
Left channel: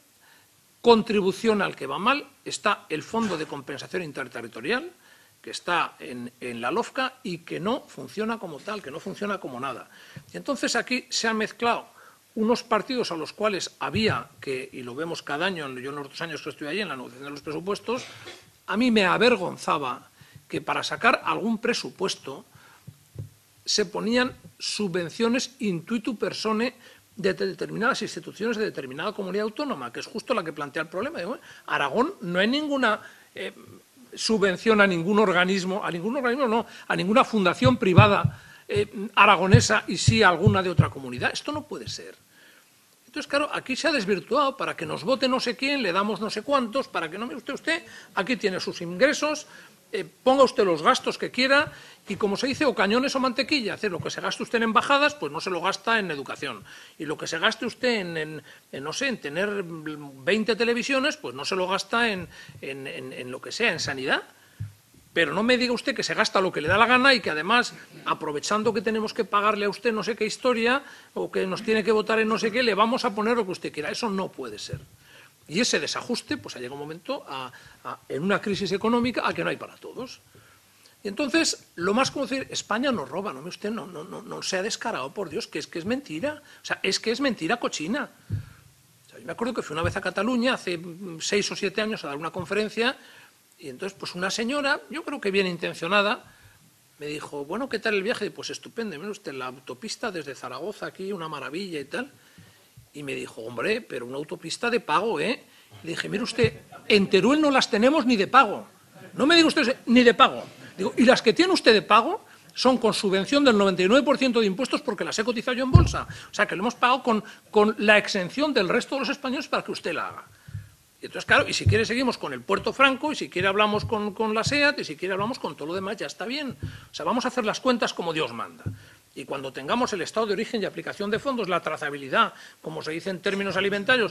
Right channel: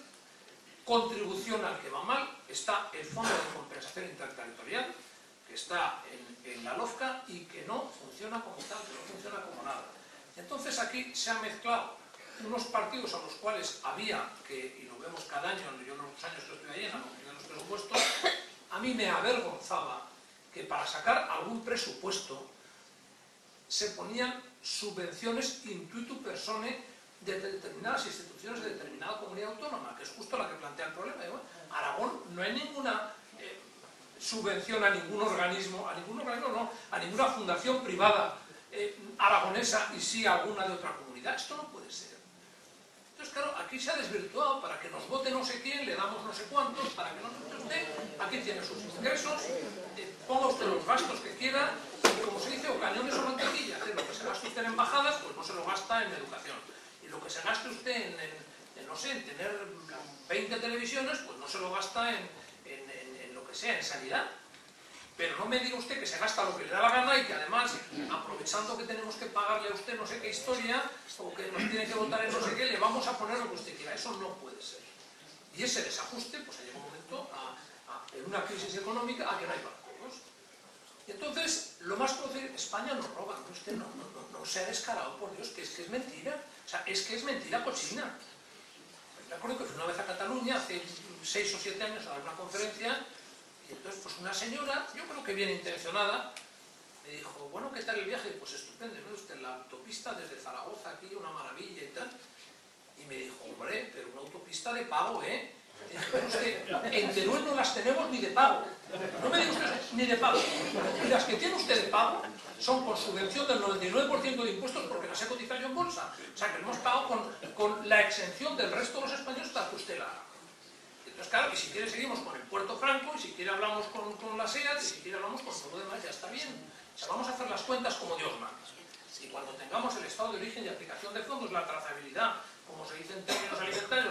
contribución al que va mal, está el Fondo de Compensación Interterritorial, que está en la LOFCA y que no funciona como tal, que no funciona como nada. Y entonces aquí se han mezclado unos partidos a los cuales había que, y lo vemos cada año, yo en los 2 años que estoy allí en la negociación de los presupuestos, a mí me avergonzaba que para sacar algún presupuesto se ponían subvenciones intuitu personae de determinadas instituciones de determinada comunidad autónoma, que es justo la que plantea el problema. Aragón no hay ninguna subvención a ningún organismo no, a ninguna fundación privada aragonesa y sí a alguna de otra comunidad. Esto no puede ser. Entonces, claro, aquí se ha desvirtuado para que nos vote no sé quién, le damos no sé cuántos, para que no me usted, aquí tiene sus ingresos, ponga usted los gastos que quiera y como se dice, o cañones o mantequilla, hacer lo que se gaste usted en embajadas, pues no se lo gasta en educación. Y lo que se gaste usted en tener 20 televisiones, pues no se lo gasta en lo que sea, en sanidad. Pero no me diga usted que se gasta lo que le da la gana y que además, aprovechando que tenemos que pagarle a usted no sé qué historia o que nos tiene que votar en no sé qué, le vamos a poner lo que usted quiera. Eso no puede ser. Y ese desajuste, pues ha llegado un momento en una crisis económica a que no hay para todos. Y entonces, lo más como decir, España nos roba, no usted no se ha descarado, por Dios, que es mentira. O sea, es que es mentira cochina. O sea, me acuerdo que fui una vez a Cataluña, hace 6 o 7 años, a dar una conferencia, y entonces, pues una señora, yo creo que bien intencionada, me dijo, bueno, ¿qué tal el viaje? Y pues estupendo, mire usted, la autopista desde Zaragoza aquí, una maravilla y tal. Y me dijo, hombre, pero una autopista de pago, ¿eh? Le dije, mire usted, en Teruel no las tenemos ni de pago. No me diga usted ni de pago. Y las que tiene usted de pago son con subvención del 99% de impuestos porque las he cotizado yo en bolsa. O sea, que lo hemos pagado con la exención del resto de los españoles para que usted la haga. Y entonces, claro, y si quiere seguimos con el Puerto Franco, y si quiere hablamos con la SEAT, y si quiere hablamos con todo lo demás, ya está bien. O sea, vamos a hacer las cuentas como Dios manda. Y cuando tengamos el estado de origen y aplicación de fondos, la trazabilidad, como se dice en términos alimentarios,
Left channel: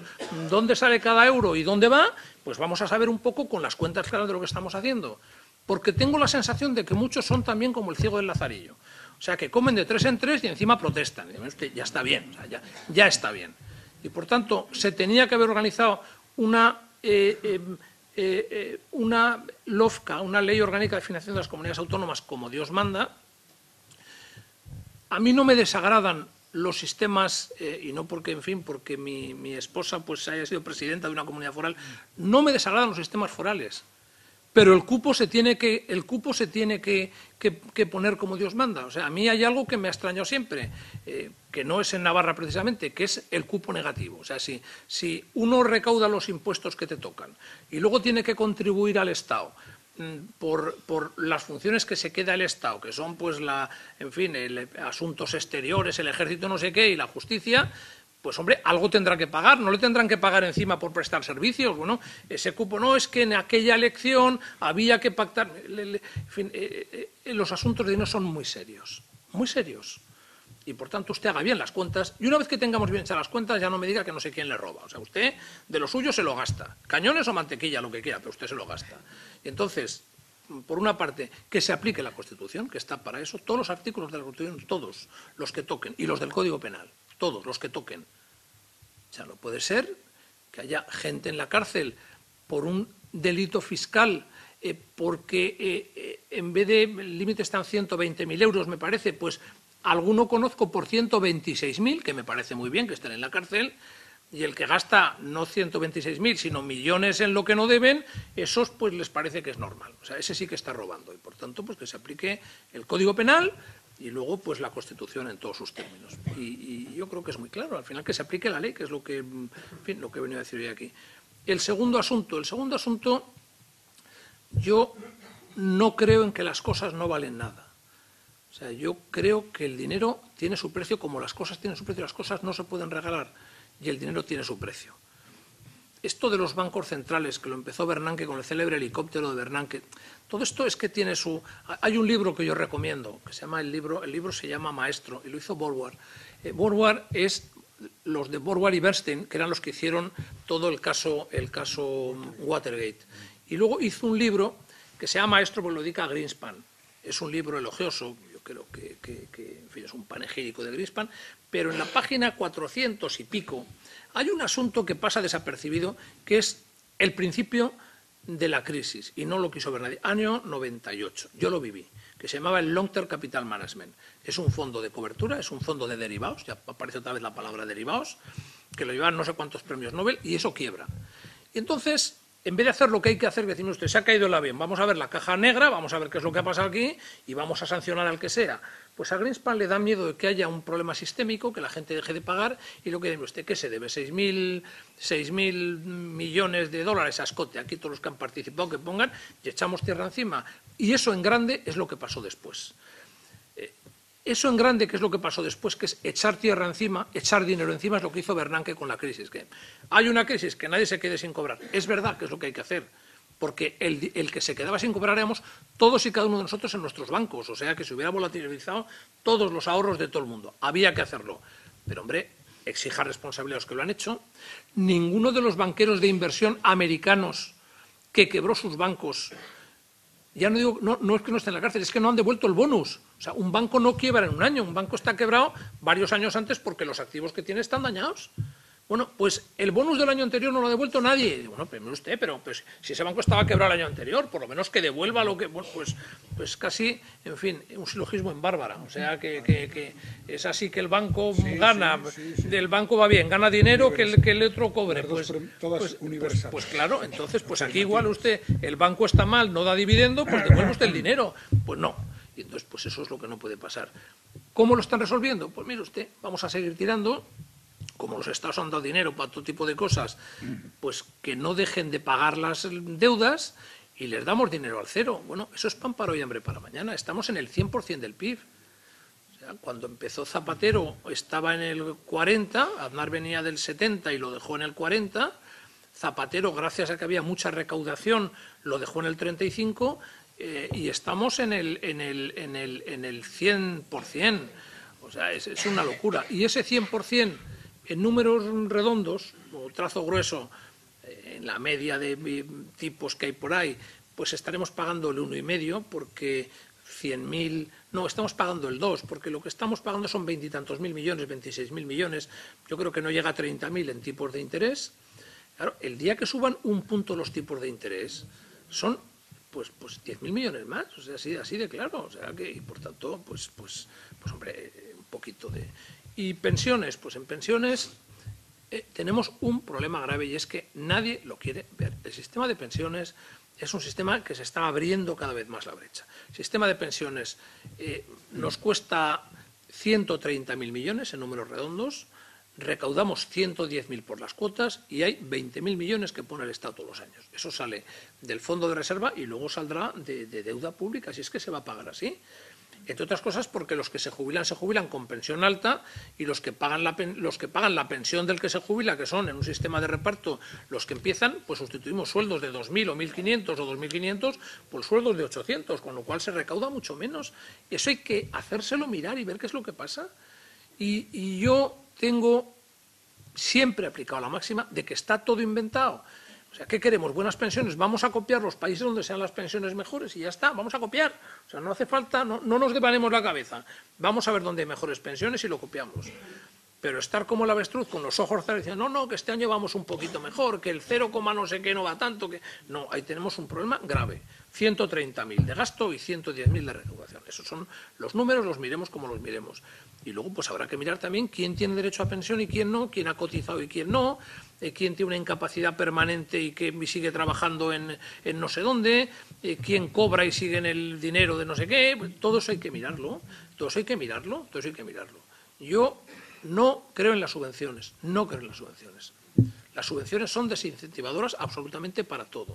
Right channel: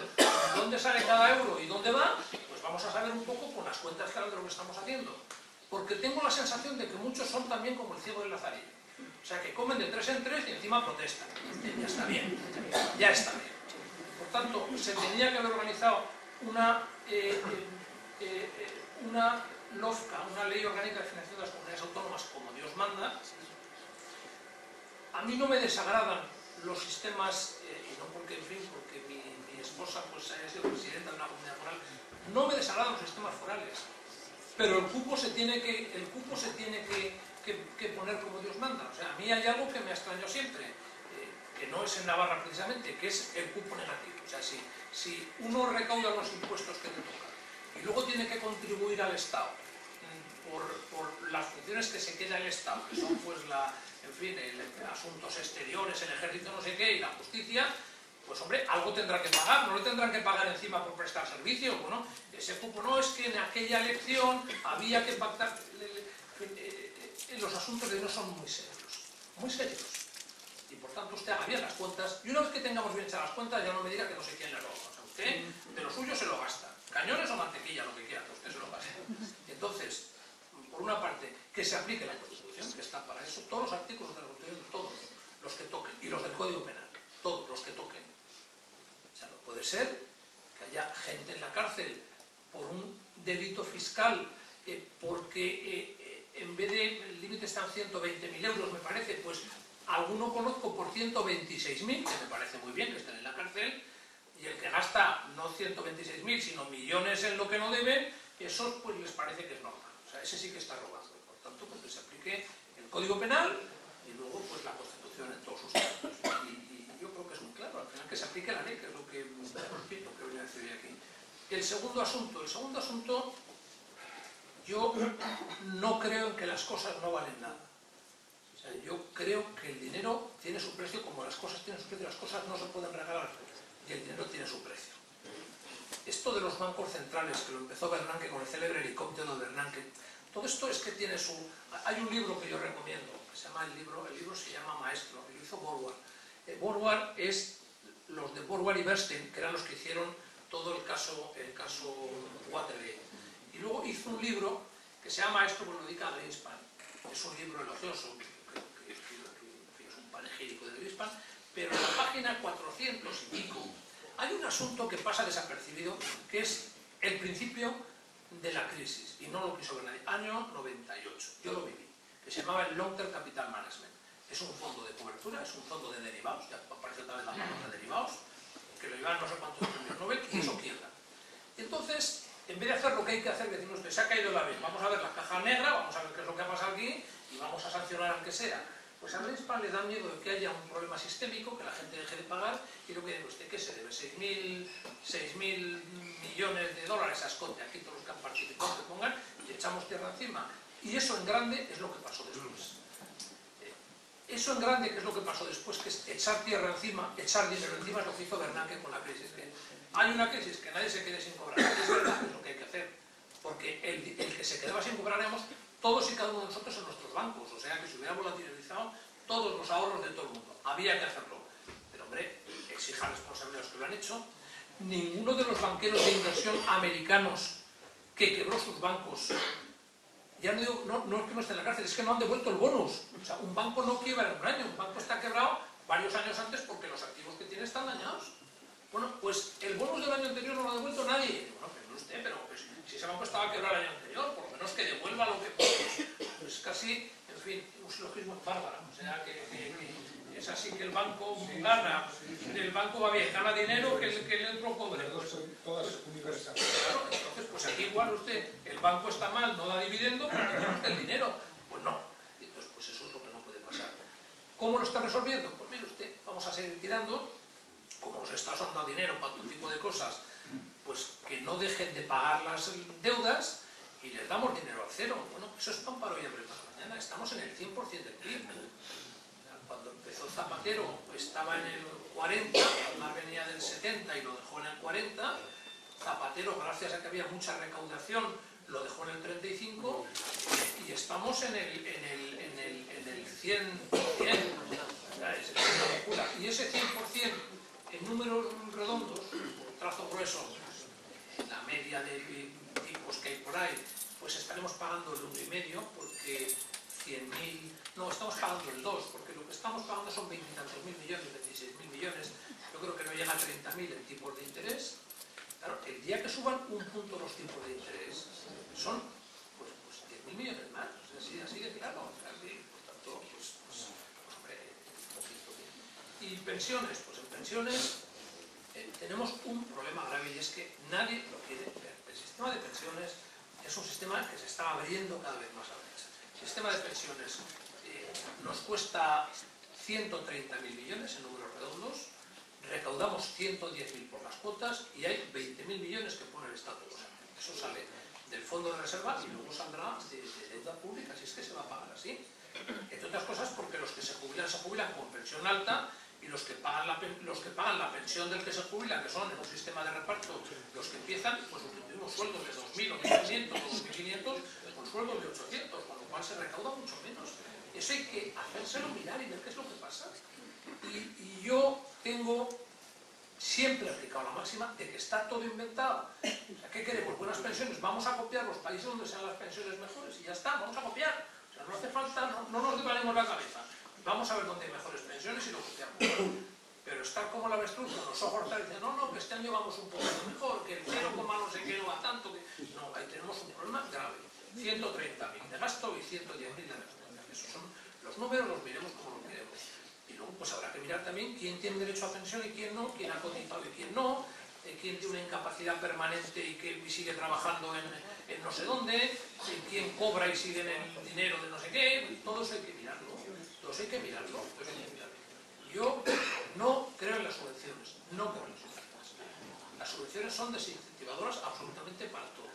dónde sale cada euro y dónde va, pues vamos a saber un poco con las cuentas claras de lo que estamos haciendo. Porque tengo la sensación de que muchos son también como el ciego del Lazarillo. O sea, que comen de 3 en 3 y encima protestan. Ya está bien, ya está bien. Y por tanto, se tenía que haber organizado una LOFCA, una Ley Orgánica de Financiación de las Comunidades Autónomas, como Dios manda. A mí no me desagradan los sistemas, y no porque, en fin, porque mi esposa pues haya sido presidenta de una comunidad foral, no me desagradan los sistemas forales, pero el cupo se tiene que poner como Dios manda. O sea, a mí hay algo que me ha extrañado siempre, que no es en Navarra precisamente, que es el cupo negativo. O sea, si uno recauda los impuestos que te tocan y luego tiene que contribuir al Estado por las funciones que se queda el Estado, que son pues asuntos exteriores, el ejército no sé qué y la justicia, pues hombre, algo tendrá que pagar, no le tendrán que pagar encima por prestar servicios. Bueno, ese cupo no, es que en aquella elección había que pactar. En fin, los asuntos de dinero son muy serios, muy serios. Y por tanto usted haga bien las cuentas, y una vez que tengamos bien hechas las cuentas ya no me diga que no sé quién le roba. O sea, usted de lo suyo se lo gasta, cañones o mantequilla, lo que quiera, pero usted se lo gasta. Entonces, por una parte, que se aplique la Constitución, que está para eso, todos los artículos de la Constitución, todos los que toquen, y los del Código Penal, todos los que toquen. O sea, no puede ser que haya gente en la cárcel por un delito fiscal, porque en vez de el límite están 120.000 euros, me parece, pues alguno conozco por 126.000, que me parece muy bien que estén en la cárcel, y el que gasta no 126.000, sino millones en lo que no deben, esos pues les parece que es normal. O sea, ese sí que está robando, y por tanto pues que se aplique el Código Penal y luego pues la Constitución en todos sus términos. Y yo creo que es muy claro, al final que se aplique la ley, que es lo que, en fin, lo que he venido a decir hoy aquí. El segundo asunto, yo no creo en que las cosas no valen nada. O sea, yo creo que el dinero tiene su precio, como las cosas tienen su precio, las cosas no se pueden regalar y el dinero tiene su precio. Esto de los bancos centrales, que lo empezó Bernanke con el célebre helicóptero de Bernanke, todo esto es que tiene su... Hay un libro que yo recomiendo, que se llama el libro se llama Maestro, y lo hizo Borward. Borward es los de Borward y Bernstein, que eran los que hicieron todo el caso Watergate. Y luego hizo un libro que se llama Maestro, porque lo dedica a Greenspan. Es un libro elogioso, yo creo que en fin, es un panegírico de Greenspan, pero en la página 400 y pico hay un asunto que pasa desapercibido, que es el principio de la crisis, y no lo quiso ver nadie. Año 98, yo lo viví, que se llamaba el Long Term Capital Management. Es un fondo de cobertura, es un fondo de derivados, ya aparece otra vez la palabra derivados, que lo llevan no sé cuántos premios Nobel, y eso quiebra. Y entonces, en vez de hacer lo que hay que hacer, decimos, usted se ha caído el avión, vamos a ver la caja negra, vamos a ver qué es lo que ha pasado aquí, y vamos a sancionar al que sea. Pues a Greenspan le da miedo de que haya un problema sistémico, que la gente deje de pagar, y lo que dice usted, ¿qué se debe? 6.000 millones de dólares a escote, aquí todos los que han participado que pongan, y echamos tierra encima. Y eso en grande es lo que pasó después. Eso en grande, que es lo que pasó después, que es echar tierra encima, echar dinero encima, es lo que hizo Bernanke con la crisis. Que hay una crisis, que nadie se quede sin cobrar. Es verdad que es lo que hay que hacer, porque el que se quedaba sin cobrar éramos todos y cada uno de nosotros en nuestros bancos, o sea que se hubiera volatilizado todos los ahorros de todo el mundo. Había que hacerlo. Pero hombre, exija responsabilidad a los que lo han hecho. Ninguno de los banqueros de inversión americanos que quebró sus bancos, ya no digo, no es que no estén en la cárcel, es que no han devuelto el bonus. O sea, un banco no quiebra en un año, un banco está quebrado varios años antes porque los activos que tiene están dañados. Bueno, pues el bonus del año anterior no lo ha devuelto nadie. Bueno, pero usted, pero pues, si ese banco estaba quebrado el año anterior, por lo menos que devuelva lo que... Bueno, pues casi, en fin, un silogismo en Bárbara. O sea, que es así que el banco gana, del banco va bien, gana dinero que el otro cobre. Pues claro, entonces, pues aquí igual usted, el banco está mal, no da dividendo, pues devuelve usted el dinero. Pues no. Y entonces, pues eso es lo que no puede pasar. ¿Cómo lo están resolviendo? Pues mire usted, vamos a seguir tirando. Como los estados han dado dinero para todo tipo de cosas, pues que no dejen de pagar las deudas y les damos dinero al cero. Bueno, eso es pan para hoy, hambre para mañana. Estamos en el 100% del PIB. O sea, cuando empezó Zapatero estaba en el 40, Aznar venía del 70 y lo dejó en el 40. Zapatero, gracias a que había mucha recaudación, lo dejó en el 35 y estamos en el 100%. O sea, es una locura. Y ese 100%... en números redondos, o trazo grueso, en la media de tipos que hay por ahí, pues estaremos pagando el 1,5, porque 100.000... No, estamos pagando el 2, porque lo que estamos pagando son 20 y tantos mil millones, 26.000 millones, yo creo que no llega a 30.000 en tipos de interés. Claro, el día que suban un punto los tipos de interés, son pues 10.000 millones más, o sea, así de claro, o sea que, y por tanto, pues hombre, un poquito de... Y pensiones, pues en pensiones tenemos un problema grave y es que nadie lo quiere ver. El sistema de pensiones es un sistema que se está abriendo cada vez más la brecha. El sistema de pensiones nos cuesta 130.000 millones en números redondos, recaudamos 110.000 por las cuotas y hay 20.000 millones que pone el Estado todos los años. Eso sale del fondo de reserva y luego saldrá de deuda pública, si es que se va a pagar así. Entre otras cosas porque los que se jubilan con pensión alta, y los que pagan la pensión del que se jubila, que son en un sistema de reparto los que empiezan, pues sustituimos sueldos de 2.000 o 1.500 o 2.500 por sueldos de 800, con lo cual se recauda mucho menos. Y eso hay que hacérselo mirar y ver qué es lo que pasa. Y yo tengo siempre aplicado la máxima de que está todo inventado. O sea, ¿qué queremos? Buenas pensiones. Vamos a copiar los países donde sean las pensiones mejores y ya está, vamos a copiar. O sea, no hace falta, no nos devanemos la cabeza. Vamos a ver dónde hay mejores pensiones y lo copiamos. Pero estar como el avestruz con los ojos cerrados diciendo, no, que este año vamos un poquito mejor, que el 0, no sé qué no va tanto, que... No, ahí tenemos un problema grave. 130.000 de gasto y 110.000 de recaudación. Esos son los números, los miremos como los miremos. Y luego pues habrá que mirar también quién tiene derecho a pensión y quién no, quién ha cotizado y quién no, quién tiene una incapacidad permanente y que sigue trabajando en no sé dónde, quién cobra y sigue en el dinero de no sé qué. Todo eso hay que mirarlo, todo eso hay que mirarlo, todo eso hay que mirarlo. Yo no creo en las subvenciones, no creo en las subvenciones. Las subvenciones son desincentivadoras absolutamente para todo.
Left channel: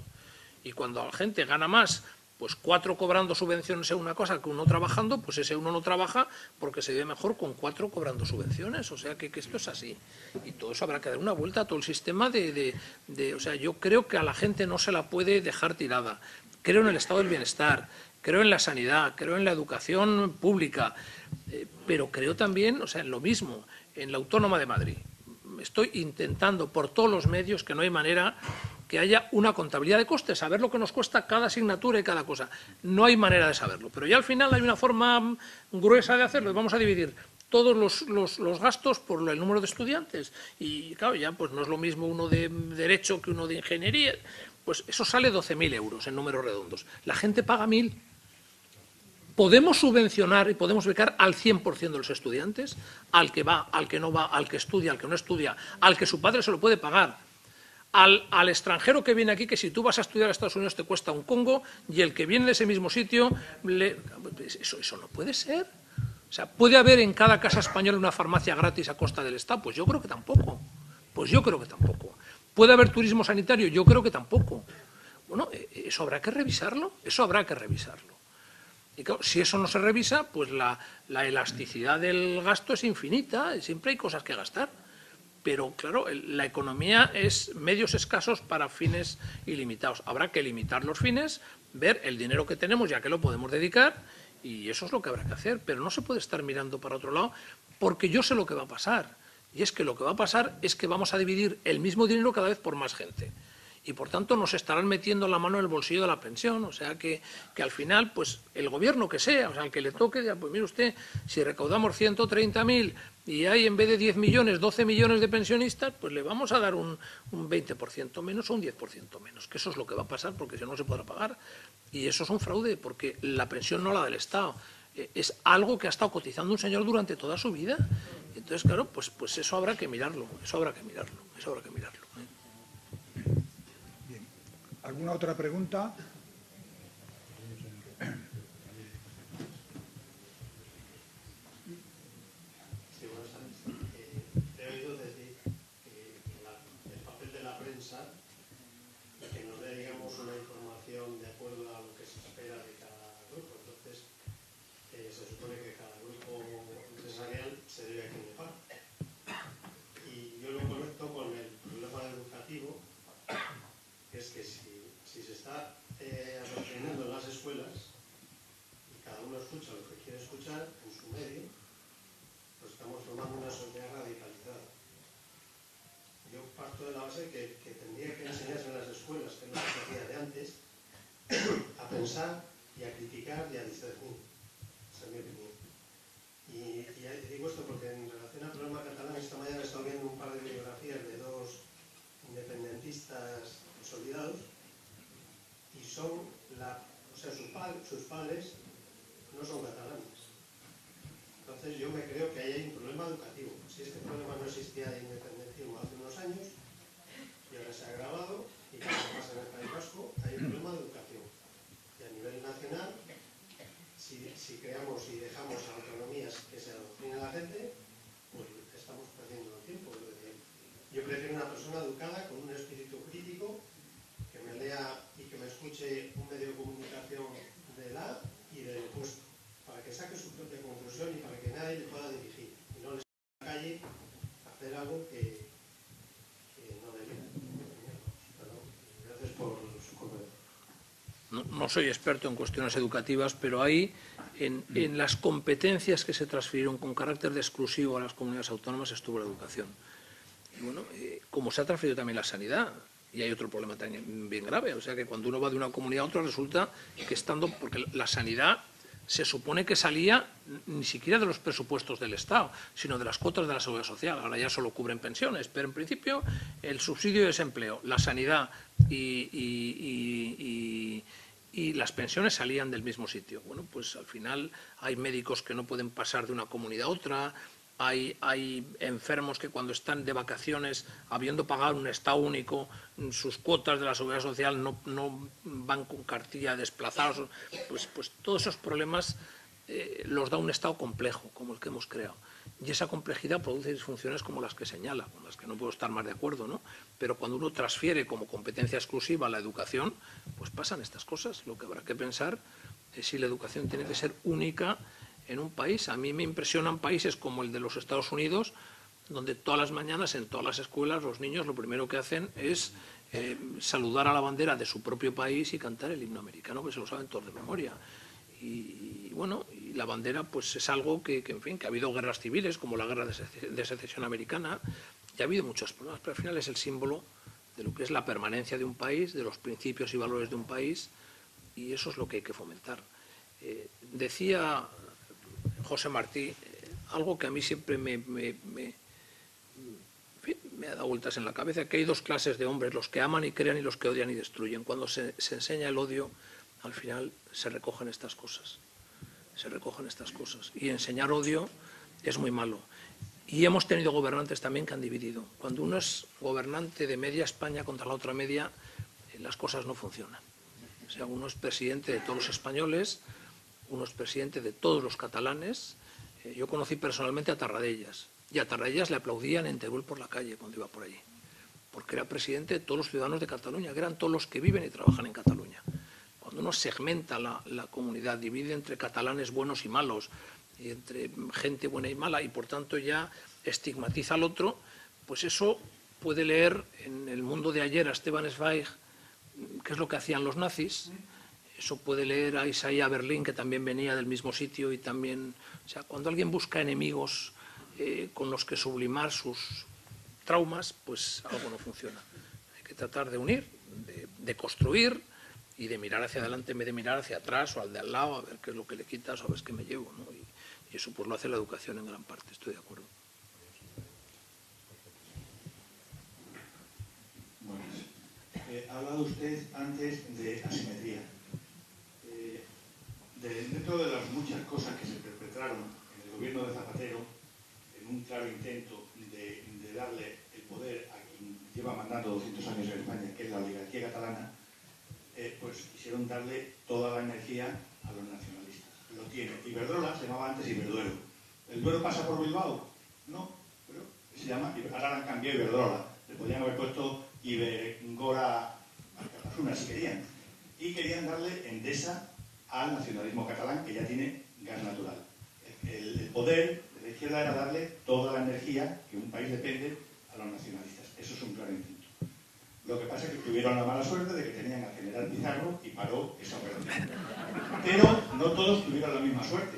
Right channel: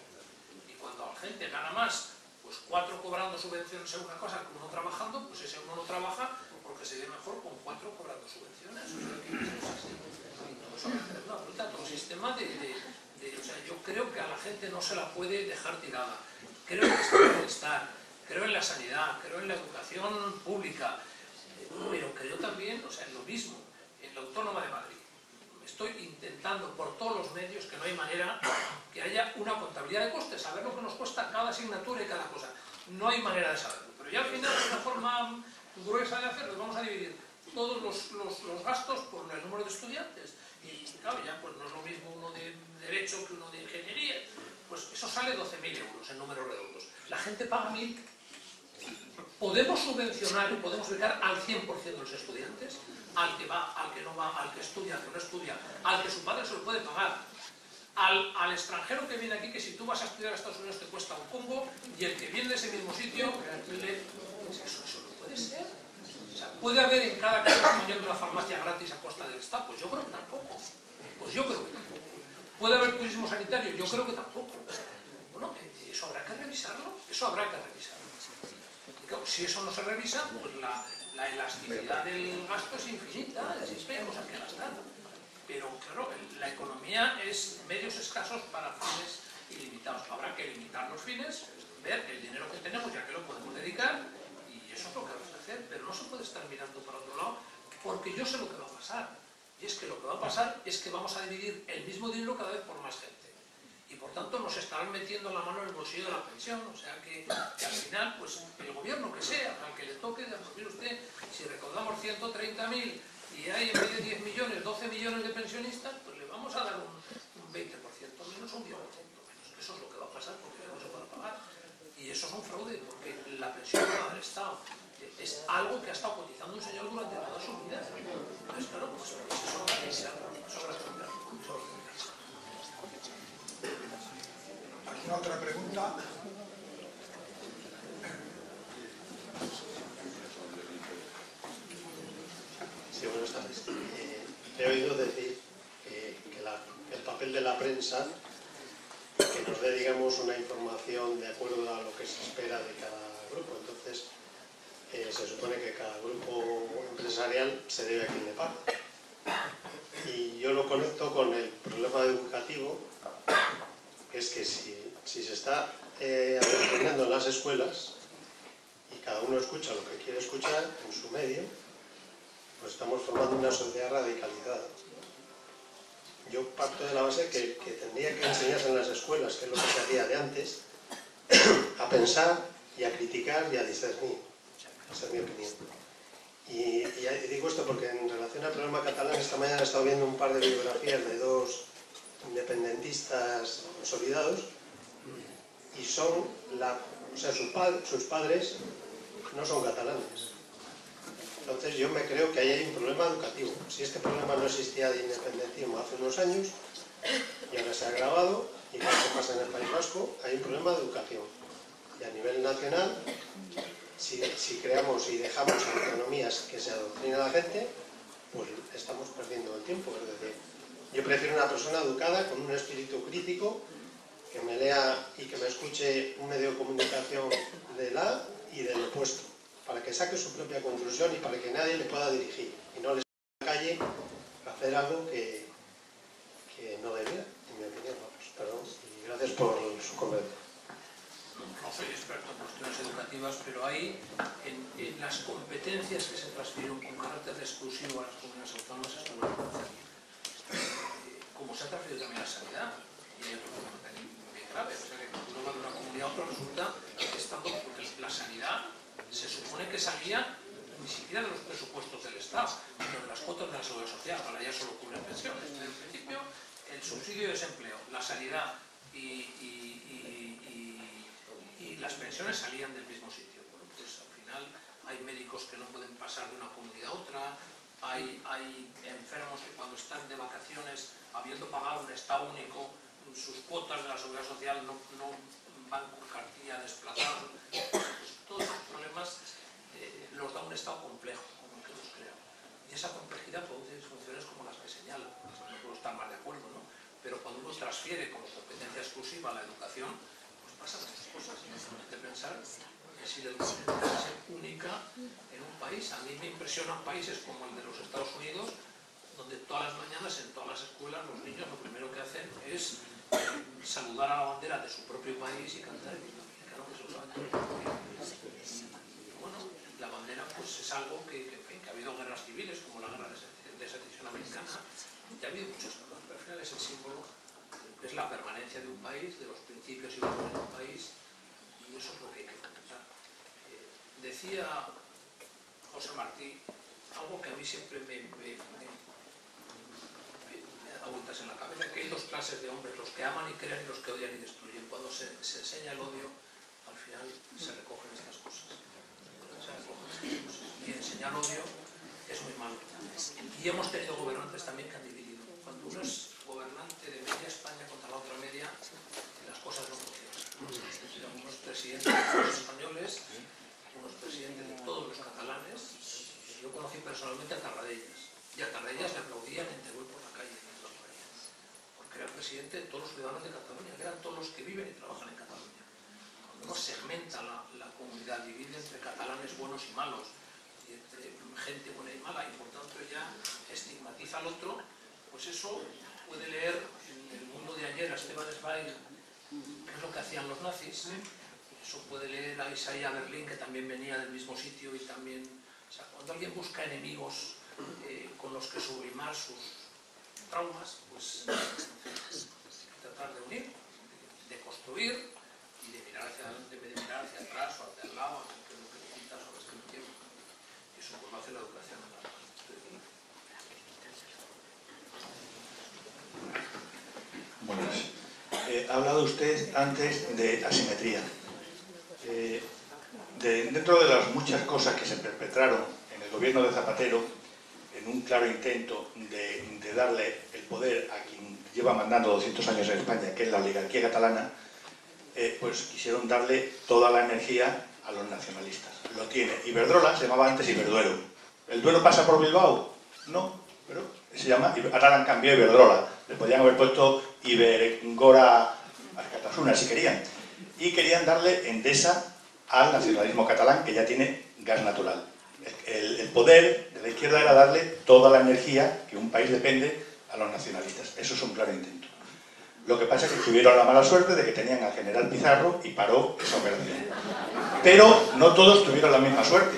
Y cuando la gente gana más, pues 4 cobrando subvenciones en una cosa que uno trabajando, pues ese uno no trabaja porque se ve mejor con 4 cobrando subvenciones. O sea que esto es así. Y todo eso habrá que dar una vuelta a todo el sistema o sea, yo creo que a la gente no se la puede dejar tirada. Creo en el estado de bienestar, creo en la sanidad, creo en la educación pública, pero creo también, o sea, en lo mismo, en la Autónoma de Madrid. Estoy intentando por todos los medios que no hay manera que haya una contabilidad de costes, saber lo que nos cuesta cada asignatura y cada cosa. No hay manera de saberlo, pero ya al final hay una forma gruesa de hacerlo. Vamos a dividir todos los gastos por el número de estudiantes y claro, ya pues no es lo mismo uno de Derecho que uno de Ingeniería. Pues eso sale 12.000 euros en números redondos. La gente paga 1.000. ¿Podemos subvencionar y podemos becar al 100% de los estudiantes? Al que va, al que no va, al que estudia, al que no estudia, al que su padre se lo puede pagar, al extranjero que viene aquí, que si tú vas a estudiar a Estados Unidos te cuesta un congo, y el que viene de ese mismo sitio, eso no puede ser. O sea, ¿puede haber en cada casa española una farmacia gratis a costa del Estado? Pues yo creo que tampoco. ¿Puede haber turismo sanitario? Yo creo que tampoco. Bueno, eso habrá que revisarlo, Y claro, si eso no se revisa, pues la elasticidad del gasto es infinita, siempre hay cosas que gastar. Pero claro, la economía es medios escasos para fines ilimitados. Habrá que limitar los fines, ver el dinero que tenemos y a qué lo podemos dedicar, y eso es lo que habrá que hacer. Pero no se puede estar mirando para otro lado, porque yo sé lo que va a pasar. Y es que lo que va a pasar es que vamos a dividir el mismo dinero cada vez por más gente. Y por tanto nos estarán metiendo la mano en el bolsillo de la pensión, o sea que al final, pues el gobierno que sea, o sea, el que le toque, pues mire usted, si recaudamos 130.000 y hay en vez de 10 millones, 12 millones de pensionistas, pues le vamos a dar un 20% menos o un 10% menos, que eso es lo que va a pasar porque si no se podrá pagar. Y eso es un fraude, porque la pensión no es la del Estado, es algo que ha estado cotizando un señor durante toda su vida. Entonces, claro, pues eso habrá que mirarlo, ¿Alguna otra pregunta? Sí, buenas tardes. He oído decir que el papel de la prensa, que nos dé, digamos, una información de acuerdo a lo que se espera de cada grupo. Entonces, se supone que cada grupo empresarial se debe a quien le paga. Y yo lo conecto con el problema educativo, que es que si se está adoctrinando en las escuelas y cada uno escucha lo que quiere escuchar en su medio, pues estamos formando una sociedad radicalizada. Yo parto de la base que tendría que enseñarse en las escuelas, que es lo que se hacía de antes, a pensar y a criticar y a discernir. Esa es mi opinión. Y digo esto porque en relación al problema catalán, esta mañana he estado viendo un par de biografías de dos independentistas consolidados y son sus padres no son catalanes. Entonces yo me creo que ahí hay un problema educativo. Si este problema no existía de independentismo hace unos años y ahora se ha agravado, y lo que pasa en el País Vasco, hay un problema de educación. Y a nivel nacional, si creamos y dejamos autonomías que se adoctrina a la gente, pues estamos perdiendo el tiempo. Es decir, yo prefiero una persona educada, con un espíritu crítico, que me lea y que me escuche un medio de comunicación del A y del opuesto, para que saque su propia conclusión y para que nadie le pueda dirigir y no le salga a la calle a hacer algo que no debería, en mi opinión. Perdón, y gracias por su comentario. No soy experto en cuestiones educativas, pero hay en las competencias que se transfirieron con carácter de exclusivo a las comunidades autónomas estuvo la educación. Como se ha transferido también la sanidad, y hay otro problema también bien grave, o sea que cuando uno va de una comunidad a otra resulta que porque la sanidad se supone que salía ni siquiera de los presupuestos del Estado, sino de las cuotas de la Seguridad Social. Ahora ya solo cubren pensiones, pero en principio el subsidio de desempleo, la sanidad y las pensiones salían del mismo sitio. Bueno, pues al final hay médicos que no pueden pasar de una comunidad a otra, hay enfermos que cuando están de vacaciones, habiendo pagado un Estado único, sus cuotas de la Seguridad Social no van con cartilla desplazados. Pues todos esos problemas los da un Estado complejo, como el que hemos creado. Y esa complejidad produce disfunciones como las que señala, las que no puedo estar más de acuerdo, ¿no? Pero cuando uno transfiere como competencia exclusiva la educación, pues pasan estas cosas. Lo que habrá que pensar es si la educación tiene que ser única en un país. A mí me impresionan países como el de los Estados Unidos, donde todas las mañanas en todas las escuelas los niños lo primero que hacen es saludar a la bandera de su propio país y cantar el himno americano, que se lo saben todos de memoria. Y bueno, y la bandera pues es algo que ha habido guerras civiles, como la guerra de secesión americana, y ha habido muchos problemas, pero al final es el símbolo de lo que es la permanencia de un país, de los principios y valores de un país, y eso es lo que hay que fomentar. Decía José Martí algo que a mí siempre me ha dado vueltas en la cabeza, que hay dos clases de hombres, los que aman y crean y los que odian y destruyen. Cuando se enseña el odio, al final se recogen estas cosas. Y enseñar odio es muy malo. Y hemos tenido gobernantes también que han dividido. Cuando uno es gobernante de media España contra la otra media, las cosas no funcionan. O sea, uno es presidente de todos los españoles, uno es presidente de todos los catalanes. Yo conocí personalmente a Tarradellas, y a Tarradellas le aplaudían en Teruel por la calle cuando iba por allí, porque era presidente de todos los ciudadanos de Cataluña, que eran todos los que viven y trabajan en Cataluña. Cuando uno segmenta la comunidad, divide entre catalanes buenos y malos, y entre gente buena y mala, y por tanto ya estigmatiza al otro, pues eso puede leer en El mundo de ayer a Stefan Zweig, qué es lo que hacían los nazis. Eso puede leer a Isaiah Berlin, que también venía del mismo sitio y también... O sea, cuando alguien busca enemigos con los que sublimar sus traumas, pues algo no funciona. Hay que tratar de unir, de construir y de mirar hacia adelante en vez de mirar hacia atrás o al de al lado, a ver qué es lo que le quitas o a ver qué me llevo, ¿no? Y eso pues lo hace la educación en gran parte, estoy de acuerdo. Buenas. Ha hablado usted antes de asimetría. Dentro de las muchas cosas que se perpetraron en el gobierno de Zapatero, en un claro intento de darle el poder a quien lleva mandando 200 años en España, que es la oligarquía catalana, pues quisieron darle toda la energía a los nacionalistas. Lo tiene. Iberdrola se llamaba antes Iberduero. ¿El Duero pasa por Bilbao? No, pero se llama, ahora la han cambiado Iberdrola. Le podrían haber puesto Ibergora Arcatasuna si querían. Y querían darle Endesa al nacionalismo catalán, que ya tiene gas natural. El poder de la izquierda era darle toda la energía que un país depende a los nacionalistas. Eso es un claro intento. Lo que pasa es que tuvieron la mala suerte de que tenían al general Pizarro y paró esa operación. Pero no todos tuvieron la misma suerte.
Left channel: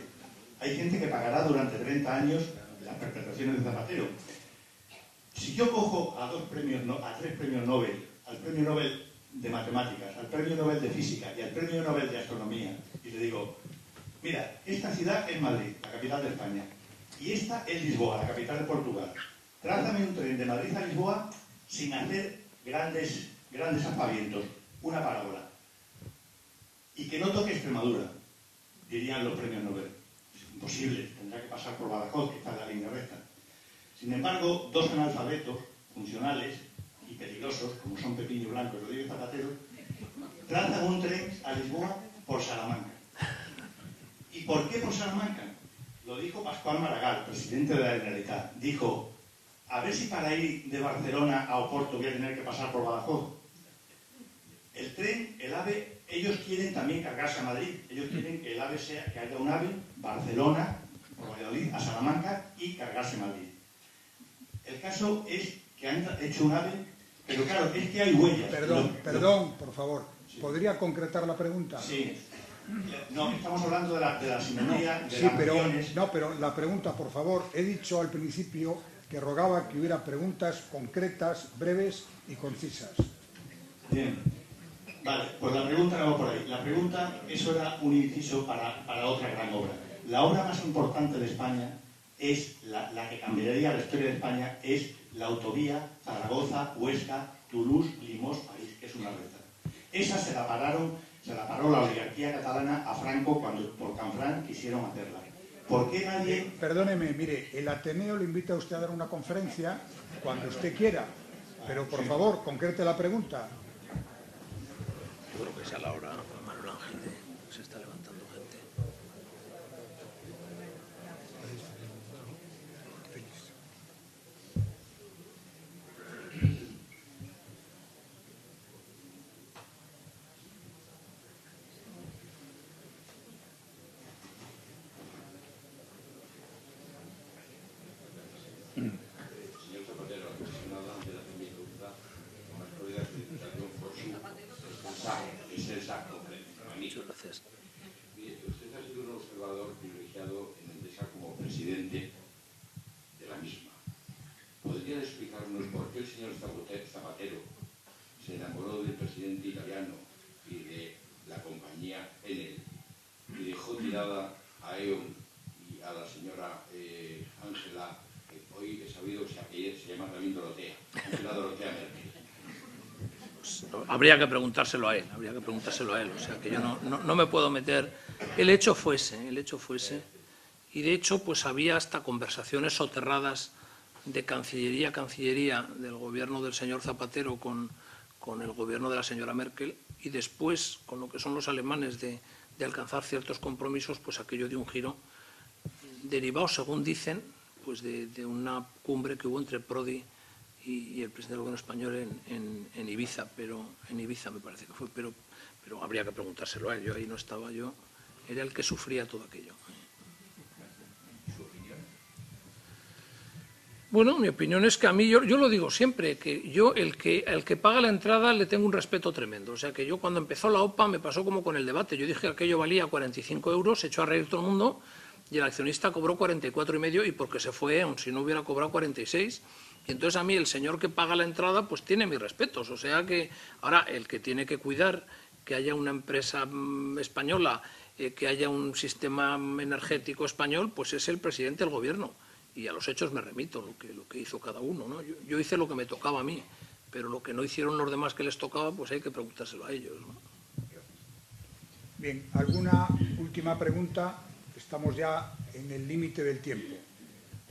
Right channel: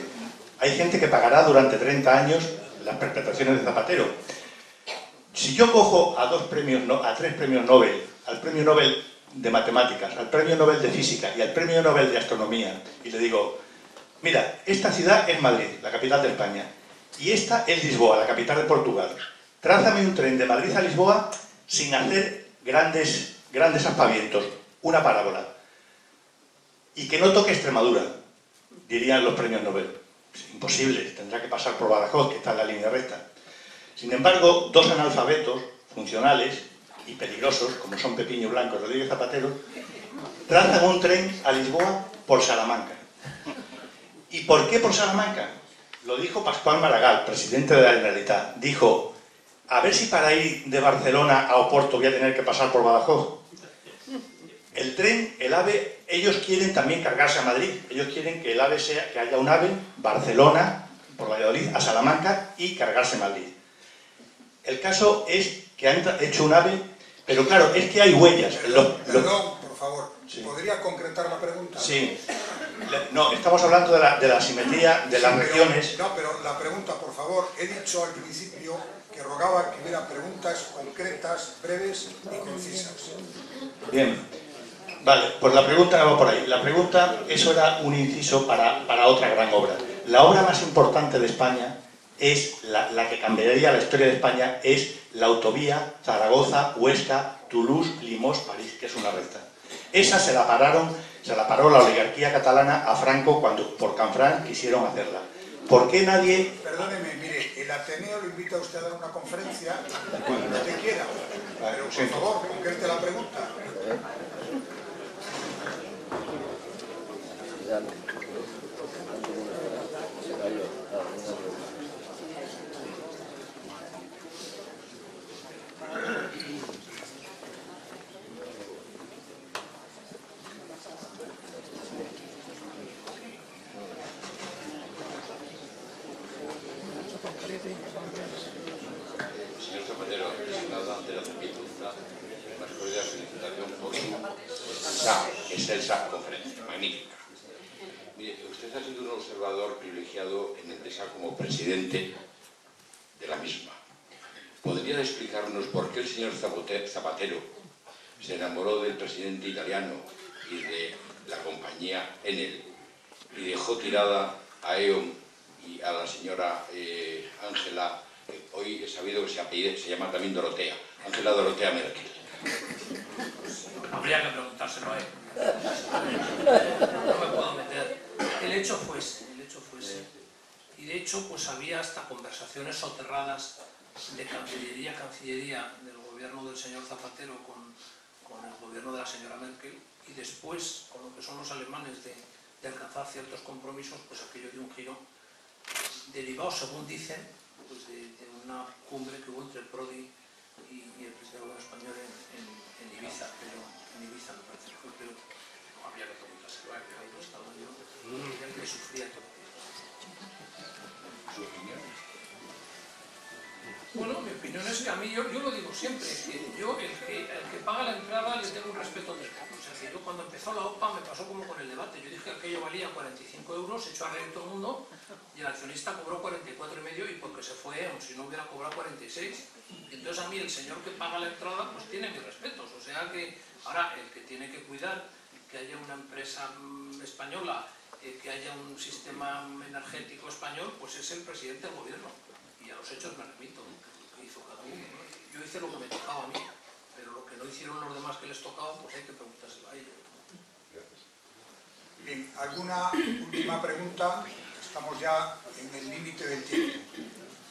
Hay gente que pagará durante 30 años las perpetraciones de Zapatero. Si yo cojo a tres premios Nobel, al premio Nobel de Matemáticas, al premio Nobel de Física y al premio Nobel de Astronomía, y le digo, mira, esta ciudad es Madrid, la capital de España, Y esta es Lisboa, la capital de Portugal. Trázame un tren de Madrid a Lisboa sin hacer grandes aspavientos, una parábola. Y que no toque Extremadura, dirían los premios Nobel. Es imposible, tendrá que pasar por Badajoz, que está en la línea recta. Sin embargo, dos analfabetos funcionales y peligrosos, como son Pepiño Blanco y Rodríguez Zapatero, trazan un tren a Lisboa por Salamanca. ¿Y por qué por Salamanca? Lo dijo Pascual Maragall, presidente de la Generalitat. Dijo, a ver si para ir de Barcelona a Oporto voy a tener que pasar por Badajoz. El tren, el AVE, ellos quieren también cargarse a Madrid. Ellos quieren que el AVE sea, que haya un AVE Barcelona, por Valladolid, a Salamanca y cargarse a Madrid. El caso es que han hecho un AVE, pero claro, es que hay huellas. Perdón, por favor. Sí. ¿Podría concretar la pregunta? Sí. No, estamos hablando de la simetría de las regiones. No, pero la pregunta, por favor, he dicho al principio que rogaba que hubiera preguntas concretas, breves y concisas. Bien. Vale, pues la pregunta va por ahí. La pregunta, eso era un inciso para otra gran obra. La obra más importante de España es, la que cambiaría la historia de España, es la autovía Zaragoza, Huesca, Toulouse, Limoges, París, que es una recta. Esa se la paró la oligarquía catalana a Franco cuando por Canfranc quisieron hacerla. ¿Por qué nadie...? Perdóneme, mire, el Ateneo lo invita a usted a dar una conferencia cuando usted quiera. Pero por favor, concrete la pregunta. Señor Zapatero, nada ante la pregunta, más podría felicitarle un poco esa excelsa conferencia, magnífica. Mire, usted ha sido un observador privilegiado en Endesa como presidente de la misma. ¿Podría explicarnos por qué el señor Zapatero se enamoró del presidente italiano y de la compañía Enel y dejó tirada a E.ON y a la señora Ángela, hoy he sabido que se llama también Dorotea, Ángela Dorotea Merkel? Habría que preguntárselo a él, o sea, no me puedo meter. El hecho fue ese, y de hecho pues había hasta conversaciones soterradas de cancillería a cancillería del gobierno del señor Zapatero con el gobierno de la señora Merkel, y después, con lo que son los alemanes de alcanzar ciertos compromisos, pues aquello dio un giro derivado, según dicen, pues de una cumbre que hubo entre Prodi y el presidente del gobierno español en Ibiza, pero en Ibiza me parece que fue, pero habría que preguntárselo a él. Yo ahí no estaba, yo era el que sufría todo aquello. Bueno, mi opinión es que a mí, yo lo digo siempre, que yo el que paga la entrada le tengo un respeto tremendo. O sea que yo cuando empezó la OPA me pasó como con el debate. Yo dije que aquello valía 45 euros, se echó a reír todo el mundo y el accionista cobró 44,5 y porque se fue, aun si no hubiera cobrado 46. Entonces a mí el señor que paga la entrada pues tiene mis respetos. O sea que ahora el que tiene que cuidar que haya una empresa española, que haya un sistema energético español, pues es el presidente del gobierno. Y a los hechos me remito, lo que hizo cada uno, ¿no? Yo hice lo que me tocaba a mí, pero lo que no hicieron los demás que les tocaba, pues hay que preguntárselo a ellos, ¿no? Bien, ¿alguna última pregunta? Estamos ya en el límite del tiempo.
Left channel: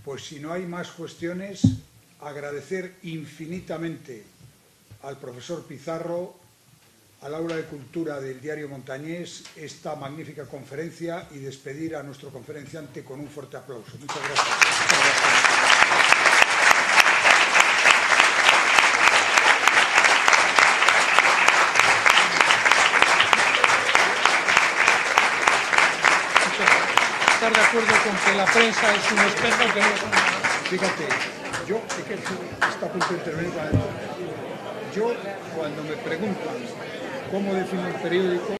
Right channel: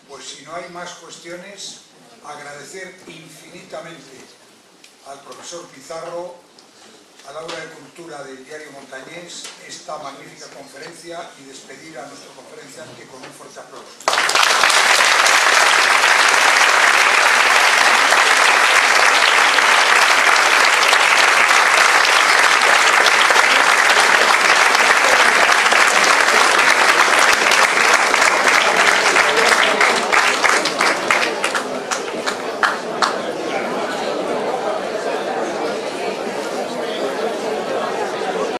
Pues si no hay más cuestiones, agradecer infinitamente al profesor Pizarro, al aula de cultura del diario Montañés, esta magnífica conferencia y despedir a nuestro conferenciante con un fuerte aplauso. Muchas gracias.